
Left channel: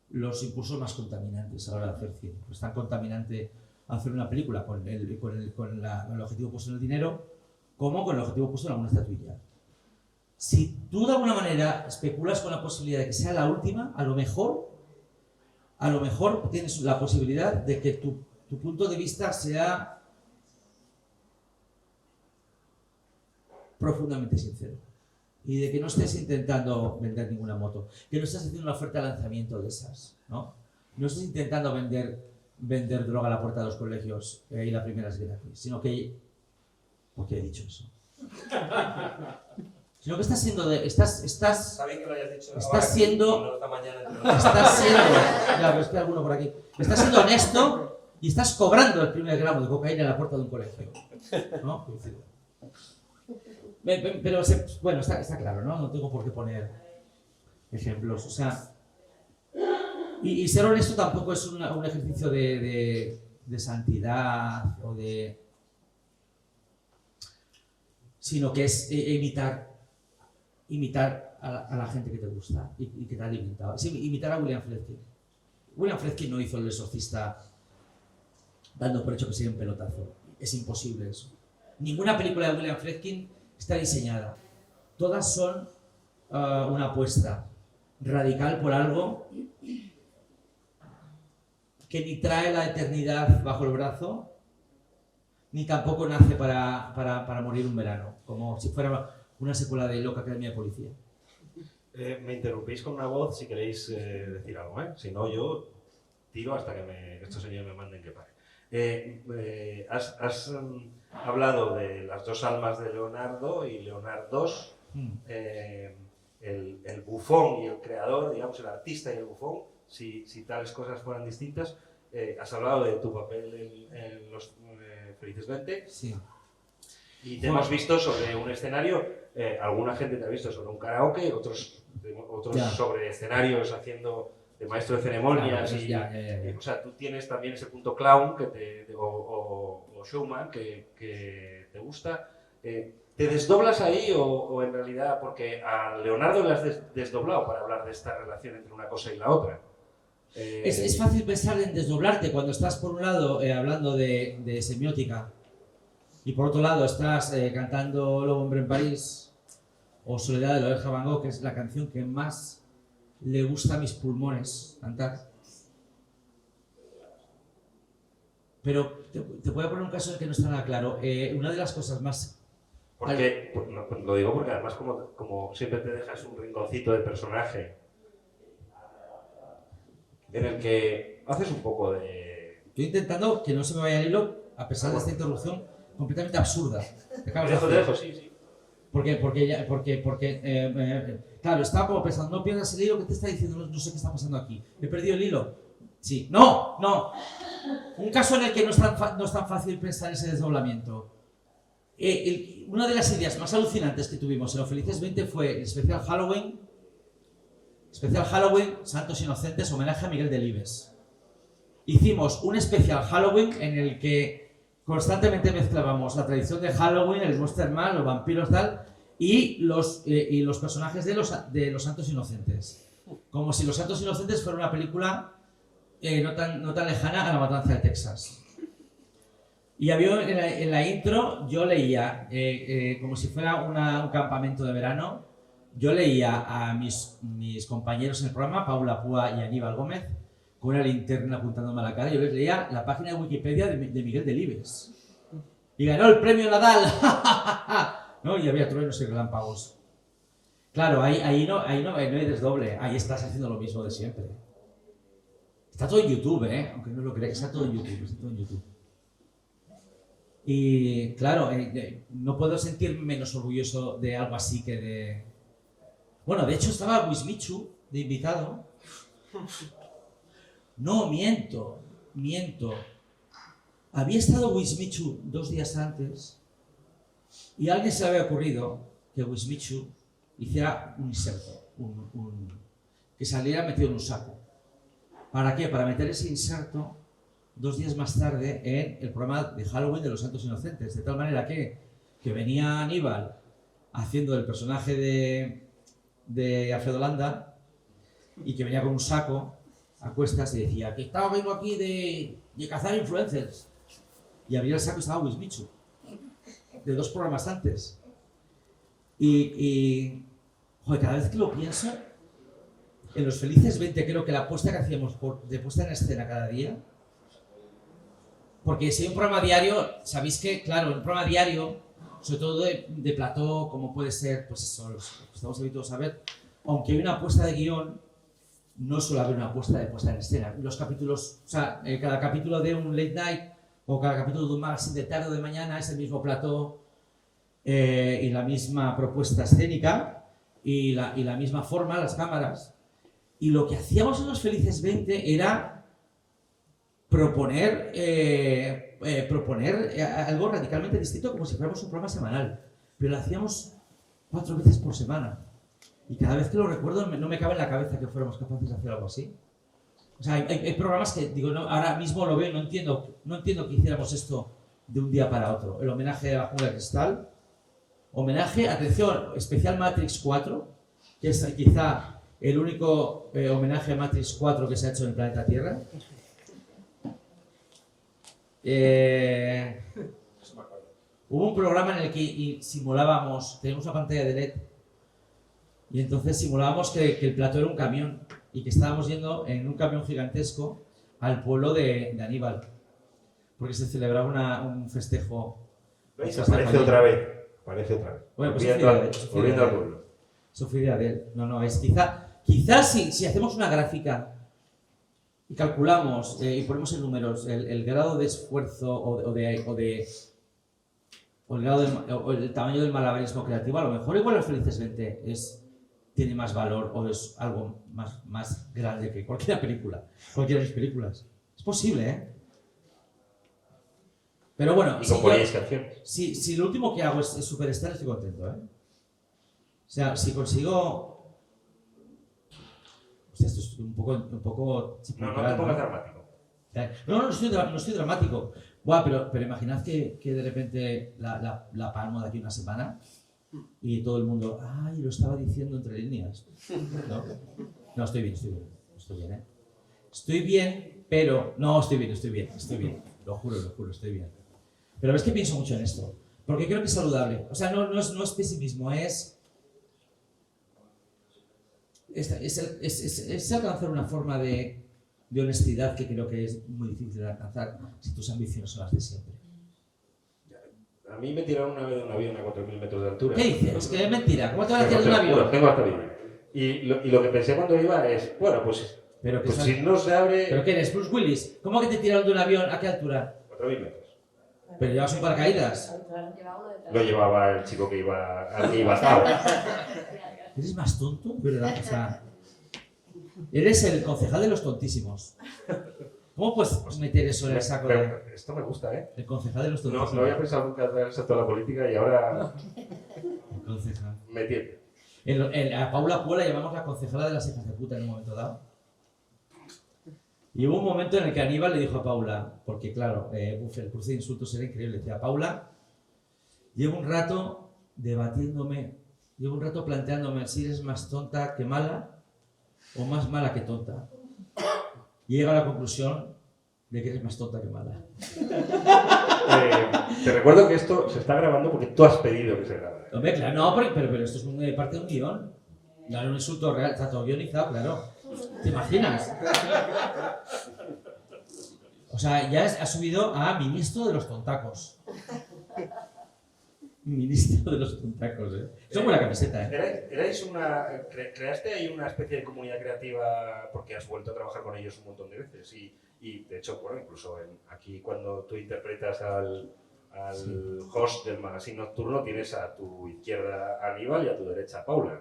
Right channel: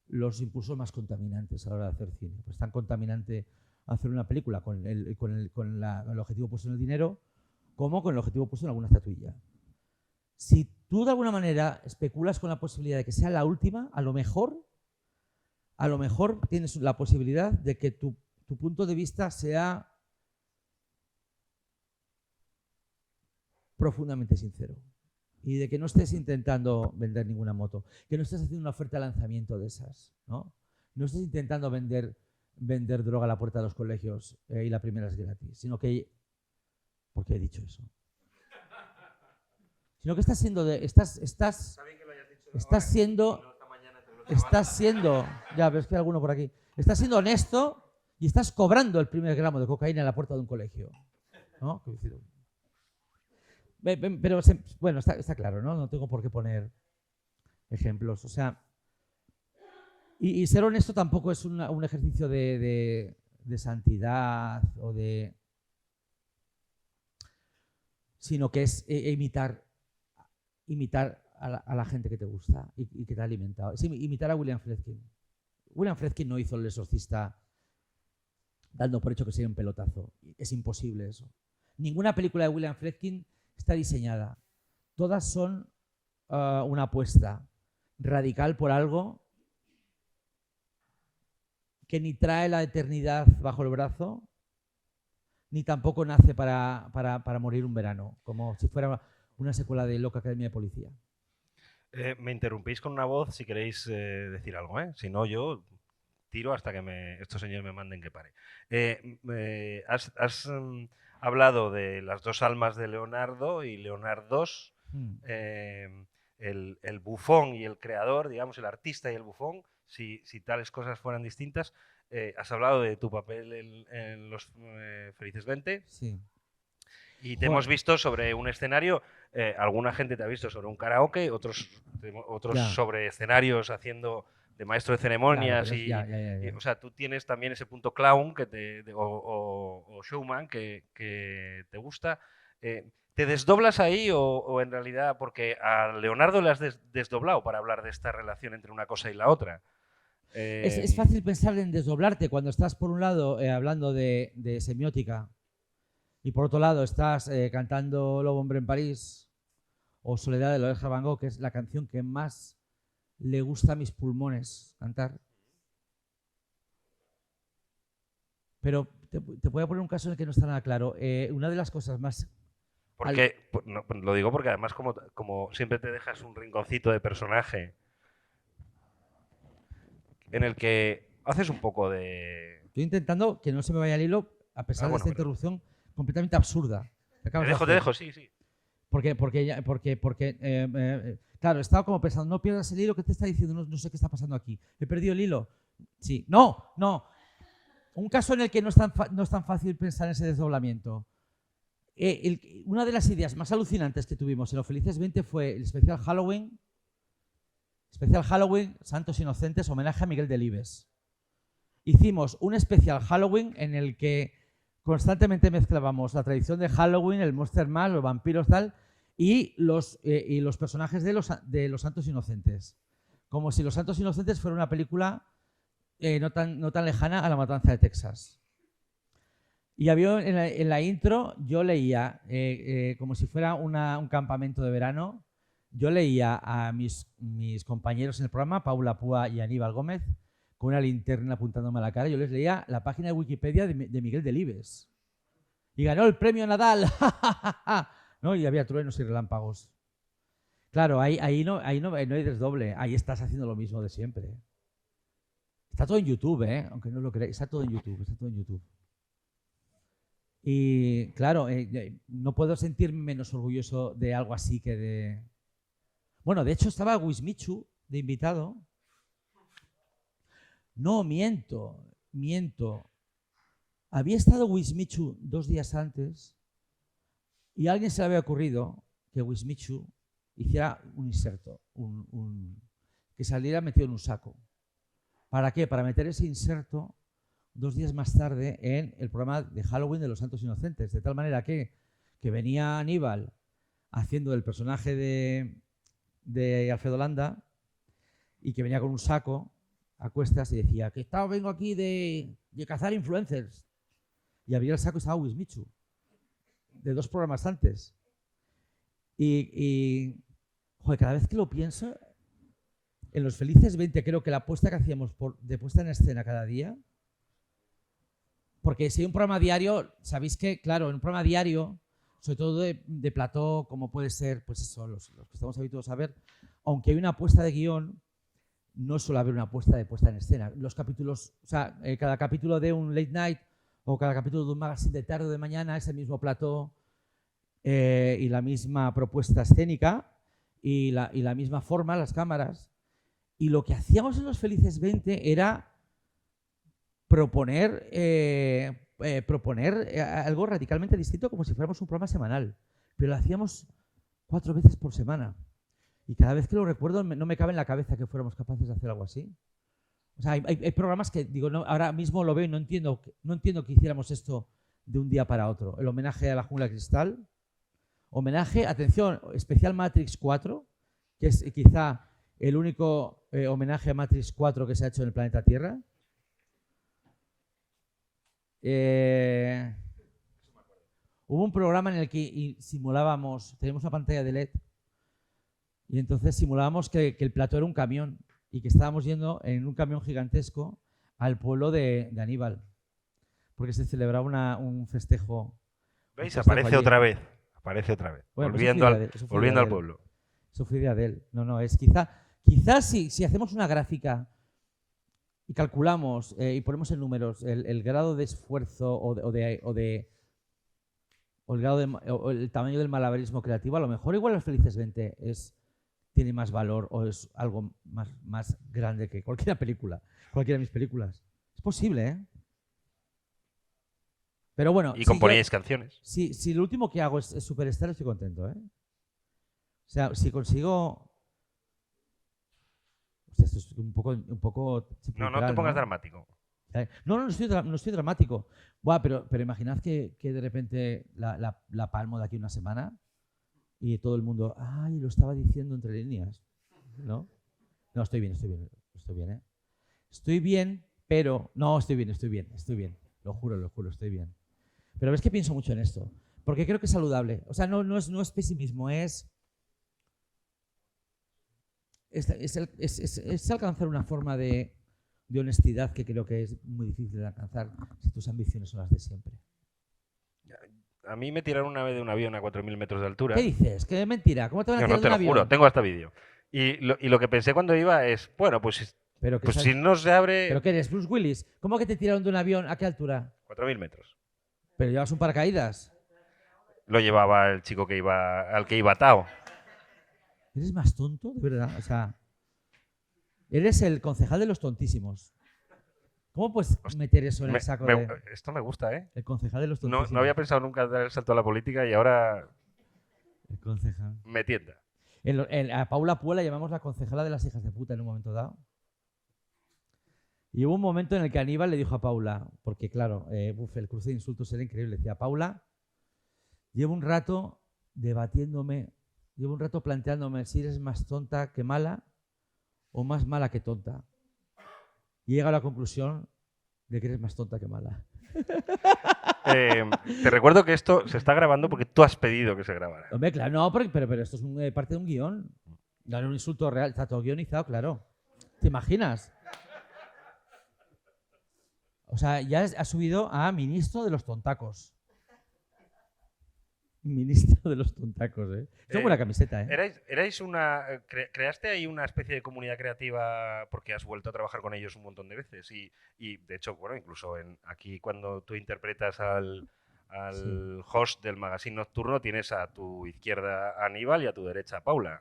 los impulsos más contaminantes a la hora de hacer cine. Es tan contaminante hacer una película con el objetivo puesto en el dinero como con el objetivo puesto en alguna estatuilla. Si tú de alguna manera especulas con la posibilidad de que sea la última, a lo mejor tienes la posibilidad de que tu punto de vista sea profundamente sincero y de que no estés intentando vender ninguna moto, que no estés haciendo una oferta de lanzamiento de esas, ¿no? No estés intentando vender droga a la puerta de los colegios y la primera es gratis, sino que, ¿por qué he dicho eso? Sino que estás siendo Sabéis que lo hayas dicho. Estás siendo, no esta mañana, ya, pero es que hay alguno por aquí. Estás siendo honesto y estás cobrando el primer gramo de cocaína en la puerta de un colegio, ¿no? Pero bueno, está claro, ¿no? No tengo por qué poner ejemplos, o sea, y ser honesto tampoco es un ejercicio de santidad o sino que es imitar a la gente que te gusta y que te ha alimentado. Es imitar a William Friedkin. William Friedkin no hizo El Exorcista dando por hecho que sería un pelotazo. Es imposible eso. Ninguna película de William Friedkin está diseñada. Todas son una apuesta radical por algo que ni trae la eternidad bajo el brazo, ni tampoco nace para morir un verano, como si fuera una secuela de Loca Academia de Policía. Me interrumpís con una voz si queréis decir algo, ¿eh? Si no, yo tiro hasta que estos señores me manden que pare. Has hablado de las dos almas de Leonardo y Leonardo II, el bufón y el creador, digamos, el artista y el bufón, si tales cosas fueran distintas. Has hablado de tu papel en Los Felices 20. Sí. Y te hemos visto sobre un escenario, alguna gente te ha visto sobre un karaoke, otros sobre escenarios haciendo de maestro de ceremonias. O sea, tú tienes también ese punto clown o showman que te gusta. ¿Te desdoblas ahí o en realidad, porque a Leonardo le has desdoblado para hablar de esta relación entre una cosa y la otra? Es fácil pensar en desdoblarte cuando estás por un lado hablando de semiótica y por otro lado estás cantando Lobo Hombre en París o Soledad de Loreja Van Gogh, que es la canción que más le gusta a mis pulmones cantar. Pero te voy a poner un caso en el que no está nada claro. Una de las cosas más... Porque, lo digo porque además como siempre te dejas un rinconcito de personaje en el que haces un poco de... Estoy intentando que no se me vaya el hilo, a pesar de esta interrupción completamente absurda. Te dejo, sí. Porque claro, estaba como pensando, no pierdas el hilo, ¿qué te está diciendo? No sé qué está pasando aquí. ¿He perdido el hilo? Sí. No. Un caso en el que no es tan fácil pensar ese desdoblamiento. Una de las ideas más alucinantes que tuvimos en Los Felices 20 fue el especial Halloween, Santos Inocentes, homenaje a Miguel Delibes. Hicimos un especial Halloween en el que constantemente mezclábamos la tradición de Halloween, el Monster Man, los vampiros tal, y los personajes de los Santos Inocentes. Como si Los Santos Inocentes fuera una película no tan lejana a La Matanza de Texas. Y había en la intro, yo leía, como si fuera un campamento de verano, yo leía a mis compañeros en el programa, Paula Púa y Aníbal Gómez, con una linterna apuntándome a la cara. Yo les leía la página de Wikipedia de Miguel Delibes. Y ganó el premio Nadal. ¿No? Y había truenos y relámpagos. Claro, ahí no hay desdoble. Ahí estás haciendo lo mismo de siempre. Está todo en YouTube, aunque no lo creáis, está todo en YouTube. Y claro, no puedo sentirme menos orgulloso de algo así que de... Bueno, de hecho estaba Wismichu de invitado. No, miento. Había estado Wismichu 2 días antes y a alguien se le había ocurrido que Wismichu hiciera un inserto, que saliera metido en un saco. ¿Para qué? Para meter ese inserto 2 días más tarde en el programa de Halloween de los Santos Inocentes, de tal manera que venía Aníbal haciendo el personaje de Alfredo Landa y que venía con un saco a cuestas y decía que vengo aquí de cazar influencers, y abría el saco y estaba Wismichu de 2 programas antes y joder, cada vez que lo pienso, en los Felices 20 creo que la apuesta que hacíamos de puesta en escena cada día, porque si hay un programa diario, sabéis que, claro, un programa diario, sobre todo de plató, como puede ser, pues eso, los que estamos habituados a ver, aunque hay una apuesta de guión, no suele haber una apuesta de puesta en escena. Los capítulos, o sea, cada capítulo de un late night o cada capítulo de un magazine de tarde o de mañana es el mismo plató y la misma propuesta escénica y la misma forma, las cámaras. Y lo que hacíamos en los Felices 20 era proponer algo radicalmente distinto, como si fuéramos un programa semanal, pero lo hacíamos 4 veces por semana y cada vez que lo recuerdo no me cabe en la cabeza que fuéramos capaces de hacer algo así. O sea, hay programas que digo, no, ahora mismo lo veo, no entiendo que hiciéramos esto de un día para otro. El homenaje a la Jungla de Cristal, homenaje, atención, especial Matrix 4, que es quizá el único homenaje a Matrix 4 que se ha hecho en el planeta Tierra. Hubo un programa en el que simulábamos, teníamos una pantalla de LED y entonces simulábamos que el plató era un camión y que estábamos yendo en un camión gigantesco al pueblo de Aníbal, porque se celebraba un festejo. ¿Veis? Aparece otra vez. Bueno, volviendo al pueblo. Eso fue idea de él. No, es quizás si hacemos una gráfica y calculamos y ponemos en números el grado de esfuerzo o el tamaño del malabarismo creativo, a lo mejor igual los Felices 20 tiene más valor o es algo más grande que cualquiera de mis películas. Es posible, Pero bueno, y componíais canciones. Si lo último que hago es Superstar, estoy contento, O sea, si consigo... O sea, esto es un poco No te pongas dramático. No estoy dramático. Buah, pero imaginad que de repente la palmo de aquí una semana y todo el mundo, ay, lo estaba diciendo entre líneas. No, estoy bien. Estoy bien, pero... No, estoy bien. Lo juro, estoy bien. Pero es que pienso mucho en esto, porque creo que es saludable. O sea, no es pesimismo, es alcanzar una forma de honestidad que creo que es muy difícil de alcanzar si tus ambiciones son las de siempre. A mí me tiraron una vez de un avión a 4.000 metros de altura. ¿Qué dices? Que es mentira. ¿Cómo te van a tirar de un avión? Juro, tengo hasta vídeo. Y lo que pensé cuando iba es, bueno, pues si no se abre... ¿Pero qué eres, Bruce Willis? ¿Cómo que te tiraron de un avión? ¿A qué altura? 4.000 metros. ¿Pero llevas un paracaídas? Lo llevaba el chico al que iba atado. ¿Eres más tonto? ¿Verdad? O sea, eres el concejal de los tontísimos. ¿Cómo puedes meter eso en el saco? Esto me gusta, El concejal de los tontísimos. No había pensado nunca dar el salto a la política y ahora El concejal. me tienta. A Paula Puela llamamos la concejala de las hijas de puta en un momento dado. Y hubo un momento en el que Aníbal le dijo a Paula, porque claro, el cruce de insultos era increíble, decía, Paula, llevo un rato planteándome si eres más tonta que mala o más mala que tonta. Y llega a la conclusión de que eres más tonta que mala. Te recuerdo que esto se está grabando porque tú has pedido que se grabara. Hombre, claro, no, pero esto es parte de un guión. No era un insulto real, está todo guionizado, claro. ¿Te imaginas? O sea, ya has subido a ministro de los tontacos. ministro de los tuntacos, ¿eh? Es buena camiseta, ¿eh? Creaste ahí una especie de comunidad creativa porque has vuelto a trabajar con ellos un montón de veces y de hecho, bueno, incluso aquí cuando tú interpretas al host del magazine nocturno tienes a tu izquierda a Aníbal y a tu derecha a Paula.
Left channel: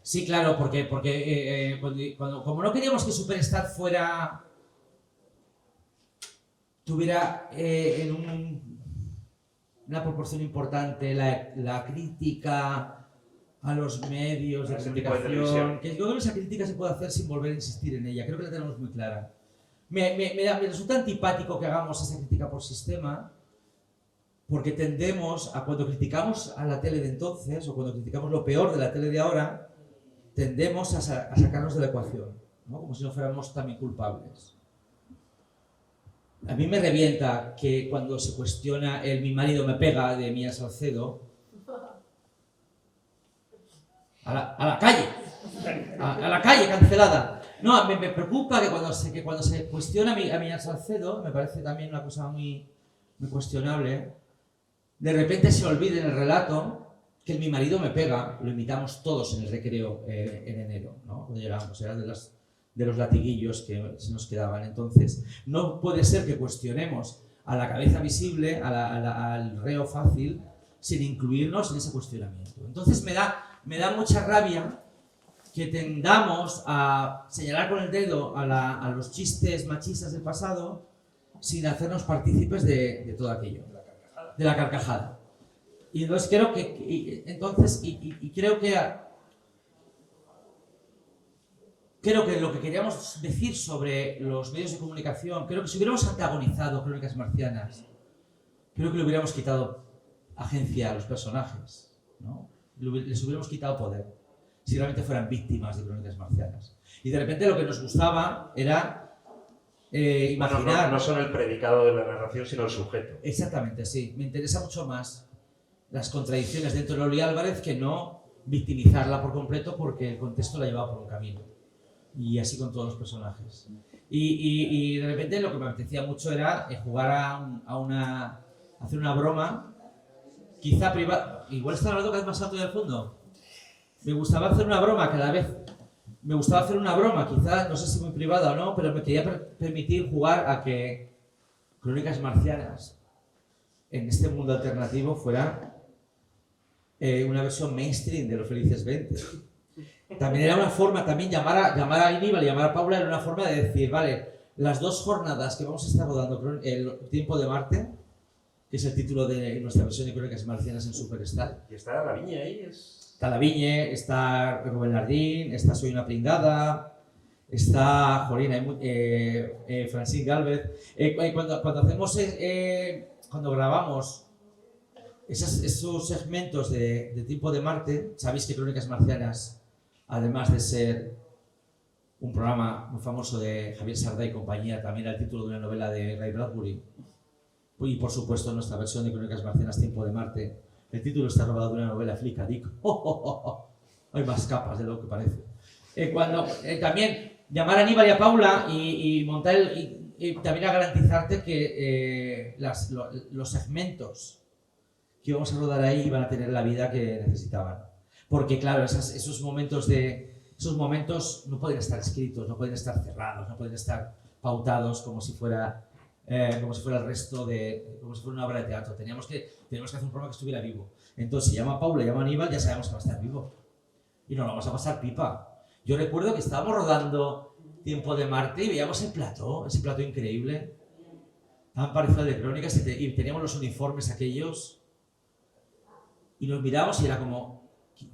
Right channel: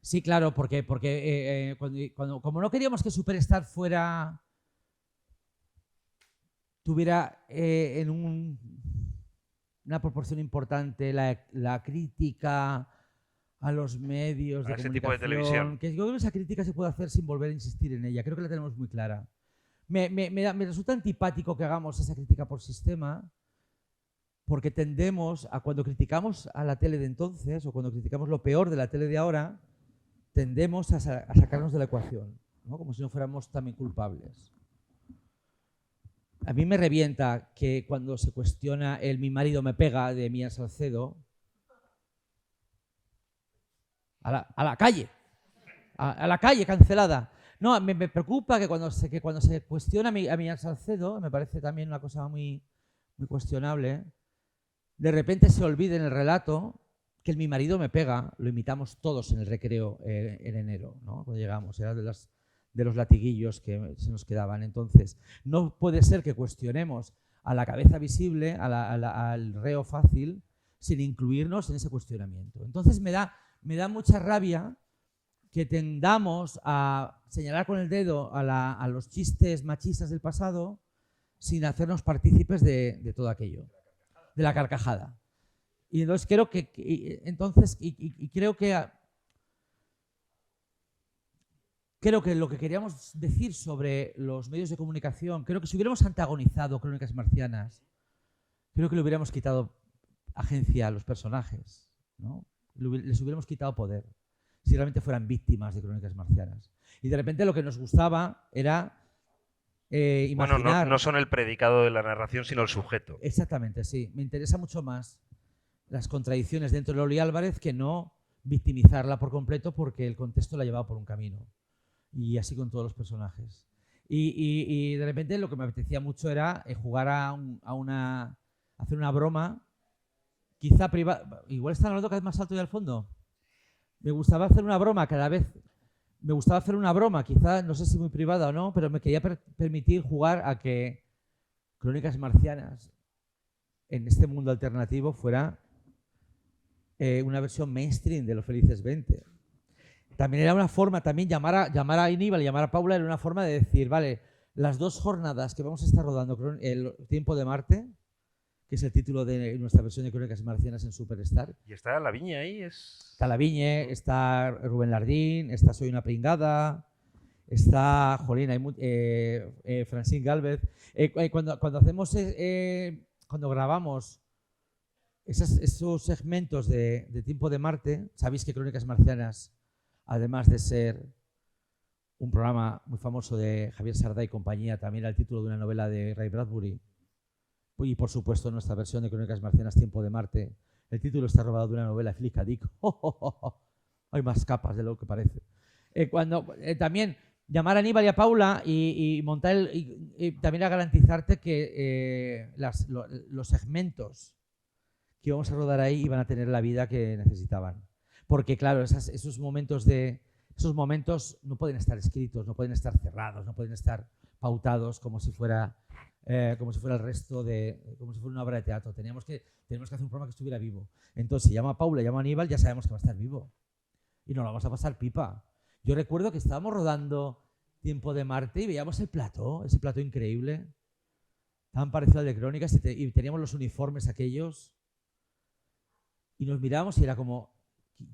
Sí, claro, porque como no queríamos que Superstar tuviera en una proporción importante la crítica a los medios de ese tipo comunicación, de televisión. que yo creo que esa crítica se puede hacer sin volver a insistir en ella, creo que la tenemos muy clara. Me resulta antipático que hagamos esa crítica por sistema, porque tendemos a, cuando criticamos a la tele de entonces, o cuando criticamos lo peor de la tele de ahora, tendemos a sacarnos de la ecuación, ¿no? Como si no fuéramos también culpables. A mí me revienta que cuando se cuestiona el "mi marido me pega" de Mía Salcedo, a la calle, a la calle, cancelada. No, a mí me preocupa que cuando se cuestiona a Mía Salcedo, me parece también una cosa muy, muy cuestionable, de repente se olvide en el relato que el "mi marido me pega" lo imitamos todos en el recreo en enero, ¿no? Cuando llegamos, era de los latiguillos que se nos quedaban. Entonces, no puede ser que cuestionemos a la cabeza visible, al reo fácil, sin incluirnos en ese cuestionamiento. Entonces, me da mucha rabia que tendamos a señalar con el dedo a los chistes machistas del pasado sin hacernos partícipes de todo aquello, de la carcajada. Y entonces creo creo que lo que queríamos decir sobre los medios de comunicación, creo que si hubiéramos antagonizado Crónicas Marcianas, creo que le hubiéramos quitado agencia a los personajes, ¿no? Les hubiéramos quitado poder, si realmente fueran víctimas de Crónicas Marcianas. Y de repente lo que nos gustaba era imaginar... Bueno, no son el predicado de la narración, sino el sujeto. Exactamente, sí. Me interesa mucho más las contradicciones dentro de Loli Álvarez que no victimizarla por completo porque el contexto la llevaba por un camino. Y así con todos los personajes. Y de repente lo que me apetecía mucho era jugar hacer una broma, quizá privada. Igual está hablando cada vez más alto del fondo. Me gustaba hacer una broma quizá, no sé si muy privada o no, pero me quería permitir jugar a que Crónicas Marcianas en este mundo alternativo fuera una versión mainstream de Los Felices 20. También era una forma, llamar a Aníbal y llamar a Paula era una forma de decir, vale, las 2 jornadas que vamos a estar rodando, el Tiempo de Marte, que es el título de nuestra versión de Crónicas Marcianas en Superstar. Y está la Viña ahí, Está la Viñe, está Rubén Lardín, está Soy una pringada, está Jolina, Francine Galvez. Cuando grabamos esos segmentos de Tiempo de Marte, sabéis que Crónicas Marcianas, además de ser un programa muy famoso de Javier Sardá y compañía, también el título de una novela de Ray Bradbury. Y por supuesto nuestra versión de Crónicas Marcianas, Tiempo de Marte, el título está robado de una novela Flick Dick. Hay más capas de lo que parece. También llamar a Aníbal y a Paula y montar y también a garantizarte que los segmentos que íbamos a rodar ahí iban a tener la vida que necesitaban. Porque claro, esos momentos no pueden estar escritos, no pueden estar cerrados, no pueden estar pautados como si fuera el resto como si fuera una obra de teatro. Teníamos que hacer un programa que estuviera vivo. Entonces, si llama a Paula, llama a Aníbal, ya sabemos que va a estar vivo. Y nos lo vamos a pasar pipa. Yo recuerdo que estábamos rodando Tiempo de Marte y veíamos ese plató increíble, tan parecido al de Crónicas, y teníamos los uniformes aquellos, y nos mirábamos y era como,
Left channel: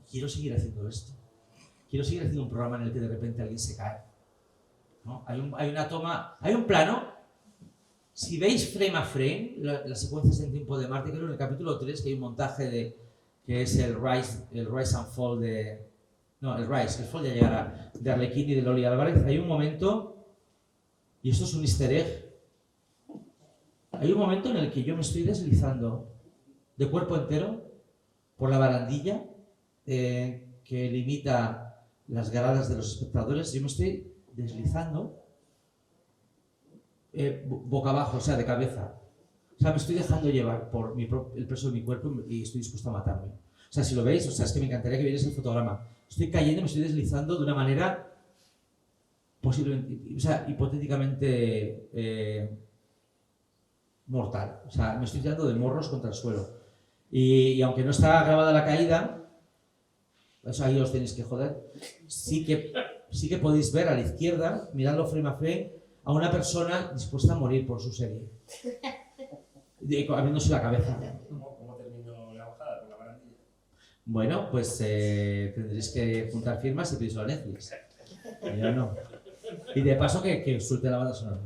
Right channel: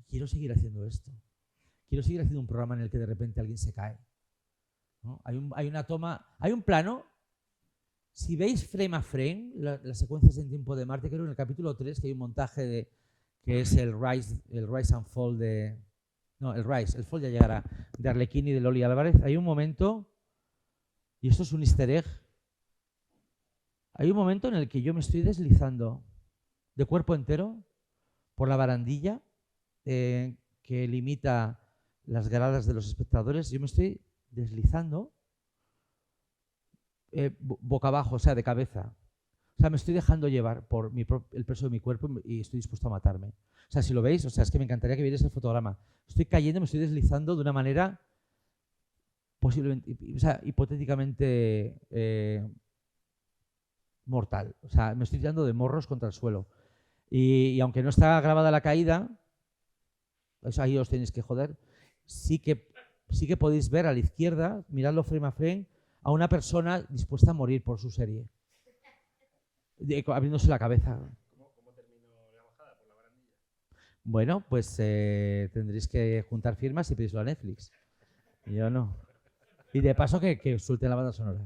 quiero seguir haciendo esto. Quiero seguir haciendo un programa en el que de repente alguien se cae, ¿no? Hay una toma, hay un plano. Si veis frame a frame, las secuencias en Tiempo de Marte, creo en el capítulo 3 que hay un montaje que es el Rise and Fall el Fall ya llegará, de Arlequín y de Loli Álvarez. Hay un momento, y esto es un easter egg, hay un momento en el que yo me estoy deslizando de cuerpo entero por la barandilla que limita las gradas de los espectadores. Yo me estoy deslizando boca abajo, o sea, de cabeza. O sea, me estoy dejando llevar por el peso de mi cuerpo y estoy dispuesto a matarme. O sea, si lo veis, o sea, es que me encantaría que vierais el fotograma. Estoy cayendo, me estoy deslizando de una manera posiblemente, o sea, hipotéticamente mortal. O sea, me estoy tirando de morros contra el suelo. Y aunque no está grabada la caída, o sea, ahí os tenéis que joder, sí que podéis ver a la izquierda, miradlo frame a frame, a una persona dispuesta a morir por su serie. Abriéndose la cabeza. ¿Cómo terminó la bajada con la barandilla? Bueno, pues tendréis que juntar firmas y pedírselo a Netflix. Yo no. Y de paso que suelte la banda sonora.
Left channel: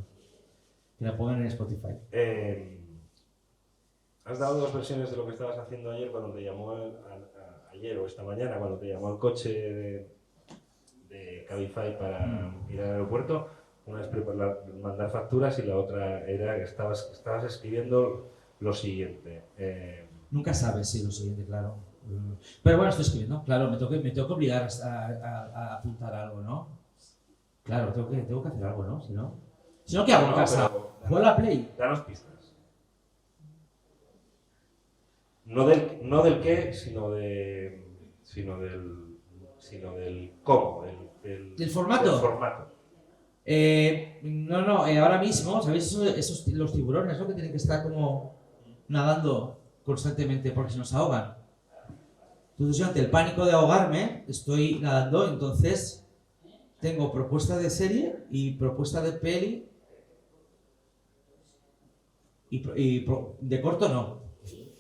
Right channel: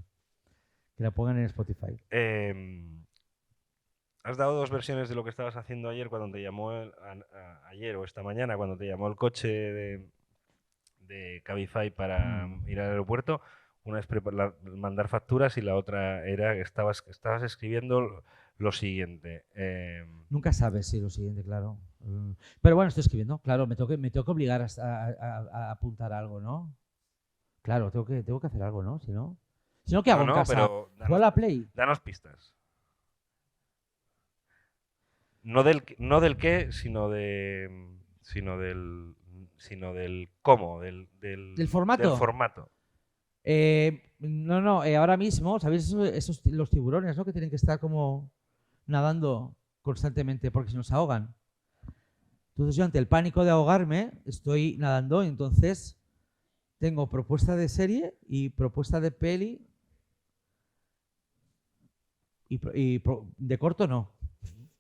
Que la pongan en Spotify. Has dado dos versiones de lo que estabas haciendo ayer cuando te llamó ayer o esta mañana cuando te llamó el coche de Cabify para ir al aeropuerto. Una es mandar facturas y la otra era que estabas escribiendo lo siguiente. Nunca sabes si lo siguiente, claro. Pero bueno, estoy escribiendo, claro, me tengo que obligar a apuntar algo, ¿no? Claro, tengo que hacer algo, ¿no? Si no, ¿qué hago en casa? ¿Juego a la Play? Danos pistas. No del qué, sino del cómo, ¿Del formato? Del formato. Ahora mismo, ¿sabéis los tiburones, ¿no? Que tienen que estar como nadando constantemente porque se nos ahogan. Entonces yo ante el pánico de ahogarme estoy nadando, entonces tengo propuesta de serie y propuesta de peli y de corto no,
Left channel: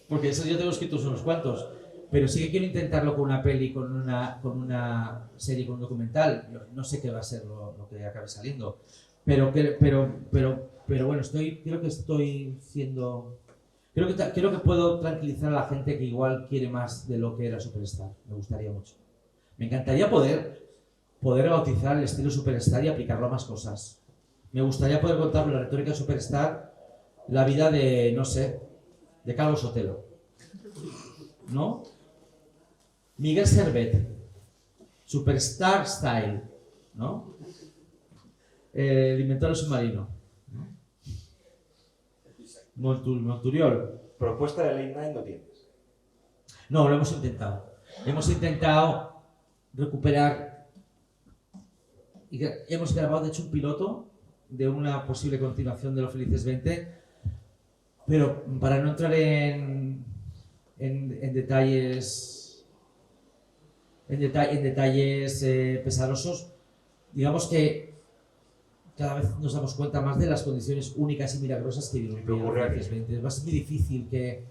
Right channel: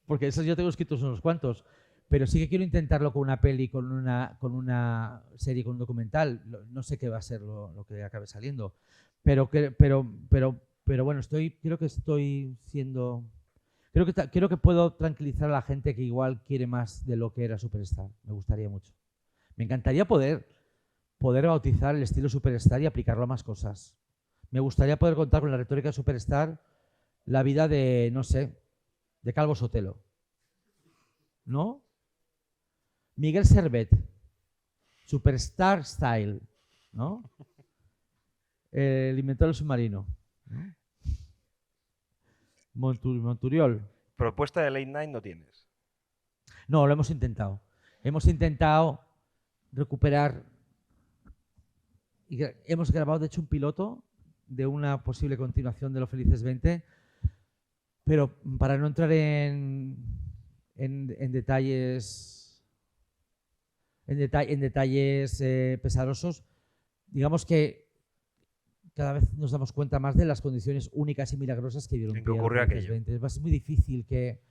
porque eso yo tengo escritos unos cuantos, pero sí que quiero intentarlo con una peli, con una serie, con un documental. No sé qué va a ser lo que acabe saliendo, pero bueno, creo que puedo tranquilizar a la gente que igual quiere más de lo que era Superstar. Me gustaría mucho. Me encantaría poder bautizar el estilo Superstar y aplicarlo a más cosas. Me gustaría poder contar con la retórica de Superstar la vida de, no sé, de Calvo Sotelo, ¿no? Miguel Servet, Superstar Style, ¿no? El inventor del submarino. Monturiol. Propuesta de Late Night no tienes. No, lo hemos intentado. Hemos intentado recuperar. Hemos grabado, de hecho, un piloto de una posible continuación de Los Felices 20, pero para no entrar en detalles pesarosos, digamos que cada vez nos damos cuenta más de las condiciones únicas y milagrosas que ocurre aquello. Va a ser muy difícil que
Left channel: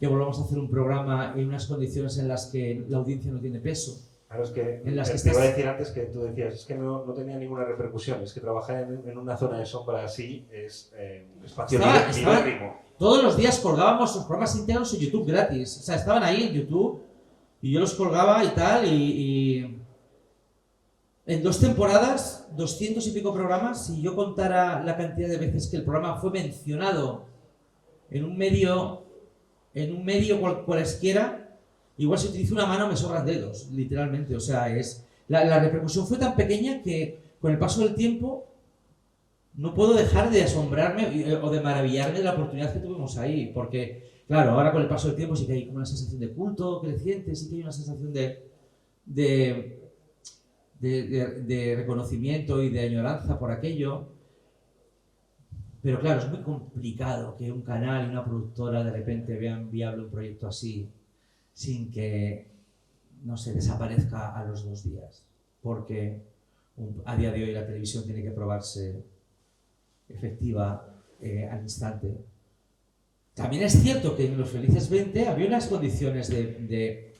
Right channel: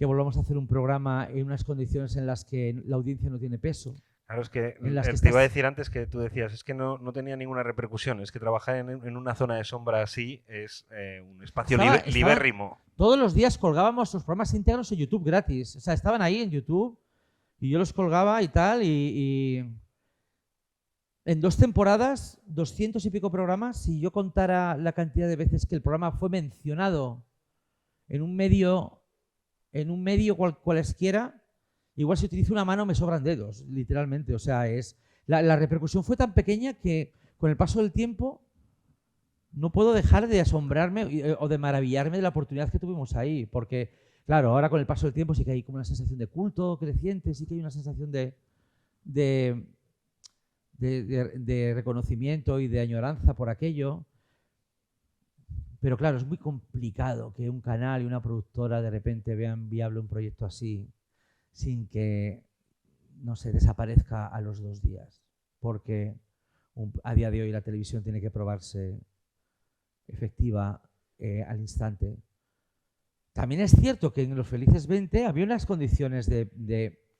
volvamos a hacer un programa en unas condiciones en las que la audiencia no tiene peso. Claro, es que te iba a decir antes que tú decías, es que no tenía ninguna repercusión, es que trabajar en una zona de sombra así es un espacio libérrimo. Todos los días colgábamos los programas íntegros en YouTube gratis, o sea, estaban ahí en YouTube y yo los colgaba y tal, y en 2 temporadas, 200 y pico programas. Si yo contara la cantidad de veces que el programa fue mencionado en un medio cualesquiera, igual si utilizo una mano me sobran dedos, literalmente. O sea, la repercusión fue tan pequeña que con el paso del tiempo no puedo dejar de asombrarme o de maravillarme de la oportunidad que tuvimos ahí, porque claro, ahora con el paso del tiempo sí que hay como una sensación de culto creciente, sí que hay una sensación de reconocimiento y de añoranza por aquello. Pero claro, es muy complicado que un canal y una productora de repente vean viable un proyecto así sin que no se desaparezca a los 2 días, porque a día de hoy la televisión tiene que probarse efectiva al instante. También es cierto que en Los Felices 20 había unas condiciones que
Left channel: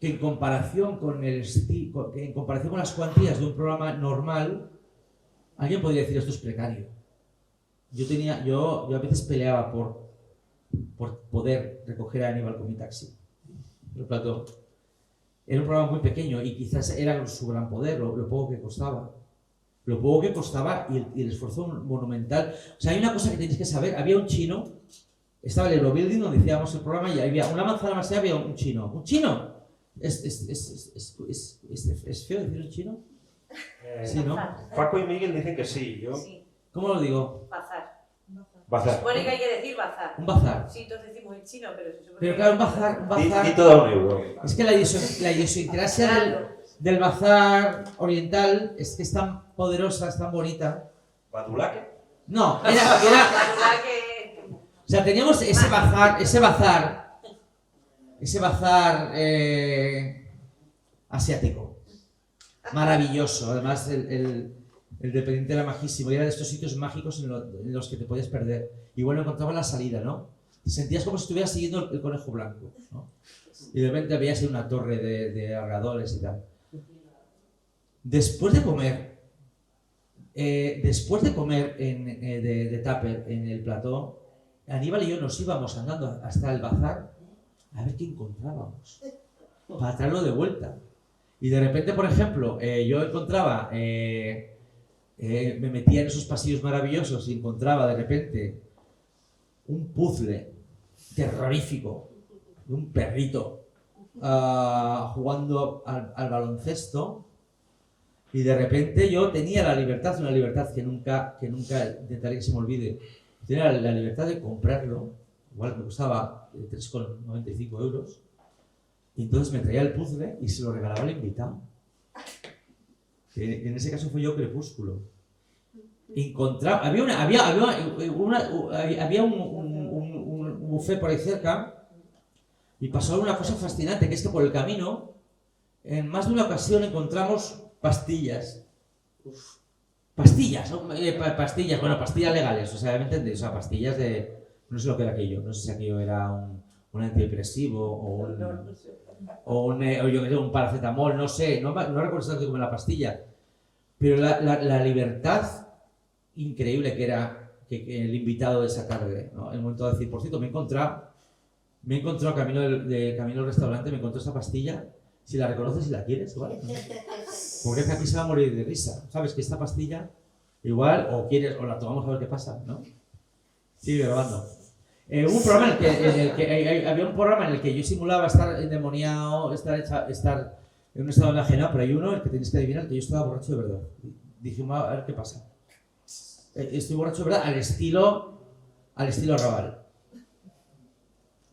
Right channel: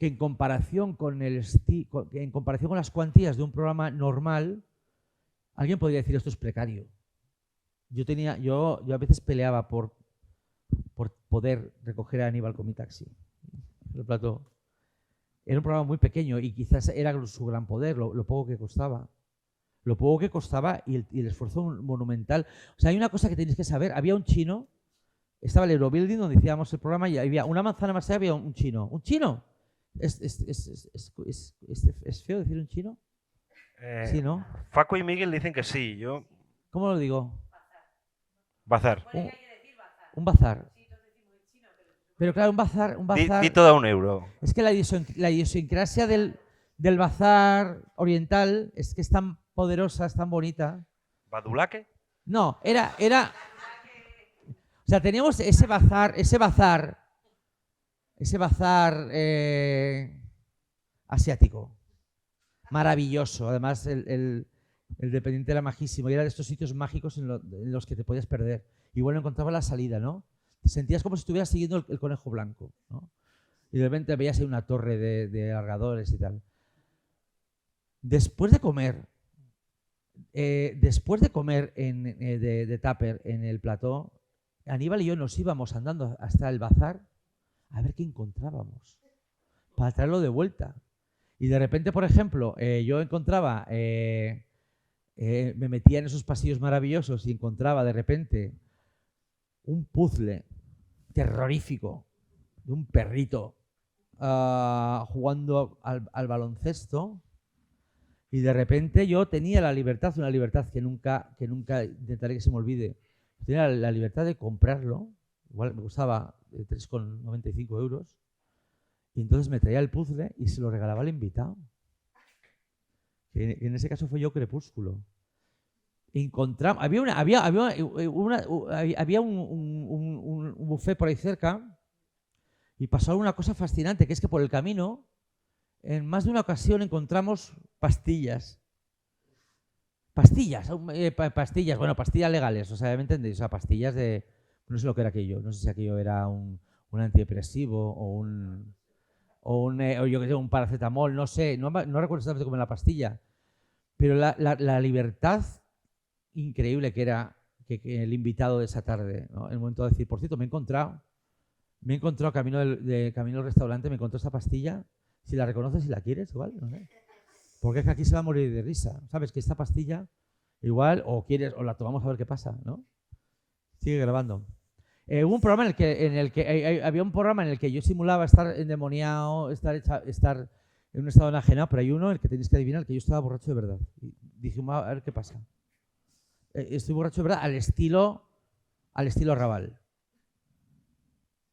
en comparación con las cuantías de un programa normal, alguien podría decir esto es precario. Yo a veces peleaba por poder recoger a Aníbal con mi taxi. Era un programa muy pequeño y quizás era su gran poder, lo poco que costaba. Lo poco que costaba y el esfuerzo monumental. O sea, hay una cosa que tenéis que saber. Había un chino, estaba el Eurobuilding donde hacíamos el programa y había una manzana más allá, había un chino. ¿Un chino? ¿Es feo decir un chino? Sí, ¿no? Paco y Miguel dicen que sí. ¿Cómo lo digo? Bazar. Bazar. Supone que hay que decir bazar. Un bazar. Sí, todos decimos en chino, pero se supone Pero que- claro, un bazar... Di todo a €1. Es que la idiosincrasia del bazar oriental es que es tan poderosa, es tan bonita. ¿Badulaque? No, La verdad que... o sea, teníamos ese bazar asiático. Maravilloso. Además, el dependiente era majísimo. Y era de estos sitios mágicos en los que te podías perder. Y bueno, encontraba la salida, ¿no? Te sentías como si estuvieras siguiendo el conejo blanco, ¿no? Y de repente veías una torre de agarradores y tal. Después de comer de tupper en el plató, Aníbal y yo nos íbamos andando hasta el bazar a ver qué encontrábamos para traerlo de vuelta. Y de repente, por ejemplo, yo encontraba, me metía en esos pasillos maravillosos y encontraba de repente un puzzle terrorífico de un perrito jugando al baloncesto. Y de repente yo tenía la libertad, una libertad que nunca intentaré que se me olvide. Tenía la libertad de comprarlo, igual que costaba 3,95 €. Y entonces me traía el puzzle y se lo regalaba al invitado. Que en ese caso fue yo Crepúsculo. Encontraba, había un buffet por ahí cerca y pasó una cosa fascinante, que es que por el camino, en más de una ocasión encontramos pastillas. Pastillas, bueno, pastillas legales, o sea, ¿me entendéis? O sea, pastillas de... No sé lo que era aquello, no sé si aquello era un antidepresivo o yo qué sé, un paracetamol, no sé, no recuerdo exactamente cómo era la pastilla, pero la libertad increíble que era que el invitado de esa tarde, ¿no? En el momento de decir, por cierto, me he encontrado camino al restaurante, me encontré esa pastilla, si la reconoces y la quieres, ¿vale? Porque es que aquí se va a morir de risa. Sabes que esta pastilla, igual, o la tomamos a ver qué pasa, ¿no? Sigue grabando. Hubo un programa había un programa en el que yo simulaba estar endemoniado, estar en un estado enajenado, pero hay uno en el que tenéis que adivinar que yo estaba borracho de verdad. Dije, a ver qué pasa. Estoy borracho de verdad al estilo Raval.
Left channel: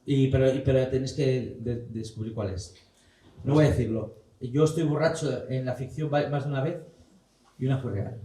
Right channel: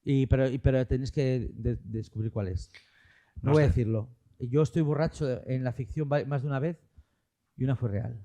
Pero tenéis que descubrir cuál es. No voy a decirlo. Yo estoy borracho en la ficción más de una vez y una fue real.